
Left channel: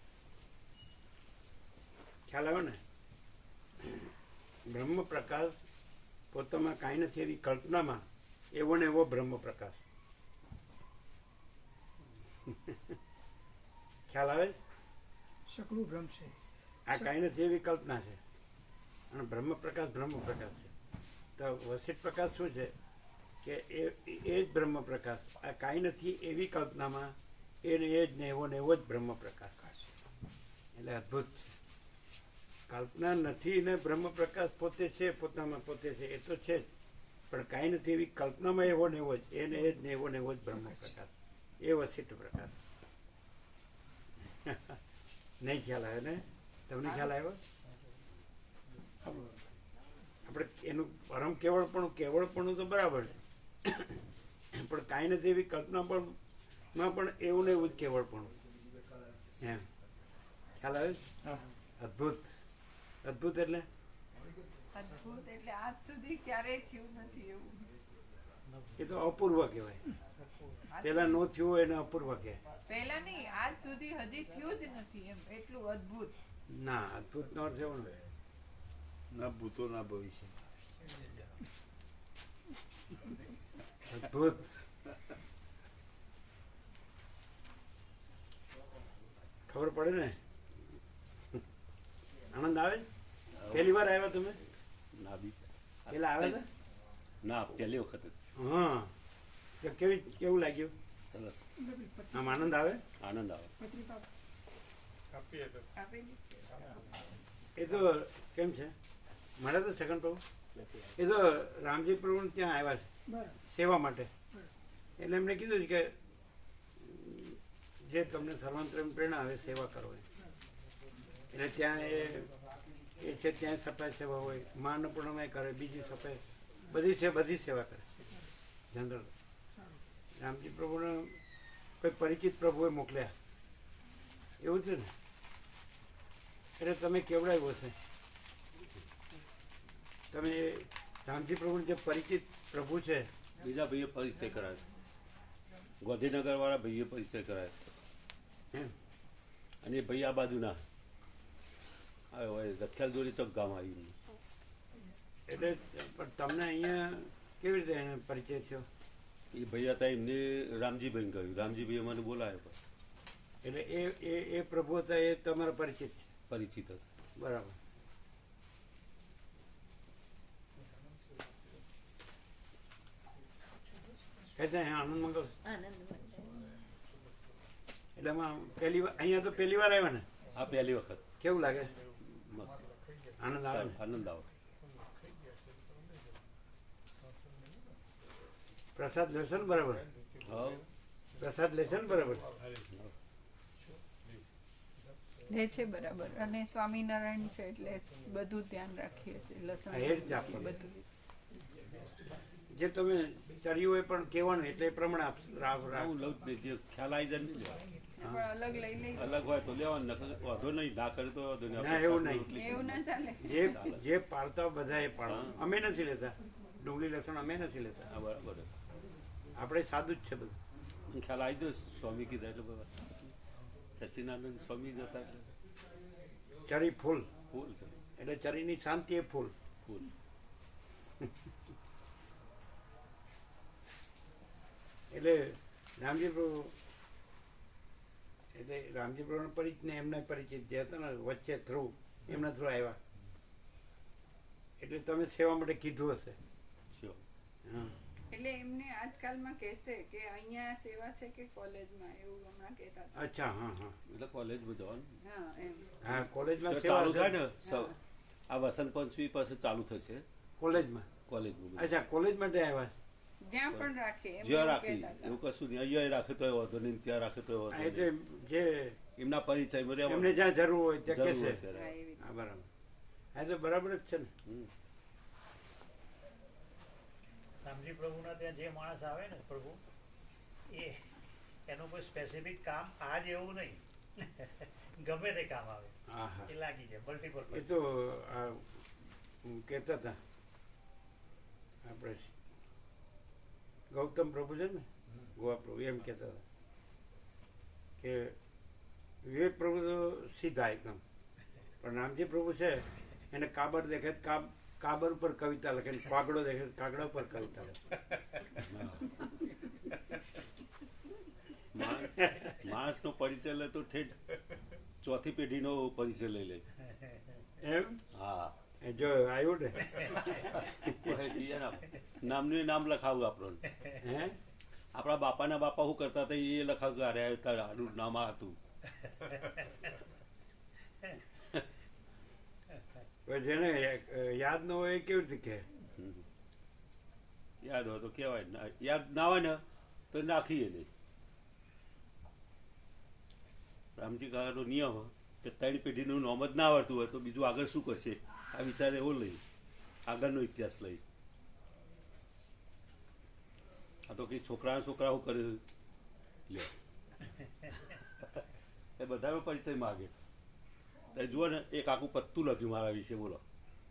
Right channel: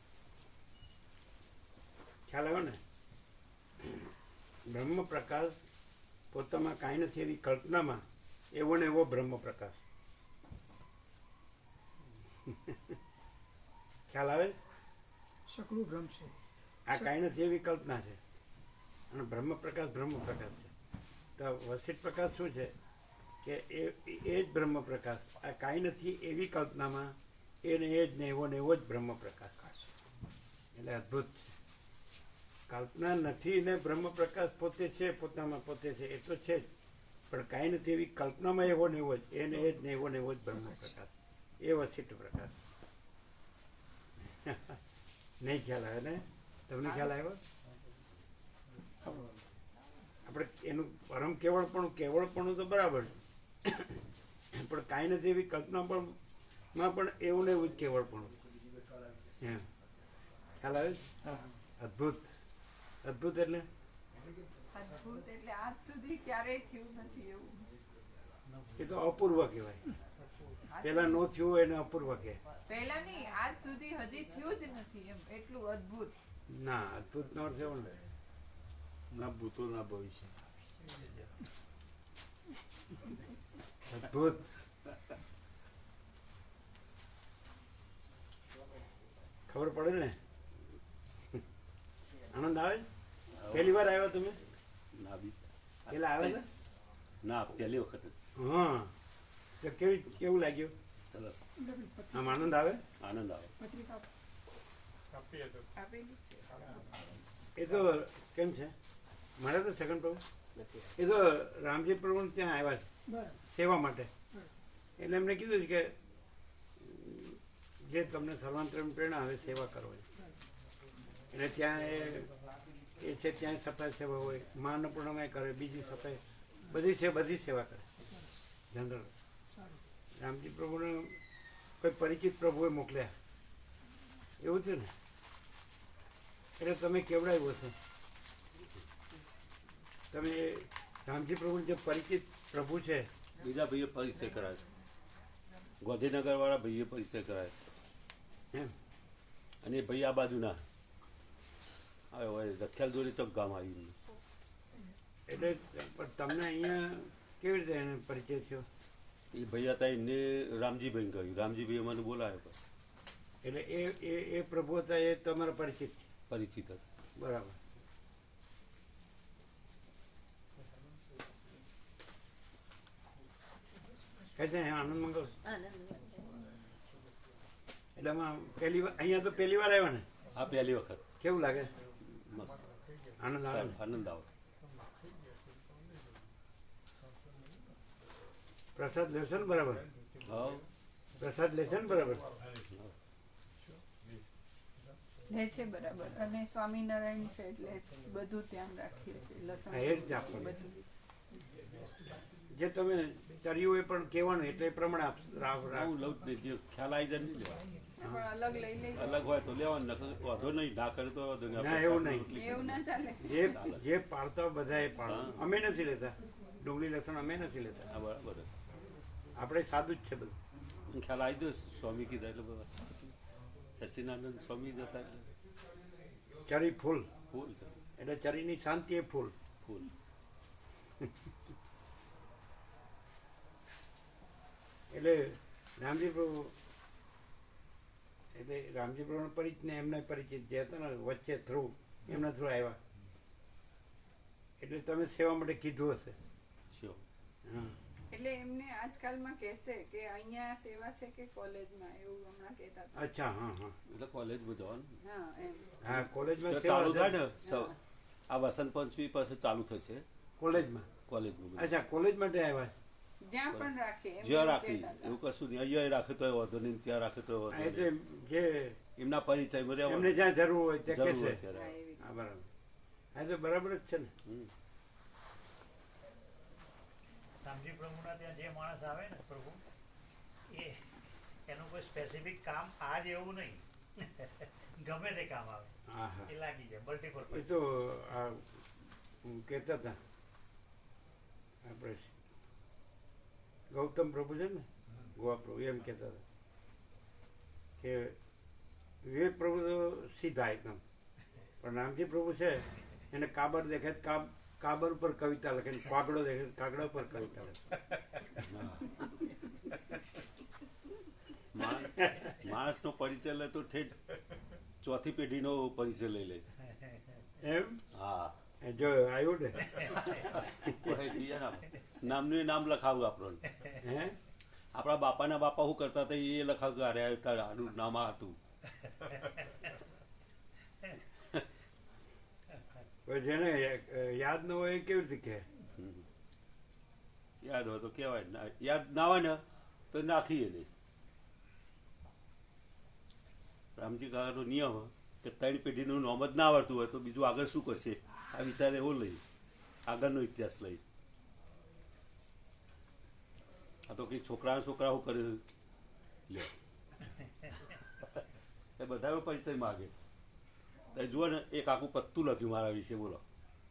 ખ્યાલ આવ્યો ને? બ્રહ્મ પ્રકાશ પોતામાં કાંઈ નથી એવી કલ્પનામાં એવો ને એવો બ્રહ્મ પ્રકાશ. ખ્યાલ આવે? સકલું ભ્રમ છે. આ કાંઈ નથી એવી કલ્પના છે અને બ્રહ્મ પ્રકાશ છે. તો વસિષ્ઠ પ્રકાશ શું છે કે એ જ બ્રહ્મ પ્રકાશ. આ કાંઈ નથી એવી કલ્પનામાં એને એ જ ને એવો જ બ્રહ્મ પ્રકાશ. એટલે અદ્ભુત છે. કલ્પના નથી ને બ્રહ્મ પ્રકાશ પોતે છે, પોતામાં પોતે છે, એ તો છે જ, પણ કાંઈ નથી એવી કલ્પનામાં એવો ને એવો જ, એને એ જ ને એવો જ બ્રહ્મ પ્રકાશ. એ વસિષ્ઠ પ્રકાશ. નહીં ખ્યાલ આવે ને? તમને ખ્યાલ આવ્યો? આપણે એનું પરમ કેવળપણું તો બરાબર છે, પણ કાંઈ નથી એવી કલ્પનામાં પણ એવું ને એવું જ કેવળપણું. એમ ખ્યાલ આવે? અદ્ભુત. અદ્ભુત એટલે અદ્ભુત એટલે આજ સુધી ક્યારેય થયું નથી એવું. એ તો અપૂર્વ કહેવાય. પેલા નો થયું એને અપૂર્વ કહેવાય. પહેલા નહીં, આજ સુધી હજી થયું જ નથી એમ, એટલું અદ્ભુત. ના, અદ્ભુત નો અર્થ એવો ને ના ભૂતો ના ભવિષ્ય. અદ્ભુત. ખબર પડે ને? આનંદ આવે? પહેલી વાર આવ્યા તમે? પેલા આવ્યા હતા? ના, પહેલી વખત જ. હા, તો કેવું લાગ્યું? સરસ. આમ આનંદ આવે? આનંદ આવે. પત્રિકા આપીએ તો આપેલી છે. એ તો કેમ છે, મારા તો છગન પ્રભુ એ તો રામજી પ્રભુ ત્યાં આવ્યા છે બરાબર. સેવા માટે. એટલે એમણે કીધું છે કે જે તમને સર્વાંતરણ પ્રેરણા આવે સેવા કરો એમ. એટલે ત્યાં એ છે, ત્યાં સફાઈ સેવા હોય, મા અન્નપૂર્ણામાં કરે, બીજી સફાઈ, બધી સેવા કરે જનરલ. રામજી પ્રભુને કોઈ પરિચિત પ્રભુએ મોકલ્યા એવું છે ને, એટલે તમે કેવડાવ્યો છે. તમે રામજી પ્રભુ જે પરિચિત પ્રભુ છે, બીજા ભાઈએ પરિચય કરાયો. ગોધીનગર વાળા ભાઈએ પરિચય કરાયો એમ અને એ ભાઈ આ બાજુના આવ્યો હોય રખ્યાલ જોડે ચોક ગામ આવી. એટલે પણ તમને અહીંયા કેવી રીતે એને પરિચય થયો? એ ભાઈ હતા, એમને રામજીભાઈ કહ્યું, રામજીભાઈ મને બોલાયો. એટલે એ પ્રભુ હતા, એ તમારા પરિચિત છે? પરિચિત હતા. બરાબર. કઈ છે આનંદ મંગળ? એટલે આમાં પહેલી વાર અહીંયા તો પહેલી વાર આવ્યા ને? આ પહેલી વખત. કેવું લાગે? મસ્ત. આનંદ આવે ને? આનંદ આવે. પ્રસાદ લેશો ને બરાબર? હા, પ્રસાદ લેશે ને બરાબર? લે છે બરાબર. અને સ્વામિનારાયણ છે એટલે બધું ધ્યાન રાખીએ છીએ. લસણ હા, એ જ આપવાનું. બધું જે તમે ચર્યું એ પણ કહેવાનું, એટલે એ પ્રમાણે હું લઉં જ નહીં. જે ખ્યાલ આવી જાય નહીં લેવા. પણ અલગ લઈ લઈ. અલગ હોય તો લેવાનું, વાંધો નહીં. ના કરે તો વાંધો નહીં. ના, એવું નહીં. એવું ના ચાલે. જે પાળતા બધા એ પાડો. અમે નથી લેતા ડુંગળી લસણ, અમે નથી લેતા. હા, બરાબર. આપણે સાદું જ છે બધું. ખ્યાલ આવી ગયો. સ્વામી કીધા એટલે બધા સચ્ચિદાનંદ સ્વામી જ હતા એટલે ચરી ફૂલ ફૂલ છે એટલે ચરીની શાંતિ એ ફૂલ. ફૂલ. એટલે રામજી પ્રભુ એટલે રામજી પ્રભુનો પરિચિત ને એમના પરિચિત જે હતા ને વચ્ચે થ્રુ એમના થ્રુ આવ્યા એટલે તમે સેવા માટે કીધું હશે. Sure. હા એટલે એમને આજકાલમાં કહેશે કે અહીંયા સેવા છે કે કોલેજમાં, એવું હમણાં કહેતા હતા. અચ્છા હા હા એટલે કોલેજમાં જવાનું હા એમ. હા કોલેજમાં તો સેવા ચાલુ થાય ને હશે. આ વસંત પંચમી પાસે ચાલુ થશે કોલેજમાં કોલેજમાં બધું. અચ્છા કોલેજ માટે આવ્યા છે. જ્યાં પણ રાખે એમ જ્યાં એવું રાખી કહેતા હતા. એવું કશું નહીં, અહીંયા રાખે તો વાંધો નહીં, ત્યાં રાખે તો વાંધો એટલે નહીં. જે એમના પરિચયમાં એમને રહેવાનું. જ્યાં જરૂર હોય ત્યાં જરૂર કહેશે. હોય ત્યારે. હા, એવી રીતે. હા બરાબર. હા તો બરાબર જ છે ને. હમ. રામજી પ્રભુના ત્યાં જે માણસ આવે ને પ્રભુ એ એનું કોઈ સ્પેસિફિક કામ આજ એવું નહીં ગમે તે કામ આવે હા હા એ લાગી જાય મલ્ટીપલ એ તો આ કહેતા હતા આપણે ગૌતમ પ્રભુ છે ને ગોવા પ્રભુ એમ કહેતા હતા કે વિવેક પ્રભુ તો સીધા એકદમ પણ રામજી પ્રભુ છે એને કાબર દેખે તો કાબર ઉપર કવિતા લખે ને કાગડો દેખે તો કાગડા ઉપર કવિતા લખે. માણસનો પરિચય લે તો ઠેઠ ચોથી પેઢીનો પરિચય લઈ લે. એમ હા એ જો આવ્યું ને નામનું નામ લખાવું આપણને. હે આપણા બાપાના બાપા શું કરતા હતા એ લખાવું કે અરે આનું નામ આ હતું. હવે જેને યાદ ન હોય એ કેવી રીતે કહે. યાદ હોય તો કહેવાય, યાદ ના હોય ને તો નાખીએ નહીં. રામજી કાકાનો નિયમ કે ત્રણ પેઢીનું નામ જ ના આવડતું હોય તો બીજું આગળ શું કરશે આ વિચાર એવો લઈ આગળનો ઇતિહાસ લઈ. આ તો કઈ છોકરા શું કરે લે એ બધા પરિચય માગે. તો જુઓ ને એક આખું પત્તું લખ્યું મારા વિશે, બોલો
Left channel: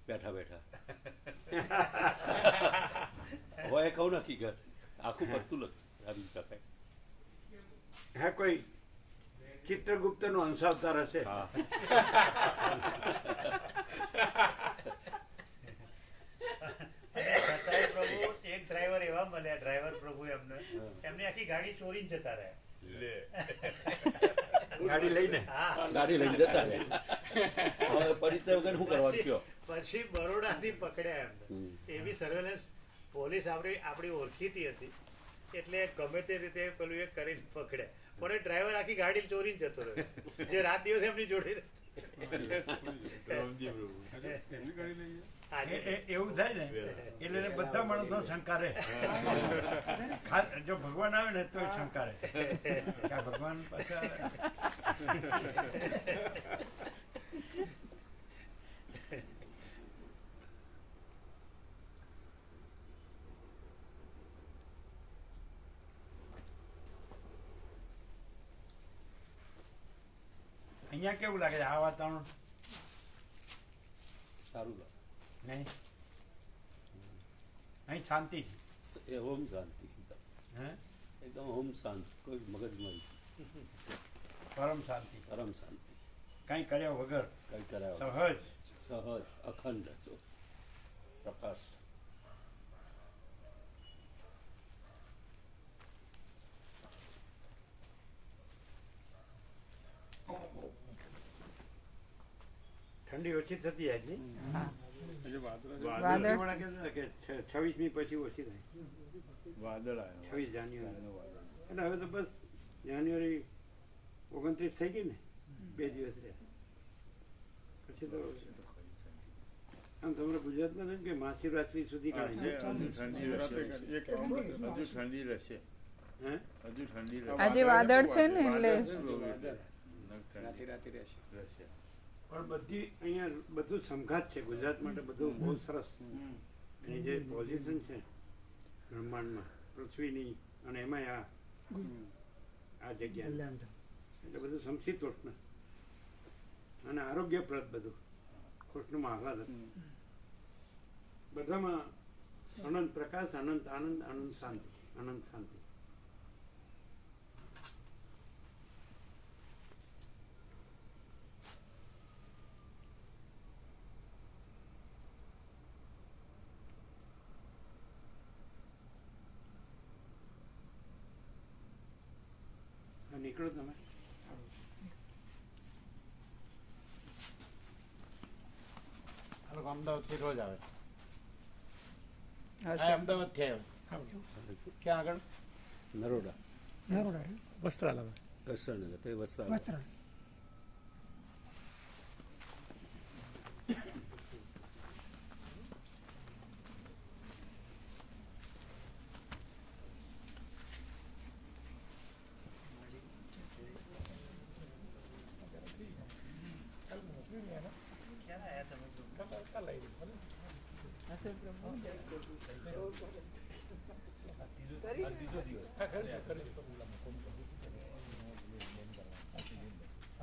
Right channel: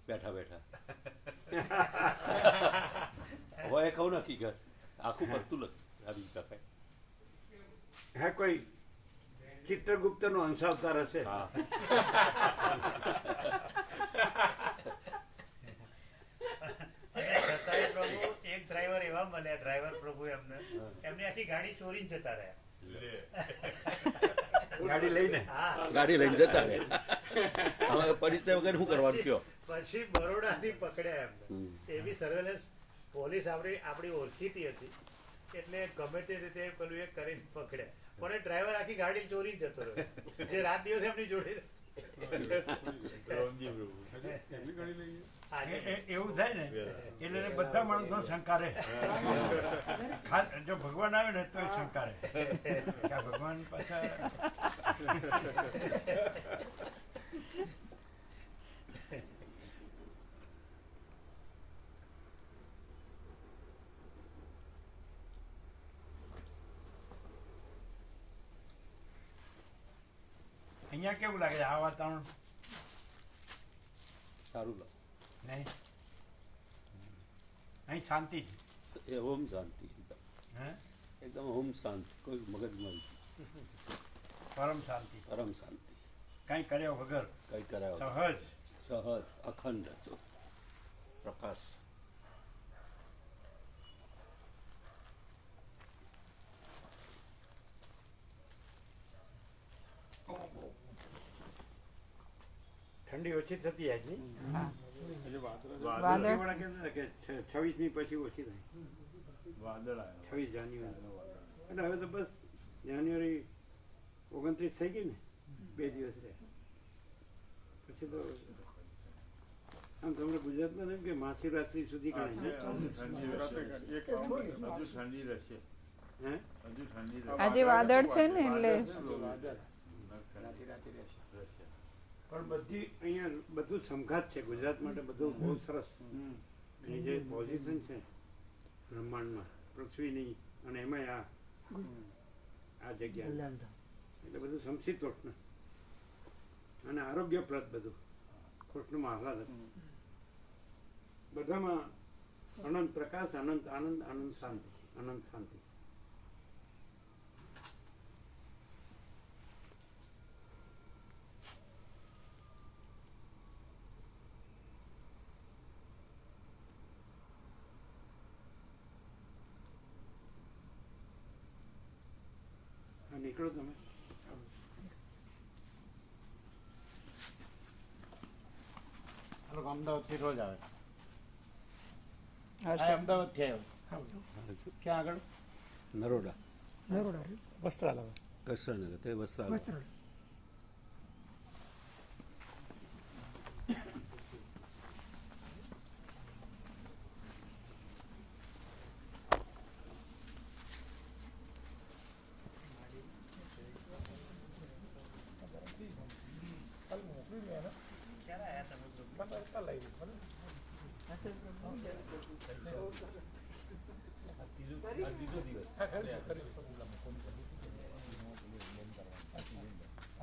બેઠા બેઠા. હવે એ કહું ને હકીકત આખું પત્તું લખ્યું રામજી કાકાએ. હા કોઈ ચિત્રગુપ્ત નો અંશાવતાર હશે. હા છતાંય પ્રભુ એક ડ્રાઈવર એવા મળ્યા ડ્રાઈવર પ્રભુ એમની આખી ગાડી ચોરીને જતા રહ્યા ગાડી લઈને હા ગાડી લઈને જતા રહે. હવે પરિચય વગર શું કરવાનું કયો. પછી બરોડાથી પકડ્યા એમને એ બી સર્વેલન્સ પોલીસ આપણી ઓળખીતી હતી એટલે ગમે તે રીતે પેલું એક કરીને પકડ્યા પણ એ ડ્રાઈવર આખી ગાડી ચોરી જતો રહ્યો જે રાત દિવસ એમની જોડે એવું થાય ને એટલે બધા માણસો શંકા રહે. જો ભગવાન આવે ને તો શંકા રહે કે આ ભગવાન પાછા અહીંયા કેવું લાગે છે આ વાતાવરણ સારું લાગે. નહીં અહીં શાંતિ એ ઓમ શાંતિ, હે એકદમ ઓમ શાંતિ, કોઈ મગજમાં પરમ શાંતિ, પરમ શાંતિ, કઈ કર્યા વગર કઈ કરાવે સહજ સહજ અખંડ પ્રકાશ. ઠંડી ઓછી થતી જાય નહીં. હા. વાદળ વાદળ કહેતા હતા કે 26મી પછી ઓછી થાય. વાદળ 26 જાન્યુઆરી અને હવે તો બસ જાન્યુઆરી 29 થઈ ગઈ ને 2 દિવસ રહ્યા પછી તો આમ તમને ગુજરાતમાં એમ કે મહાશિવરાત્રી સુધી ગણાય હજુ ઠંડી રહેશે. હે હજુ ઠંડી આજે વાદળ છે ને એટલે પણ બધી અહીંયા બધું સમઘાત છે ગુજરાત માટે બધું બહુ સરસ. એની જે પોઝિશન છે બ્રહ્માંડમાં પૃથ્વીની અને એમાં આ જગ્યા એટલે બધું સમશીતોષ્ણ અને આરોગ્યપ્રદ બધું કૃષ્ણમાં આહલાદક બધામાં અનંત પ્રકાશ, અનંત આનંદ, અનંત શાંતિ, અનંત શાંતિ. નીકળો તમે. આ લોકો અમદાવાદથી રોજ આવે. આ અમદાવાદથી આવ્યો. ક્યાં આગળ? નરોડા વસ્ત્રાલય. કૃષ્ણનગર તે વસ્ત્રાલય. કરી